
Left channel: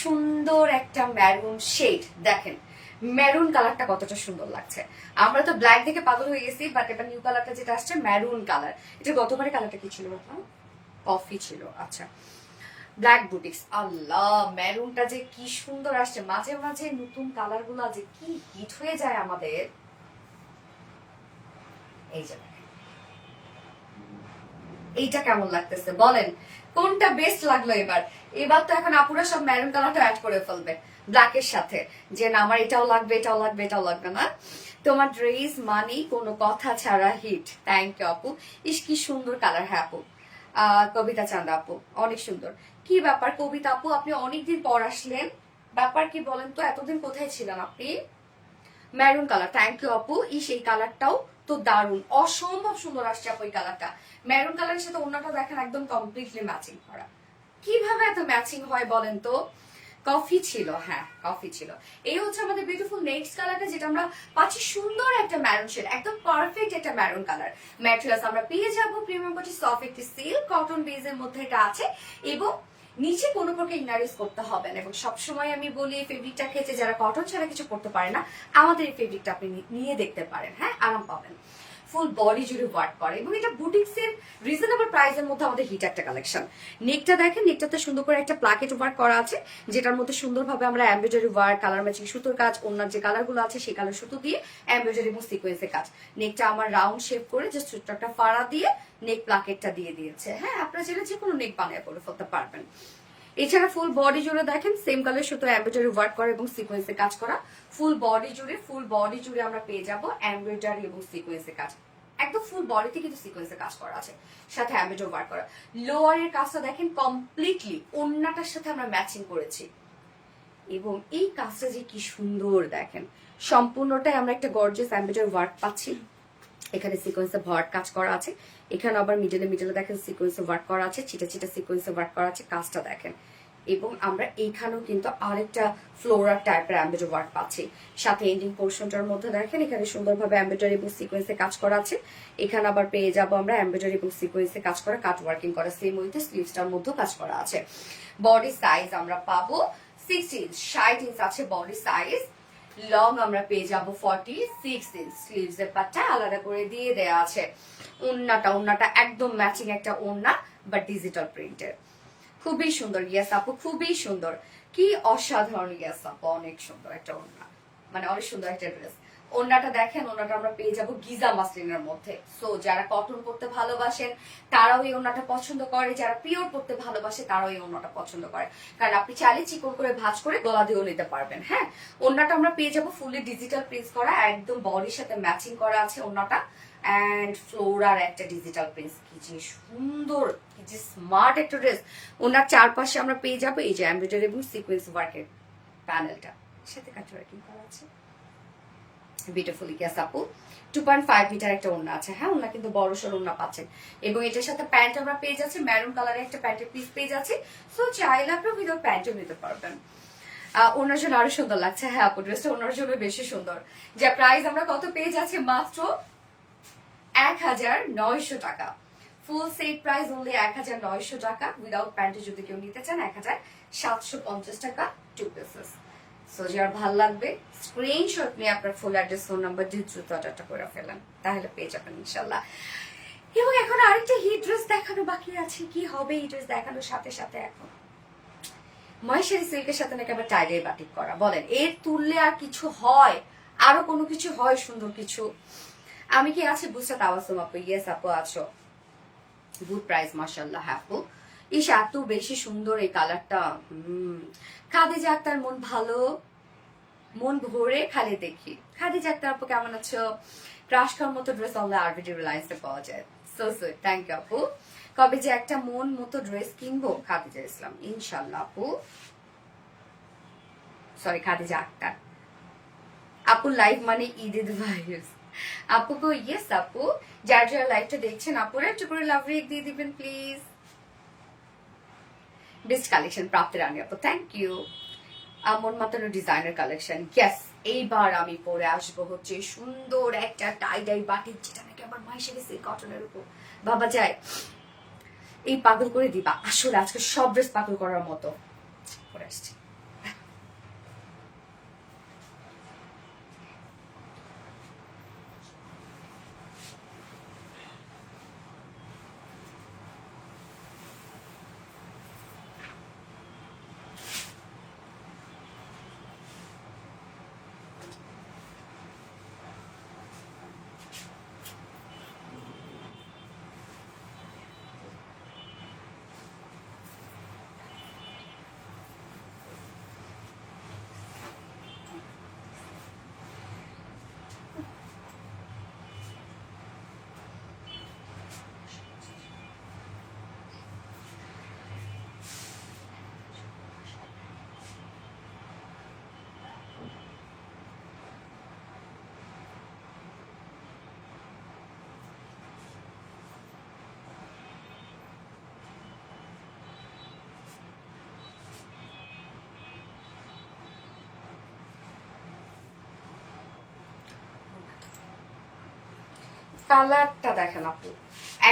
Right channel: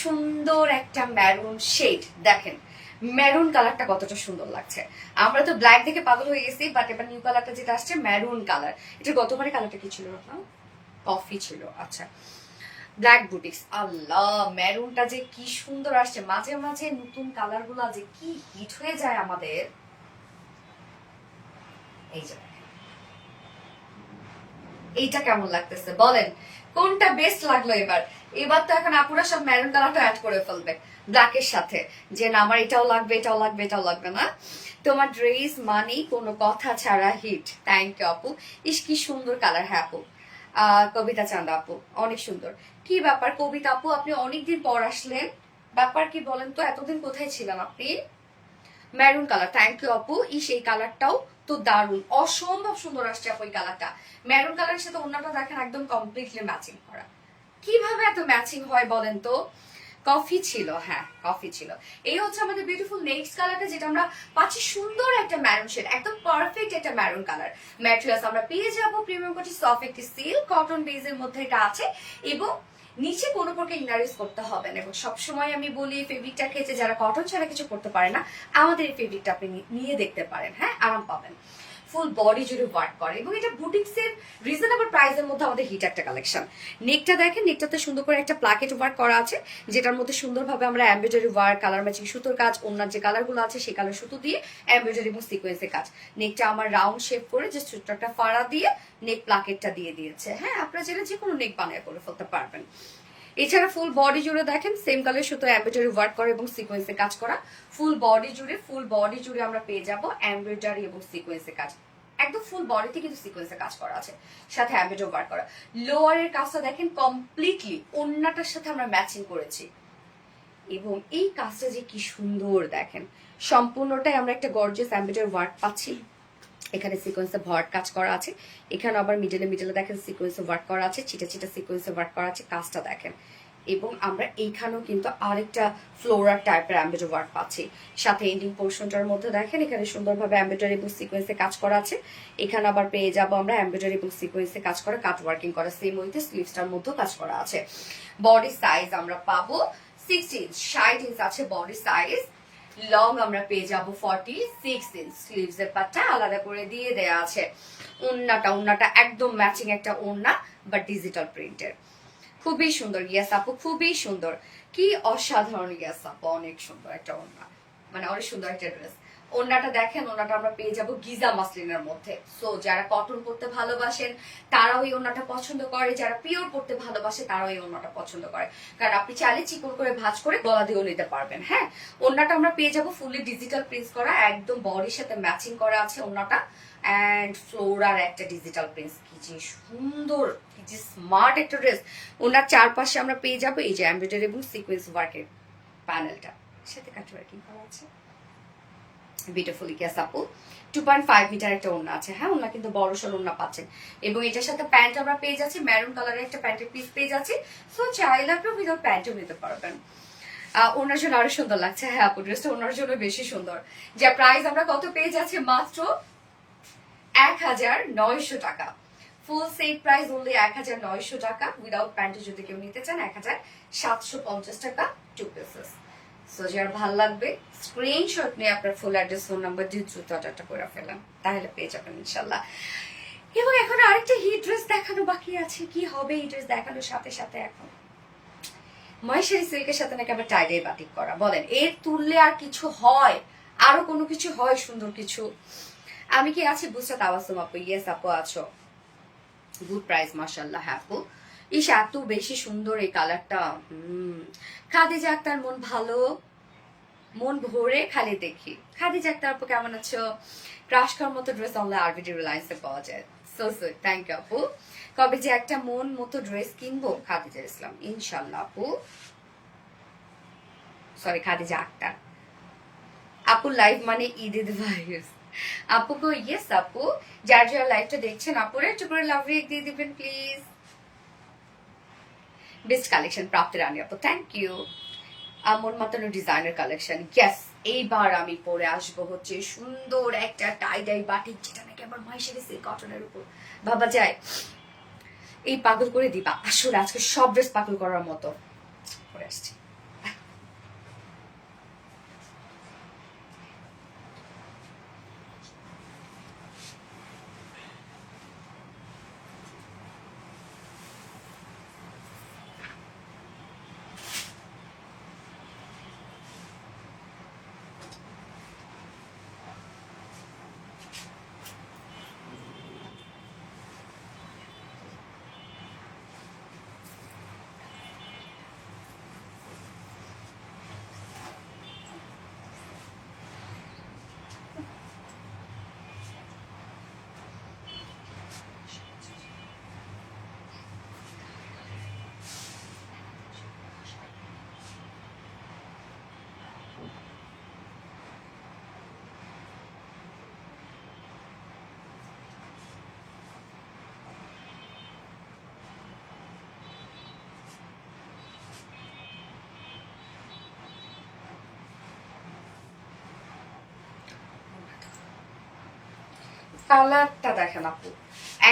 সুন্দর একটা ম্যারুন শেড, দেখেন ম্যারুন কালারটা কতটা সুন্দর লাগছে। আমরা তো ব্ল্যাক দেখে পাগল হয়ে গেছি, বাট এবার নিউ কালারটা যেটা আসছে ম্যারুন কালার। এটা গতবারে কালারটা কি ছিল? কফি ছিল, আচ্ছা। ব্ল্যাক বুটিক্স, আল্লাহ ম্যারুনটা যে কি সুন্দর আসছে। মাঝে মাঝে নতুন কালার গুলা যে কি হিট হয়ে যায় আমাদের। এই যে এইটা কেমন লাগতেছে বলেন, কোনটা বেস্ট লাগলো এবার? এবার তো এখন আপুরা সব ম্যারুন কালারটা অ্যাড করে ফেলবে ব্ল্যাকের সাথে, যে না আমার এটাও লাগবে, এটাও লাগবে, এটাও লাগবে না। তোমার ড্রেস মানেই কোনো কথা ছাড়া হিট, থ্যাংক ইউ আপু। ইস কি সুন্দর কালার, হ্যাঁ আপু। কবিতা চান্দা আপু অনেক সুন্দর। কি ব্যাপার কবিতা আপু, আপনি অনেকদিন পর আসলেন, ব্যাপার কি বলেন তো? এতদিন কোথায় ছিলেন আপনি? ম্যারুন কালার, থ্যাংক ইউ আপু। এই কালারটাও তো দারুন, অসম্ভব সুন্দর আসছে আপু এই কালারটা। ম্যারুন কালারের সাথে অন্যটা দেখেন একদম কমপ্লিটলি ম্যাচিং করা। কিভাবে এত ম্যাচিং হয় বলেন তো? কফি ছিল, হ্যাঁ কফি ছিল। এই হচ্ছে আমাদের বিউটিফুল নেক্সট কালারটা, যেটা আমরা পাচ্ছি সুন্দর একটা ম্যারুন শেড, একদম পারফেক্ট একটা ম্যারুন কালার। ম্যাটেরিয়ালস আমরা পেয়ে যাবো প্রিমিয়াম কোয়ালিটি সফট একটি সিল্ক কটন বেজের মধ্যে এটা আছে। এবং নিচে কোনো প্রকার ইনারিস করতে হবে না। এবং সবসময় আমি বলি এই ফেব্রিকটা খেয়েছে যারা কটন ছাড়া কিছু করতে পারে না, আমাদের এই ফেব্রিকটা আপনি নিয়ে দেখতে পারেন, হ্যাঁ আরাম পাবেন। ফুল বডি জুড়ে ওয়ার্ক করে এবং এটা বুটিক্স এর রিজনেবল প্রাইসের মধ্যে আমাদের হিট একটা কালেকশন। নেকটা দেখেন, নেকটাতে সুন্দর করে একটা প্লাকেট ওয়ার্ক করা আছে, যেটার মধ্যে সুন্দরভাবে আমরা এমব্রয়ডারি ওয়ার্ক, কালার ম্যাচিং সুতোর কাজ, অন্যান্য যে কালারগুলো আছে সেই কালার সুতো দিয়ে এমব্রয়ডারি এবং সিকোয়েন্সের কাজ। নেকটা আমার রাউন্ড শেপ করে যে ছোট্ট একটা ফাড়া দিয়ে নেক প্লাকেটটা দিয়ে দিয়েছে। হ্যাঁ আপনারা যেটা যে কোনো নেক বানিয়ে করে ফেলতে পারবেন। এছাড়া ফুল বডি জুড়ে দেখেন সেম কালার সুতো এমব্রয়ডারি ওয়ার্ক করা এবং সিকোয়েন্সে কাজ করা। ফুল বডি জুড়ে আমরা পেয়ে যাব এমব্রয়ডারি এবং সিকোয়েন্সে কাজ। একদম ফুল বডিতে কিন্তু সিকোয়েন্সে কাজ করা আছে, সাথে এমব্রয়ডারি ওয়ার্ক করা। লোয়ারের কাজটা দেখেন কমপ্লিটলি ওন্নাটার সাথে আমরা ম্যাচিং করেছি। এবং এই কাজটা যে কি সুন্দর দেখেন, সম্পূর্ণটাই আমরা একটা গর্জিয়াস এমব্রয়ডারি ওয়ার্ক পাচ্ছি। এখানে সিকোয়েন্সে ভরাট কাজ করা আছে, এখানে আবার মিডলে দেখেন সিকোয়েন্সে ওয়ার্ক করা আছে, চিটা সিকোয়েন্সে ওয়ার্ক করা আছে, কাজটা দেখেন। এবং আমরা এইখানেও কিন্তু আরেকটা ফ্লোরার টাইপের এমব্রয়ডারি ওয়ার্ক পাচ্ছি। সাথে এন্ডিং পোর্শনটার মধ্যে দেখেন এখানে সুন্দরভাবে এমব্রয়ডারি এবং সিকোয়েন্সে কাজ করা আছে। এখানে আবার পেয়ে যাবো আমরা এমব্রয়ডারি এবং সিকোয়েন্সে কাজ করা কাট ওয়ার্কিং করা, সেম উইথ স্লিভসটার মধ্যেও কাজ করা আছে। বডি সাইজ আমরা পাবো 60 ইঞ্চ, 60 ইঞ্চ আছে বডি সাইজ। লং আমরা পেয়ে যাব 46 ইঞ্চ। স্লিভস এর পাটটা আলাদা করে দিয়ে দেয়া আছে। ওন্নাটা একদম ম্যাচিং একটা ওন্না, বাট ডিজিটাল প্রিন্টের, খুবই সুন্দর। ইয়াস আপু খুবই সুন্দর, কি অসাধারণ। ইয়াস আপু অনেক সুন্দর একটা ওন্না, মানে অনেক সুন্দর একটা ড্রেস। ওড়নাটা দেখেন, ওড়নাটা আমরা পেয়ে যাবো গিজা মাসলিনের মধ্যে। সো যারা কটন পরতে ভালোবাসেন তারাও এই ওড়নাটা পছন্দ করে, যারা পিওর পরতে ভালোবাসে তারাও এই ওড়নাটা পছন্দ করে, কারণ আপনি চাইলে চিকন করে ভাঁজ করে গলা দিয়েও নিতে পারবেন। হ্যাঁ, ওড়নাটা আমরা পেয়ে যাবো ফুলি ডিজিটাল প্রিন্ট করা, একদম বডির সাথে ম্যাচিং করা আছে ওড়নাটা, অ্যান্ড ফ্লোরার একটা ডিজিটাল প্রিন্ট। কি যে সুন্দর, কি যে স্মার্ট একটা ড্রেস। ওনার চারপাশে আমরা পেয়ে যাবো এই যে এমব্রয়ডারি এবং সিকোয়েন্স ওয়ার্কের প্যানেলটা, সাথে কাট ওয়ার্কিং করা আছে। বিউটিফুলি কেস আপু 2.5 মিটার একটা ওড়না আছে। হ্যাঁ, ওড়না কিন্তু বড় সড় ওড়না পাচ্ছেন, এবং এটার সাথে প্যান্ট আমরা পেয়ে যাচ্ছি, মেরুন কালারের একটা প্যান্টের পিস পেয়ে যাচ্ছি। সো চাইলে আপনি উইদাউট প্যান্টও নিতে পারবেন। ওনার জন্য আরো সুন্দর লাগছে। হ্যাঁ আপু, ড্রেসটা ওনার জন্য বেশি সুন্দর। যা প্রাইস আমরা কত পেয়ে যাচ্ছি, মাত্র 1900 টাকা। ফুল সেট প্রাইস অনলি 1900 টাকা। উইদাউট প্যান্টে যদি কেউ নিতে চান 1750 টাকা 2 পিসেস। সো যার ভালো লাগবে স্ক্রিনশট নিয়ে আপনার ফুল অ্যাড্রেস, ফোন নাম্বার দিয়ে দ্রুত অর্ডারটা করে ফেলেন, তাহলে পেয়ে যাবেন ইনশাল্লাহ। এবং এখন আরেকটা হিট ড্রেস দেখানো বাকি আছে। কি হবে এই ড্রেস দেখানোর সাথে সাথে? এখন মহেশ্বরী সিল্কের সাথে নাকি আবার টাইডাই বাটিক করা, বলেন এর তুললে আর কিছু হয়? আরো কোনো কিছু হয় সুন্দর কিছু? আমি কি আছি বুঝতে তাওয়াসুম আপু? ইয়েস আপু আছো। গুড প্রাইস মাশাআল্লাহ। আপু ইস এত বেশি সুন্দর এই কালারটা। খাদিজা আক্তার, মন ভালো, মন ভরে খালি দেখি। খাদিজা আক্তার আপু কেমন আছো? ক্রাশ খাওয়ার মতো ড্রেস অনলাইন আরবিডি রিলায়েন্সে পাওয়া যায়। সো সুইট, থ্যাংক ইউ আপু। কবে যে একটা মন মতো ড্রেস কিনবো? খাদিজা ইসলাম, ইনশাল্লাহ আপু। সরি, খাদিজা আক্তার আপু। লাইভ মানে ঈদের ভাইস আপু গো। ইয়েস আপু, যার যারা লাইভটা দেখছেন আপুরা একটু করে লাভ রিয়েক্ট দিয়ে দিবেন প্লিজ। বেস্ট কালেকশন প্রাপ্তি রানী আপু, থ্যাংক ইউ। মন মাতানো ডিজাইনার কালেকশন। ইয়েস, এইবার আমি পরে আসবো হচ্ছে সুন্দর একটা টাই ডাই বাটিক, যেটা নাকি আমার মহেশ্বরী সিল্ক কটনের উপর ভাবা যায়। এই পাগল করে দিবা, আসলে আজকে সব ড্রেস পাগল করার মতো পরে আসছে। কালারটা দেখেন আপু,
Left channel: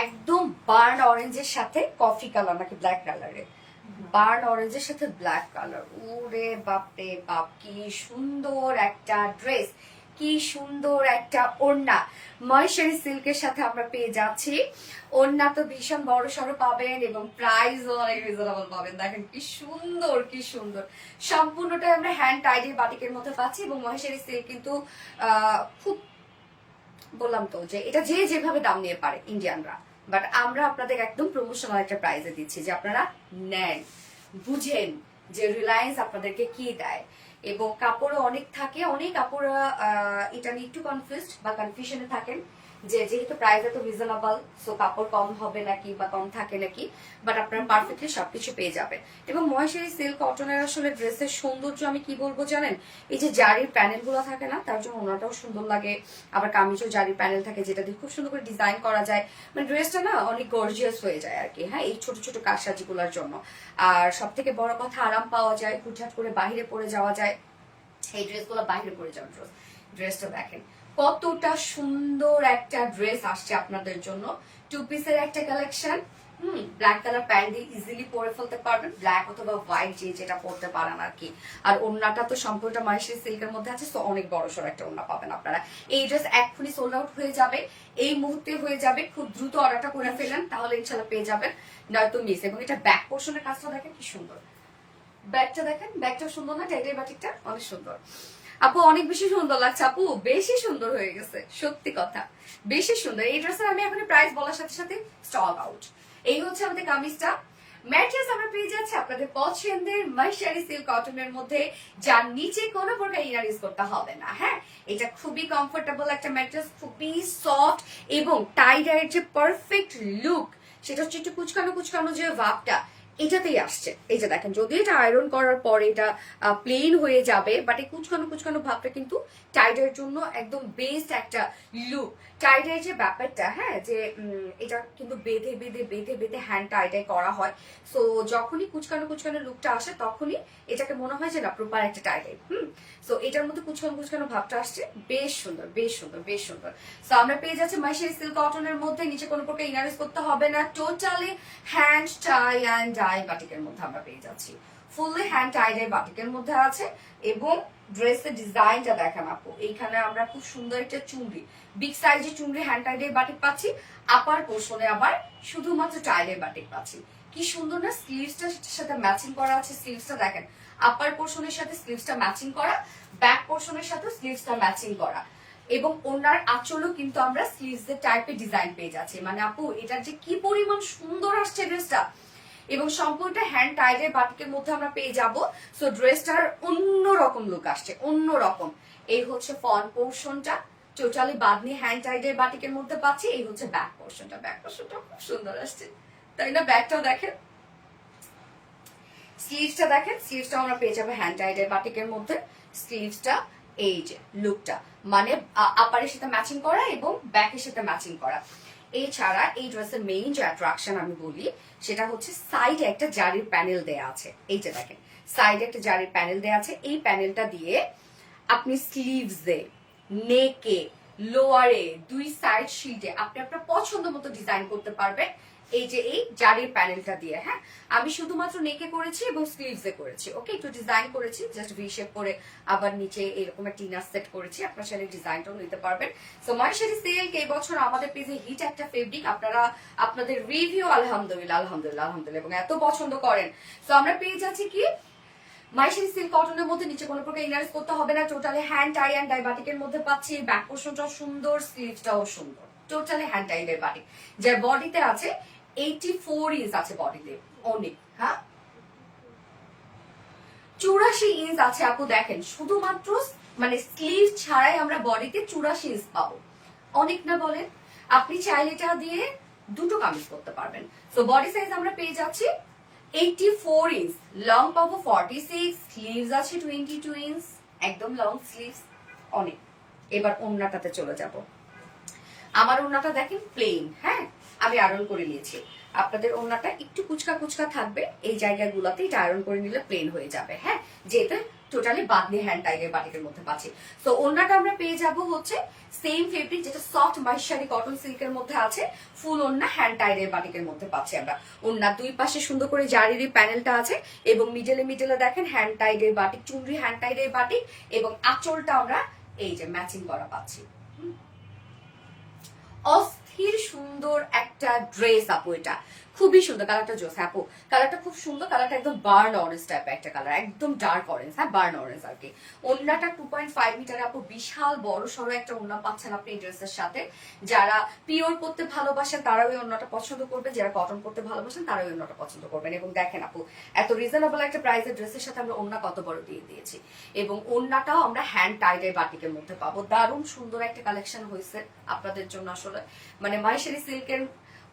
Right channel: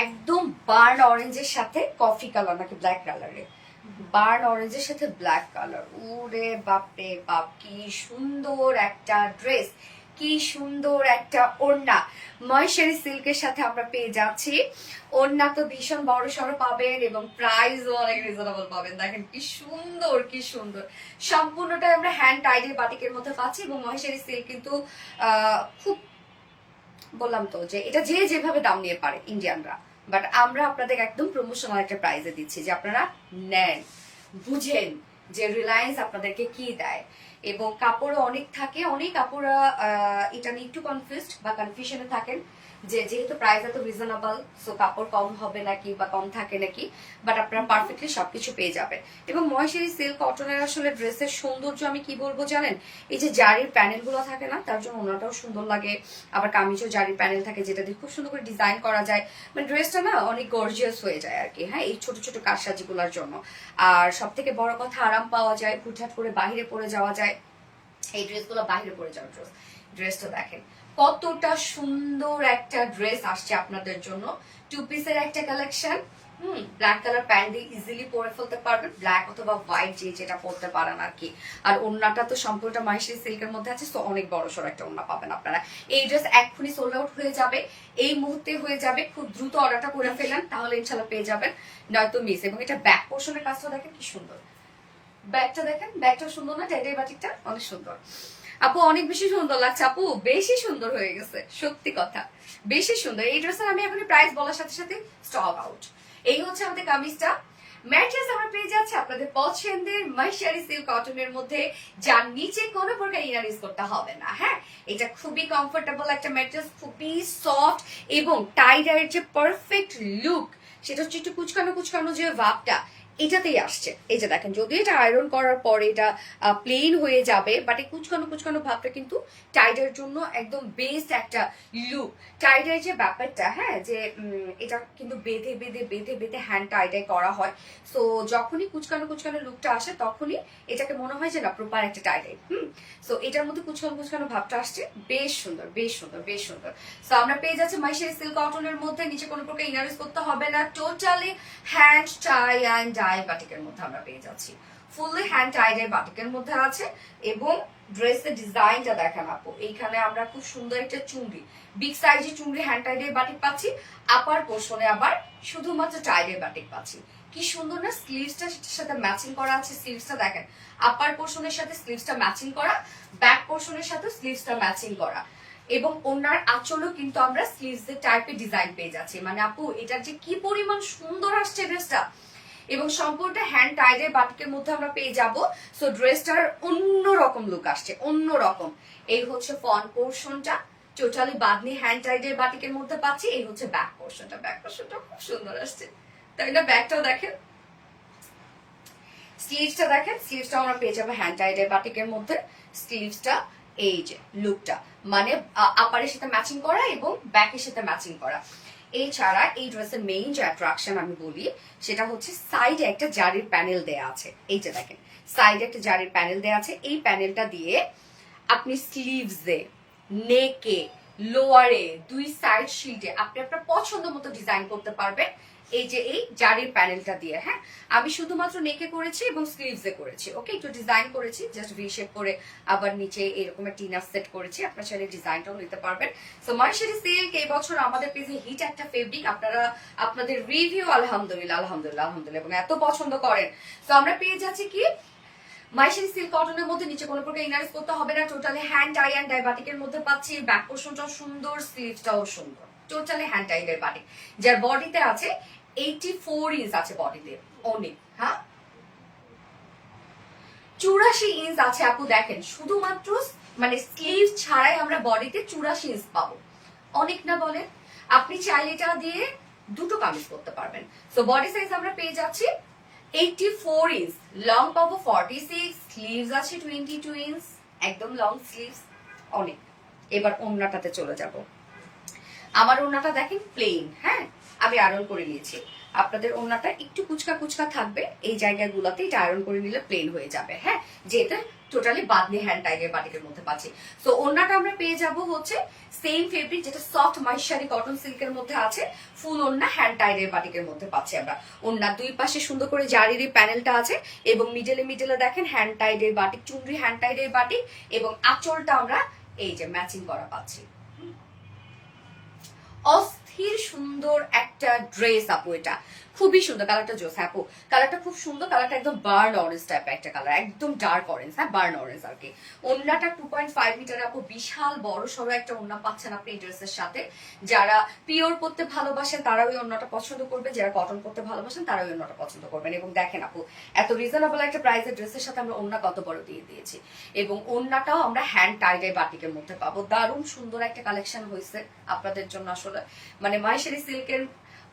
একদম বার্ন অরেঞ্জের সাথে কফি কালার নাকি ব্ল্যাক কালারের, বার্ন অরেঞ্জের সাথে ব্ল্যাক কালার। ওরে বাপরে বাপ, কি সুন্দর একটা ড্রেস, কি সুন্দর একটা ওড়না। মহেশ্বরী সিল্কের সাথে আমরা পেয়ে যাচ্ছি। ওড়না তো ভীষণ বড় সড়ো পাবেন এবং প্রাইসও অনেক রিজনেবল পাবেন। দেখেন কি সুন্দর, কি সুন্দর। সম্পূর্ণটাই আমরা হ্যান্ড টাইডি বাটিকের মধ্যে পাচ্ছি, এবং মহেশ্বরী সিল্ক কিন্তু খুব, বললাম তো যে এটা যে যেভাবে দাম নিয়ে পারে ইন্ডিয়ানরা, বাট আমরা আপনাদের একদম প্রমোশনাল একটা প্রাইসে দিচ্ছি, যে আপনারা নেন, বুঝেন যে রিলায়েন্স আপনাদেরকে কি দেয়। এবং কাপড়ও অনেক থাকে, অনেক কাপড় এটা নিয়ে একটু কনফিউজড বা কনফিউশনে থাকেন যে যেহেতু প্রাইস এত রিজনেবল, সো কাপড় কম হবে নাকি বা কম থাকে নাকি, বাট আপনারা পারফেক্টলি সবকিছু পেয়ে যাবেন। এবং মহেশ্বরী সিল্ক কটনের আসলে ড্রেসের সৌন্দর্য আমি কি বলবো জানেন, এই যে জারির প্যানেল গুলো থাকে না, তার জন্য ওনাটাও সুন্দর লাগে। আবার কামিজও জারির প্যানেল থাকে, যেটা দিয়ে খুব সুন্দর করে ডিজাইন করা যায়, মানে ড্রেসটা না অনেক গর্জিয়াস হয়ে যায় আর কি। হ্যাঁ, এই ছোট ছোট কারসাজিগুলোর জন্য। আর সব থেকে বড় কথা, আরাম পাওয়া যায়, হুটহাট করে বাহিরে পরে যাওয়া যায়। এই ড্রেসগুলো বাইরে পরে যাওয়ার ড্রেস। ড্রেসটা দেখেন কতটা সুন্দর একটা ড্রেস আসছে আপনাদের জন্য। 2 পিসের একটা কালেকশন। ব্ল্যাক কালার প্যান্ট দিয়ে ইজিলি পরে ফেলতে পারবেন, ব্ল্যাক অথবা হোয়াইট যে যেটা পরতে পারেন আর কি। আর ওড়নাটা তো সম্পূর্ণটা মহেশ্বরী সিল্কের মধ্যে আছে, সো অনেক বড় সড় একটা ওড়না পাবেন আপনারা। এই ড্রেস এক্ষুনি সোল্ড আউট হয়ে যাবে, এই মুহূর্তে হয়ে যাবে। খুব দ্রুত অর্ডারটা করে ফেলেন, তাহলে ইনশাল্লাহ পেয়ে যাবেন, নয়তো মিস। এবং এটা ব্যাক পোর্শনের কাজটা দেখেন কি সুন্দর, ব্যাগটা দেখেন, ব্যাগটা সুন্দর না? টাইটাই বাটিকটা অনেক সুন্দর। আপু অনেক বেশি সুন্দর লাগছে আপু, বেশি সুন্দর হয়ে গেছে, সত্যি কথা বেশি সুন্দর। এই ড্রেসের আমি এখন প্রাইস বলার সাথে সাথে স্টক আউট। এই হচ্ছে আমাদের কামিজটা। ম্যাট্রেস আমরা পেয়ে যাচ্ছি আপনাদের পছন্দের মাইশারি সিল্ক কটনের মধ্যে, যার নিচে কোনো প্রকার ইনার ইউজ করতে হবে না। হ্যাঁ, এটা খুবই কমফোর্টেবল একটা ম্যাট্রেস, খুবই সফট, এবং টাই ডাইয়ের যে পারফেক্ট লুক সেটা হচ্ছে একটু কুচকানো কুচকানো যে ভাবটা এটাতেই আসছে। এই যে দেখেন, যদিও এটা আয়রন করার পরে এটা প্লেন হয়ে যাবে, বাট এই কুচকানো কুচকানো ভাবটা কিন্তু টাইডের জন্য একদম বেস্ট একটা লুক। টাইডের যে ব্যাপারটা, হ্যাঁ, যে এটা কিন্তু বেঁধে বেঁধে বেঁধে বেঁধে হ্যান্ড টাইডাই করা হয়। সো যখনই কুচকানো কুচকানো লুকটা আসে তখনই এটাকে মনে হয় যে না প্রপার একটা টাইডাই। সো এটার মধ্যে কুচকানো কুচকানো ভাবটা আসছে, বেশ সুন্দর বেশ সুন্দর বেশ সুন্দর। সো আমরা পেয়ে যাচ্ছি মাইশারি সিল্ক কটনের মধ্যে, নিচে কোনো প্রকার ইনার ইউজ করতে হবে না, totally hand tie and dye বাটিকের মধ্যে আমরা পেয়ে যাচ্ছি। ফুললি হ্যান্ড টাই ডাই বাটিকের মধ্যে আছে, এবং ড্রেসের ডিজাইনটা দেখেন আপু, এইখানে আমরা খুব সুন্দর একটা চুমড়ি, বিগ সাইজের চুমড়ি হ্যান্ড টাই ডাই বাটিক পাচ্ছি। আপার পোর্শনে আবার শুধুমাত্র টাই ডাই বাটিক পাচ্ছি। কি সুন্দর না, স্লিভসটার সাথে ম্যাচিং করা আছে। স্লিভসটা দেখেন, আপার পোর্শনের সাথে স্লিভসটা ম্যাচিং করা, ব্যাক পোর্শনের সাথে স্লিভসটা ম্যাচিং করা, এবং ওনার আঁচলও কিন্তু আমরা স্লিভস এর টাইপের ডিজাইন পেয়ে যাচ্ছি। মানে আপু এটা যে কি পরিমাণ সুন্দর আসছে ড্রেসটা, এবং সম্পূর্ণ হ্যান্ড টাইডের বাটিকের মধ্যে আমরা পেয়ে যাব। সো ড্রেসটার অন্যরকম লুক আসছে, অন্যরকম। এই হচ্ছে ফ্রন্ট পোর্শনটা, টোটালি বাদনি হ্যান্ড টাইডের বাটিকের মধ্যে পাচ্ছি। এই হচ্ছে ব্যাক পোর্শনটা, ব্যাক পোর্শনটা খুব সুন্দর আসছে, তাই না? ব্যাকটাও দেখেন, স্লিভসটা দেখেন, স্লিভসটা আমরা পেয়ে যাবো হ্যান্ড টাইডের বাটিকের মধ্যে। স্লিভসটা এই যে লুকটা, মানে আপারের সাথে ম্যাচিং করা এবং ব্যাকের সাথে ম্যাচিং করা। এছাড়া এই ড্রেসের মেইন যে অ্যাট্রাকশন আমি বলি, সেটা হচ্ছে সাইডে একটা জারির প্যানেল দেয়া আছে। এই যে দেখেন, সাইডে একটা জারির প্যানেল দেয়া আছে। এই প্যানেলটা দিয়ে আপনি স্লিভসে, নেকে, লোয়ারে, দুই সাইড শিল্ডে আপনি আপনার পছন্দ মতো ডিজাইন করতে পারবেন। এই যে এই জারির প্যানেলটা দিয়ে। হ্যাঁ, আমি শুধুমাত্র নেকে করেছি এবং স্লিভসে করেছি। ওকে, একটু ডিজাইন করেছি জাস্ট ভি শেপ করে, আবার নিচে এরকম একটা ইনার সেট করেছি। আপনার চাইলে ডিজাইনটাও নিতে পারবেন। সো মাইশারি সিল্ক এই বছর আমাদের পেজে হিট একটা ফেব্রিক। আপনারা আপনাদের রিভিউ আলহামদুলিল্লাহ আলহামদুলিল্লাহ আলহামদুলিল্লাহ এবং এত পছন্দ করেন। সো আমরা পেয়ে যাচ্ছি কি মাইশারি সিল্ক কটনের মধ্যে, নিচে কোনো প্রকার ইনার করতে হবে না, totally hand tie and dye বাটিকের মধ্যে পাচ্ছি। ব্যাক পোর্শনটাও সুন্দর, স্লিভসটাও সুন্দর, টোটালি হ্যান্ড টাই ডাই বাটিক, যার বডিতে আছে 84 ইঞ্চ আছে বডিতে অনেক। হ্যাঁ, 84 ইঞ্চ আছে আপু। দেখেন, শুধুমাত্র মানে স্লিভ ছাড়াই আমরা বডিতে 84 ইঞ্চ পাবো, অনেক না বলেন? আপনি চাইলে এটা দিয়ে দুটো কামিজ করতে পারবেন। সো বডি সাইজ আমরা পেয়ে যাচ্ছি 84 ইঞ্চ, লং পাবো 46, স্লিভস আছে 22 ইঞ্চ, একদম লং স্লিভস, অনেক। এবার ওড়নাটাতে চলে যাব। আমার ওড়নাটা দেখেন প্লেন, হ্যাঁ, আমি আয়রন করে নিয়েছি। আপনাদের ওড়নাটা একটু কুচকা কুচকা থাকবে, এই জায়গাগুলোতে এটা আয়রন করে নিলে প্লেন হয়ে যাবে। হ্যাঁ, যেটা টোটালি বাদনি হ্যান্ড টাইপের বাটিকের মধ্যে পাচ্ছি। তো ওড়নাটা আমরা পেয়ে যাব হচ্ছে সেম ফেব্রিক, যেটা সফট মাইশারি কটন সিল্কের মধ্যে আছে। ফুল ওড়না হ্যান্ড টাইডের বাটিকের মধ্যে পাচ্ছি আমরা। ওড়নার দুই পাশে সুন্দর করে জারির প্যানেলটা আছে, এবং মিডলে মিডলে দেখেন হ্যান্ড টাইডের বাটিক, চুনরি হ্যান্ড টাইডের বাটিক, এবং আঁচলটা আমরা এই যে ম্যাচিং করা পাচ্ছি। অস্থির সুন্দর একটা ড্রেস আপু, এটা খুবই সুন্দর। কালারটা জোস আপু, কালারটা খুব সুন্দর। কালারটা একদম বার্ন অরেঞ্জ টাইপের একটা কালার, একদম ডার্ক অরেঞ্জ। হ্যাঁ, বার্ন অরেঞ্জ আর কি। ওড়নাটা 2.5 মিটার আপু, বিশাল বড় সড়ো একটা ওড়না পাচ্ছেন আপনি এই ড্রেসের সাথে। যারা পিওর করতে ভালোবাসেন তারা ওই ওড়নাটা পছন্দ করবেন, যারা কটন করতে ভালোবাসেন তারা ওই ওড়নাটা পছন্দ করবেন। এবং দেখেন আপু, এত রিজনেবল একটা প্রাইসের ড্রেসের সাথে আমরা ওড়না কত বড় দিয়ে দিয়েছি, এবং ওড়নাটাও আমরা হ্যান্ড টাইডাই বাটিকের মধ্যে পাবো। দারুণ সুন্দর একটা কালেকশন হয়েছে আপনাদের জন্য। আসলে মানে মাইশারি সিল্কের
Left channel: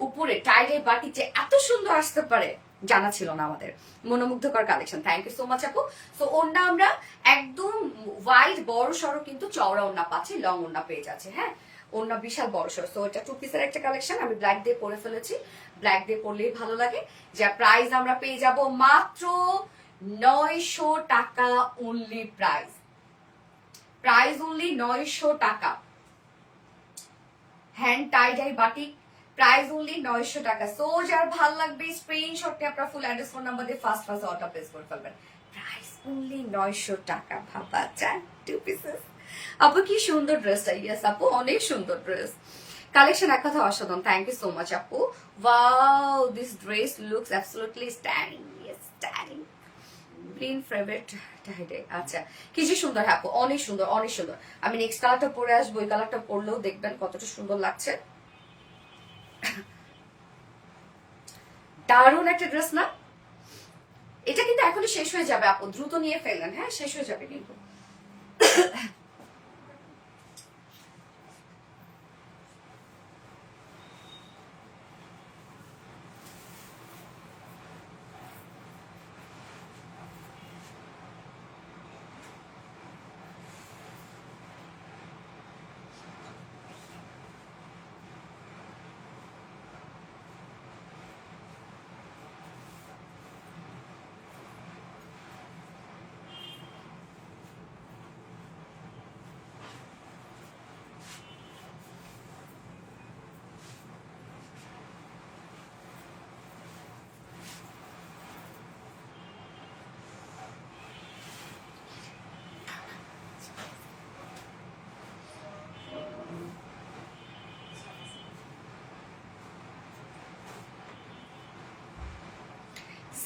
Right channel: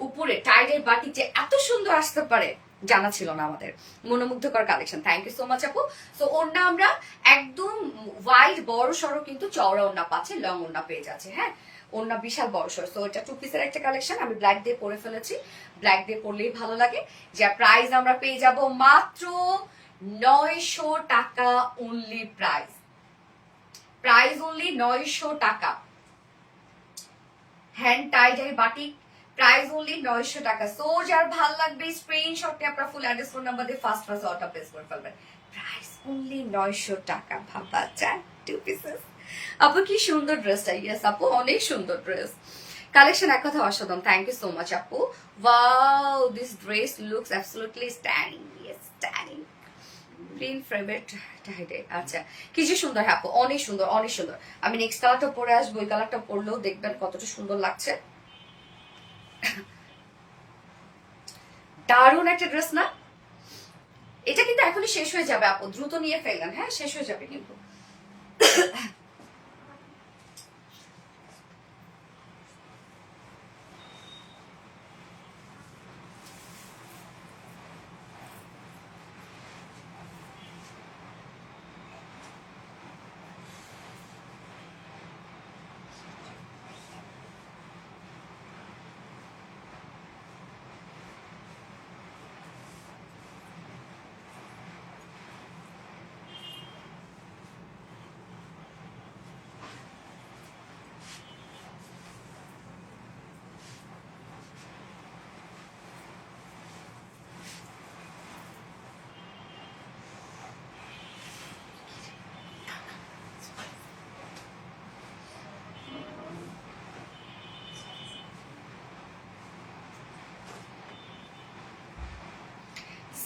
উপরে টাইডের বাটিক যে এত সুন্দর আসতে পারে জানা ছিল না আমাদের। মনোমুগ্ধকর collection, thank you so much আপু। সো ওড়না আমরা একদম ওয়াইড বড় সড়ো কিন্তু চওড়া ওড়না পাচ্ছি, লং ওড়না পেয়ে যাচ্ছে। হ্যাঁ, ওড়না বিশাল বড় সড়ো। সো এটা 2 পিসের একটা কালেকশন, আমি ব্ল্যাক দিয়ে পরে ফেলেছি। ব্ল্যাক দিয়ে পরলেই ভালো লাগে। যা প্রাইস আমরা পেয়ে যাব মাত্র 900 টাকা অনলি। প্রাইস অনলি 900 টাকা। Hand tie-dye batik, price only 900 টাকা। সো যার ভাল লাগবে স্ক্রিনশটে আপনার ফুল অ্যাড্রেস ফোন নাম্বার দিয়ে ফার্স্ট অর্ডার প্লেস করে ফেলবেন। প্রাইস অনলি 900 টাকা। ভাবা যায়, 2 পিসেস। আপু কি সুন্দর ড্রেসটা। ইয়েস আপু, অনেক সুন্দর ড্রেস কালেকশন, এক কথা অসাধারণ। থ্যাংক ইউ সো মাচ আপু। Wow, this dress looks absolutely standing, standing. Green favourite tie dye. আচ্ছা, কি যে সুন্দর হ্যাঁ আপু, অনেক সুন্দর অনেক সুন্দর। আমি নেক্সট কালারটা পরে আসবো, ওই কালারটা পরলেও দেখবেন কতটা সুন্দর লাগছে। দারুণ একটা ড্রেস না? এটা কিন্তু এখনই শেষ হয়ে যাবে আপু, দ্রুত নিয়ে ফেললেন, হ্যাঁ শেষ হয়ে যাবে কিন্তু।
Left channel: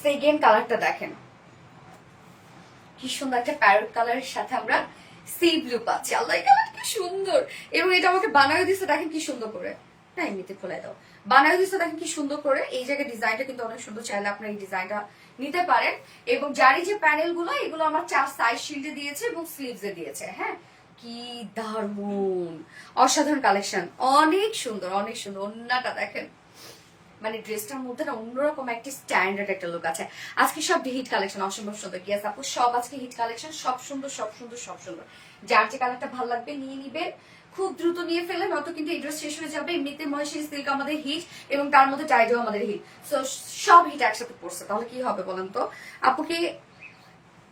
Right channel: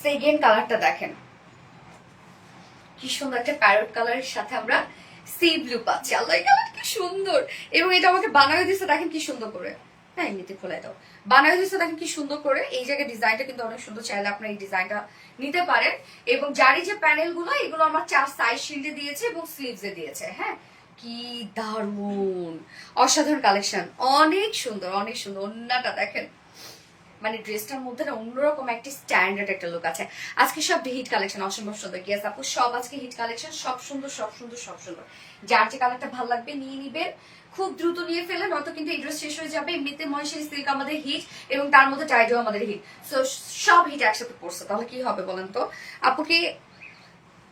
সেকেন্ড কালারটা দেখেন, কি সুন্দর একটা প্যারট কালারের সাথে আমরা সি ব্লু পাচ্ছি। আল্লাহ, এই কালার কি সুন্দর। এবং এটা আমাকে বানায় দিচ্ছে, দেখেন কি সুন্দর করে। হ্যাঁ এমনিতে খোলাই দাও, বানায় দিচ্ছে দেখেন কি সুন্দর করে। এই জায়গায় ডিজাইনটা কিন্তু অনেক সুন্দর, চাইলে আপনার এই ডিজাইনটা নিতে পারেন। এবং যার এই যে প্যানেল গুলো, এগুলো আমার 4 সাইজ শিল্ডে দিয়েছে এবং স্লিভসে দিয়েছে। হ্যাঁ কি দারুন, অসাধারণ কালেকশন, অনেক সুন্দর অনেক সুন্দর। অন্যটা দেখেন, মানে ড্রেসটার মধ্যে না অন্যরকম একটা স্ট্যান্ডার্ড একটা লুক আছে। আজকে সব হিট কালেকশন, অসম্ভব সুন্দর। গিয়াস আপু সব আজকে হিট কালেকশন, সব সুন্দর সব সুন্দর সব সুন্দর। যার যে কালারটা ভালো লাগবে নিয়ে নিবেন, খুব দ্রুত নিয়ে ফেলেন, নয়তো কিন্তু এই ড্রেস শেষ হয়ে যাবে। এমনিতে মহেশ্বরী সিল্ক আমাদের হিট, এবং তার মধ্যে টাইডও আমাদের হিট, সো সব হিট একসাথে পড়ছে, তাহলে কি হবে বলেন তো।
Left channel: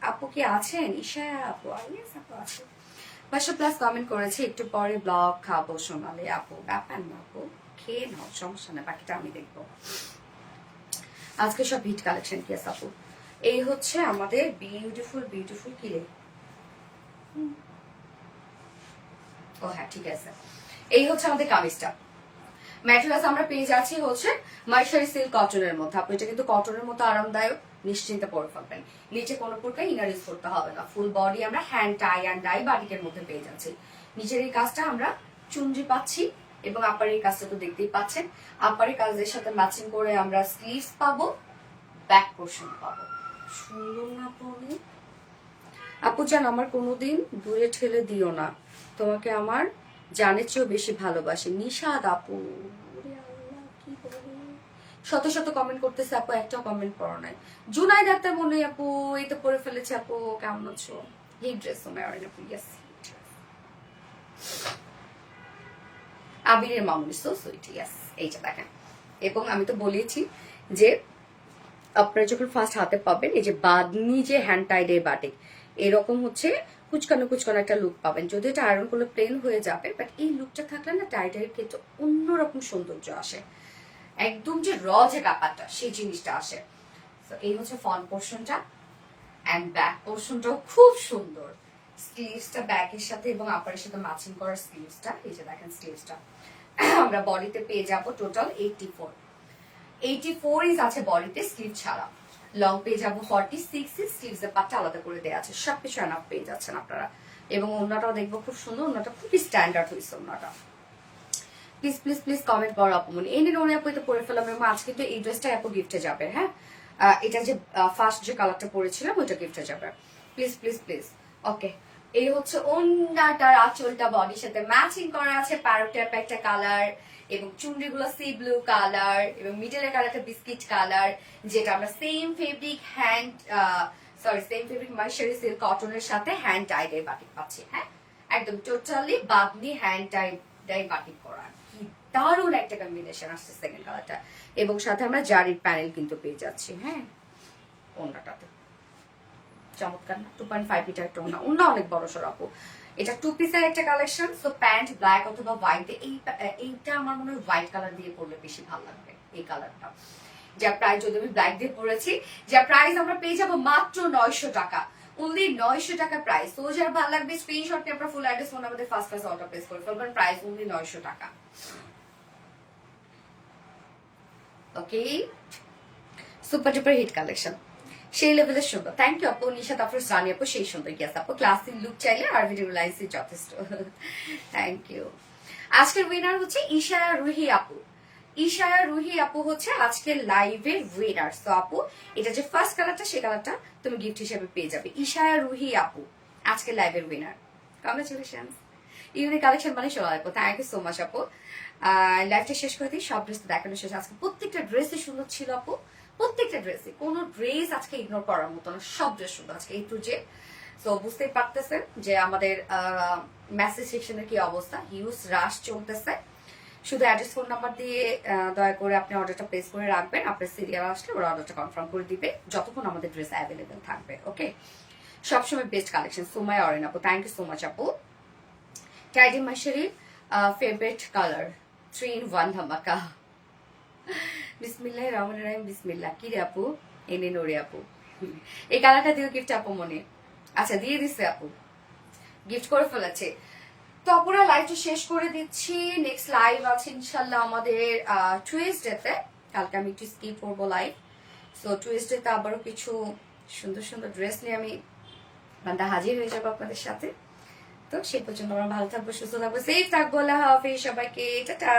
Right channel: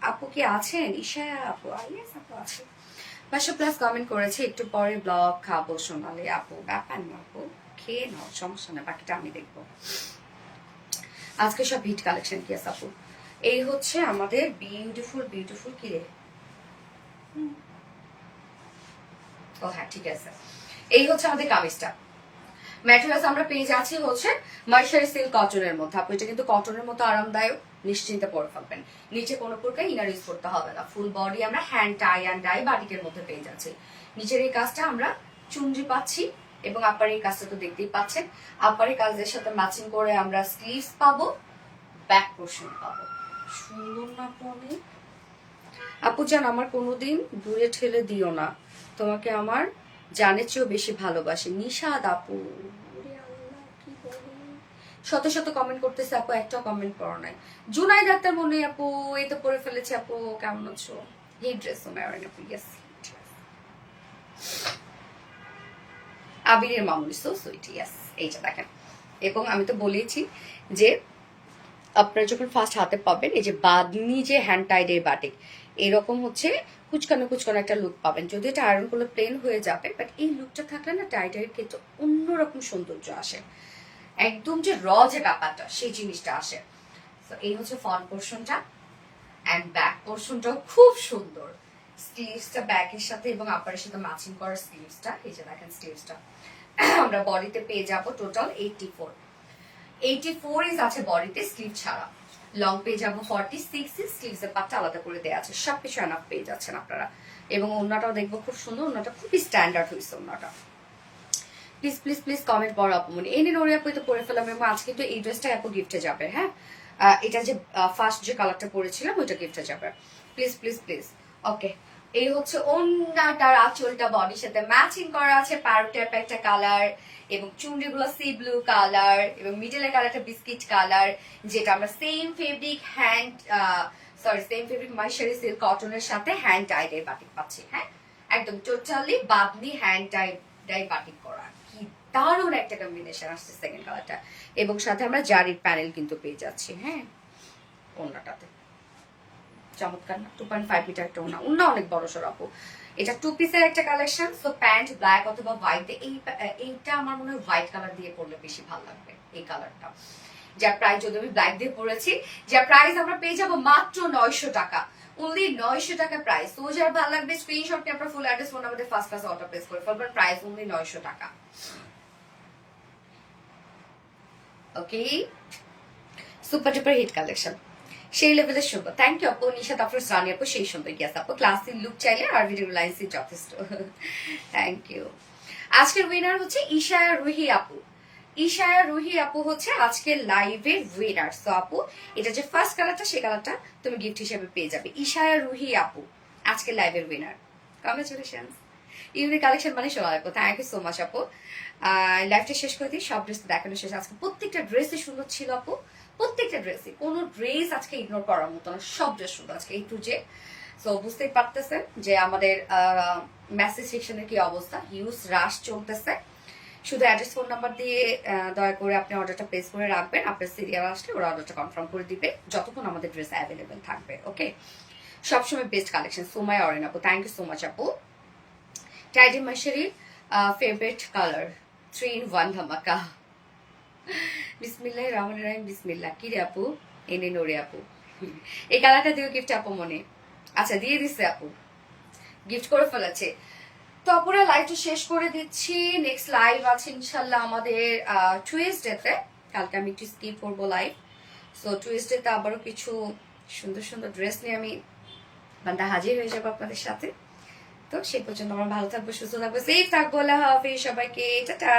আপু কি আছেন? ঈশা আপু, ইয়েস আপু আছে। 500+ কমেন্ট করেছে, একটু পরে ব্লগ খাবো সোনালি আপু। ব্যাপার না আপু, খেয়ে নাও, সমস্যা নেই, বাকিটা আমি দেখবো। আজকে সব হিট কালেকশন। কি আছে আপু? এই হচ্ছে আমাদের বিউটিফুল বিউটিফুল কি রে, ও হ্যাঁ ঠিক আছে, এই হচ্ছে আমাদের কামিজটা। ম্যাটেরিয়ালস আমরা পেয়ে যাচ্ছি হচ্ছে মার্শারি সিল্ক কটনের মধ্যে। আপনি এটা কিন্তু কটনের মতো আরামদায়ক, নিশ্চিন্তে পরে ফেলবেন। নিচে কোনো প্রকার ইনার ইউজ করতে হবে না। ফুল বডি আমরা হ্যান্ড টাই অ্যান্ড ডাই বাটিকের মধ্যে পেয়ে যাচ্ছি। নিচের এই কাজটা আমরা চুনরি পাচ্ছি, এবং আপার এই কাজটা তো দেখতেই পাচ্ছেন। আপারের কাজের সাথে ম্যাচিং করে আমরা স্লিভস পাবো, ব্যাক পোর্শন পাবো। সুন্দর না আপু? আপু জান, আমার কোনোদিন দূরে ঠেলে দিও না, তোমাকে আমার জানের চেয়েও বেশি ভালোবাসি। নিশাদ আপু, শত শত কমেন্ট করতেছে আপু, একটাও কমেন্ট পড়ো নাই। জুনাই ডাক্তার মনে আপু, এই তো পরে ফেলেছে আপু, কেমন আছো? এই ড্রেস আপু, ইয়েস আবিরের মামুনি, সো সুইট, ইয়েস। এইটা দেখেন, এবং আমি তো বলেছি যে আপনারা যখন ফার্স্ট হাতে পাবেন, এই যে বাদনি যে হ্যান্ড টাইডের বাটিক, এরকম হচ্ছে কুচকানো কুচকানো একটা লুক পাবেন। যদি এটা আয়রন করলে প্লেন হয়ে যাবে, বাট এই লুকটা থাকলে না টাইডের ক্ষেত্রে অন্যরকম সৌন্দর্য আসে, একদম যে র যে ব্যাপারটা সেই জিনিসটা আসে। তো এই হচ্ছে ফ্রন্ট পোর্শনটা, এন্ড ব্যাক পোর্শনটাও খুব সুন্দর। স্লিভসটা ব্যাকের সাথে এবং আপারের সাথে ম্যাচিং করা স্লিভসটা, এই যে দেখেন স্লিভসটা আমরা বডিতে পেয়ে যাবো টোটাল 84 ইঞ্চ আছে বডিতে, স্লিভ ছাড়া। লং পেয়ে যাবো 46 ইঞ্চ, স্লিভস এর পাটটা আলাদা করে দেওয়া আছে। সবকিছু এনাফ পেয়ে যাচ্ছেন আপনারা। এবং ওন্নাটাও দেখবো খুব সুন্দর, ওন্নাটা খুবই স্ট্যান্ডার্ড হয়েছে ওন্নাটা। প্লিজ প্লিজ প্লিজ কমেন্ট করো আপু। মানে এই নিন ওরে আপু, তো পরে ফেলাম। এবং আজকে তো এই ড্রেসটা আপু গিফটে যাবে। হ্যাঁ এটা যে ফার্স্ট যে কালারটা পরেছিলাম ওইটা গিফটে যাবে। Please please please. ওকে, এই হচ্ছে ওন্নাটার আঁচলটা বডির সাথে ম্যাচিং করা আছে, প্যারোটের একটা কালার, এবং চুনরিগুলো সি ব্লু কালার, এবং মিডলের কালারটা বিস্কিট কালার, যেটা আমরা সেম ফেব্রিক সেম ফেব্রিক মার্শারি সিল্ক কটনের সাথে হ্যান্ড টাইড এর বাটিক পাচ্ছি। হ্যাঁ একদম totally bandhani hand tie batik করা, কি দারুণ একটা কম্বিনেশন আসছে সেকেন্ড কালারটা। এবং সাথে আমরা জারির প্যানেল কিন্তু পেয়ে যাচ্ছি। হ্যাঁ ওন্নাটাতে চমৎকার না? 2.5 মিটার একটা ওন্না, ওন্না অনেক বড় সর আপু। এটা 2 পিসের একটা কালেকশন, সো প্যান্ট ব্ল্যাক অথবা হোয়াইট। এইটা আমার মনে হয় হোয়াইট কালার দিয়ে পরলে বেশি ভালো লাগবে, এই কালারটা। যার প্রাইস, যদি আমি ব্ল্যাক দিয়ে পরেছি, যার প্রাইস আমরা পেয়ে যাবো মাত্র 900 টাকা, অনলি 900 টাকা প্রাইস। তো যার ভালো লাগবে স্ক্রিনশট নিয়ে আপনার full address phone number first class order place করে ফেলবেন। প্রাইস অনলি 900 টাকা। ওকে, সুপার ডুপার হিট কালেকশন। সেই লেভেলের সুন্দর। থ্যাংক ইউ আপু। নিশাত আফরোজ রানী আপু সেই সুন্দর। গিয়াস আপু ক্লাসিক লুক চাইলে আর ভিডিও লাইন্সই যথেষ্ট। Thank you. আজকের উইনার হচ্ছে ইশায়া রুহি আপু। ইশায়া রুহি আপু হচ্ছে আজকের লাইভের উইনার। তো আপু এটা যে ফার্স্ট কালারটা সেই কালারটা তুমি গিফট হিসেবে পেয়ে যাবে। ইশায়া রুহি আপু আজকের লাইভের উইনার। কংগ্রেচুলেশনস। ইউনিক কালেকশন মানে সোনা আপু, থ্যাংক ইউ সো মাচ আপু। লাইভটা শেষ করে দিই, সব ড্রেস দেখানো শেষ। আজকে প্রত্যেকটা ড্রেসই সুন্দর ছিল আপু, প্রত্যেকটা ড্রেসই, কোনো ড্রেস আজকে ইগনোর করার মতো না, সব ড্রেস সুন্দর আজকে এই টু জে। সো বুঝতেই পারতেছেন যে আমাদের মেসেজ সেকশনের কি অবস্থা, হিউজ রাশ চলতেছে। শুধু অ্যাড্রেস ফোন নাম্বার দিয়ে দয়া করে আপনি অর্ডারটা প্লেস করে রাখবেন। আপনার সিরিয়াল আসলে ওরা অর্ডারটা কনফার্ম করে দিবে যতক্ষণ আমাদের ড্রেস অ্যাভেলেবেল থাকবে। ওকে, সবসময় বেস্ট কালেকশন। সোমাই অরেন আপু, থ্যাংক ইউ সো মাচ আপু। টাইডি মার্শারি ফেভারিট কালার 3-in-1 ধামাকা। বিসমিল্লাহির রহমানির রহিম। বিসমিল্লাহ। কি রে আপু? এনে নোরে আপু, এই কালারটা দিও গিফট আপু মনে। আচ্ছা দিয়ে দিচ্ছে আপু, গিফট করে ফেলেছে। তো আপুরা লাইভটা শেষ করে দিচ্ছি। নেক্সট লাইভ আছে ইনশাল্লাহ আমাদের টুইসডেতে। কালকে আমি একটু স্কিপ করবো লাইভ। সো টুইসডেতে আবারও কিছু সুন্দর সুন্দর ড্রেস নিয়ে আমি বান্দা হাজির হয়ে যাবো আপনাদের সাথে। তো সেই পর্যন্ত আমরা ভালো থাকবো, সুস্থ থাকবো, সেফ থাকবো। আল্লাহ হাফেজ সবাইকে, টাটা।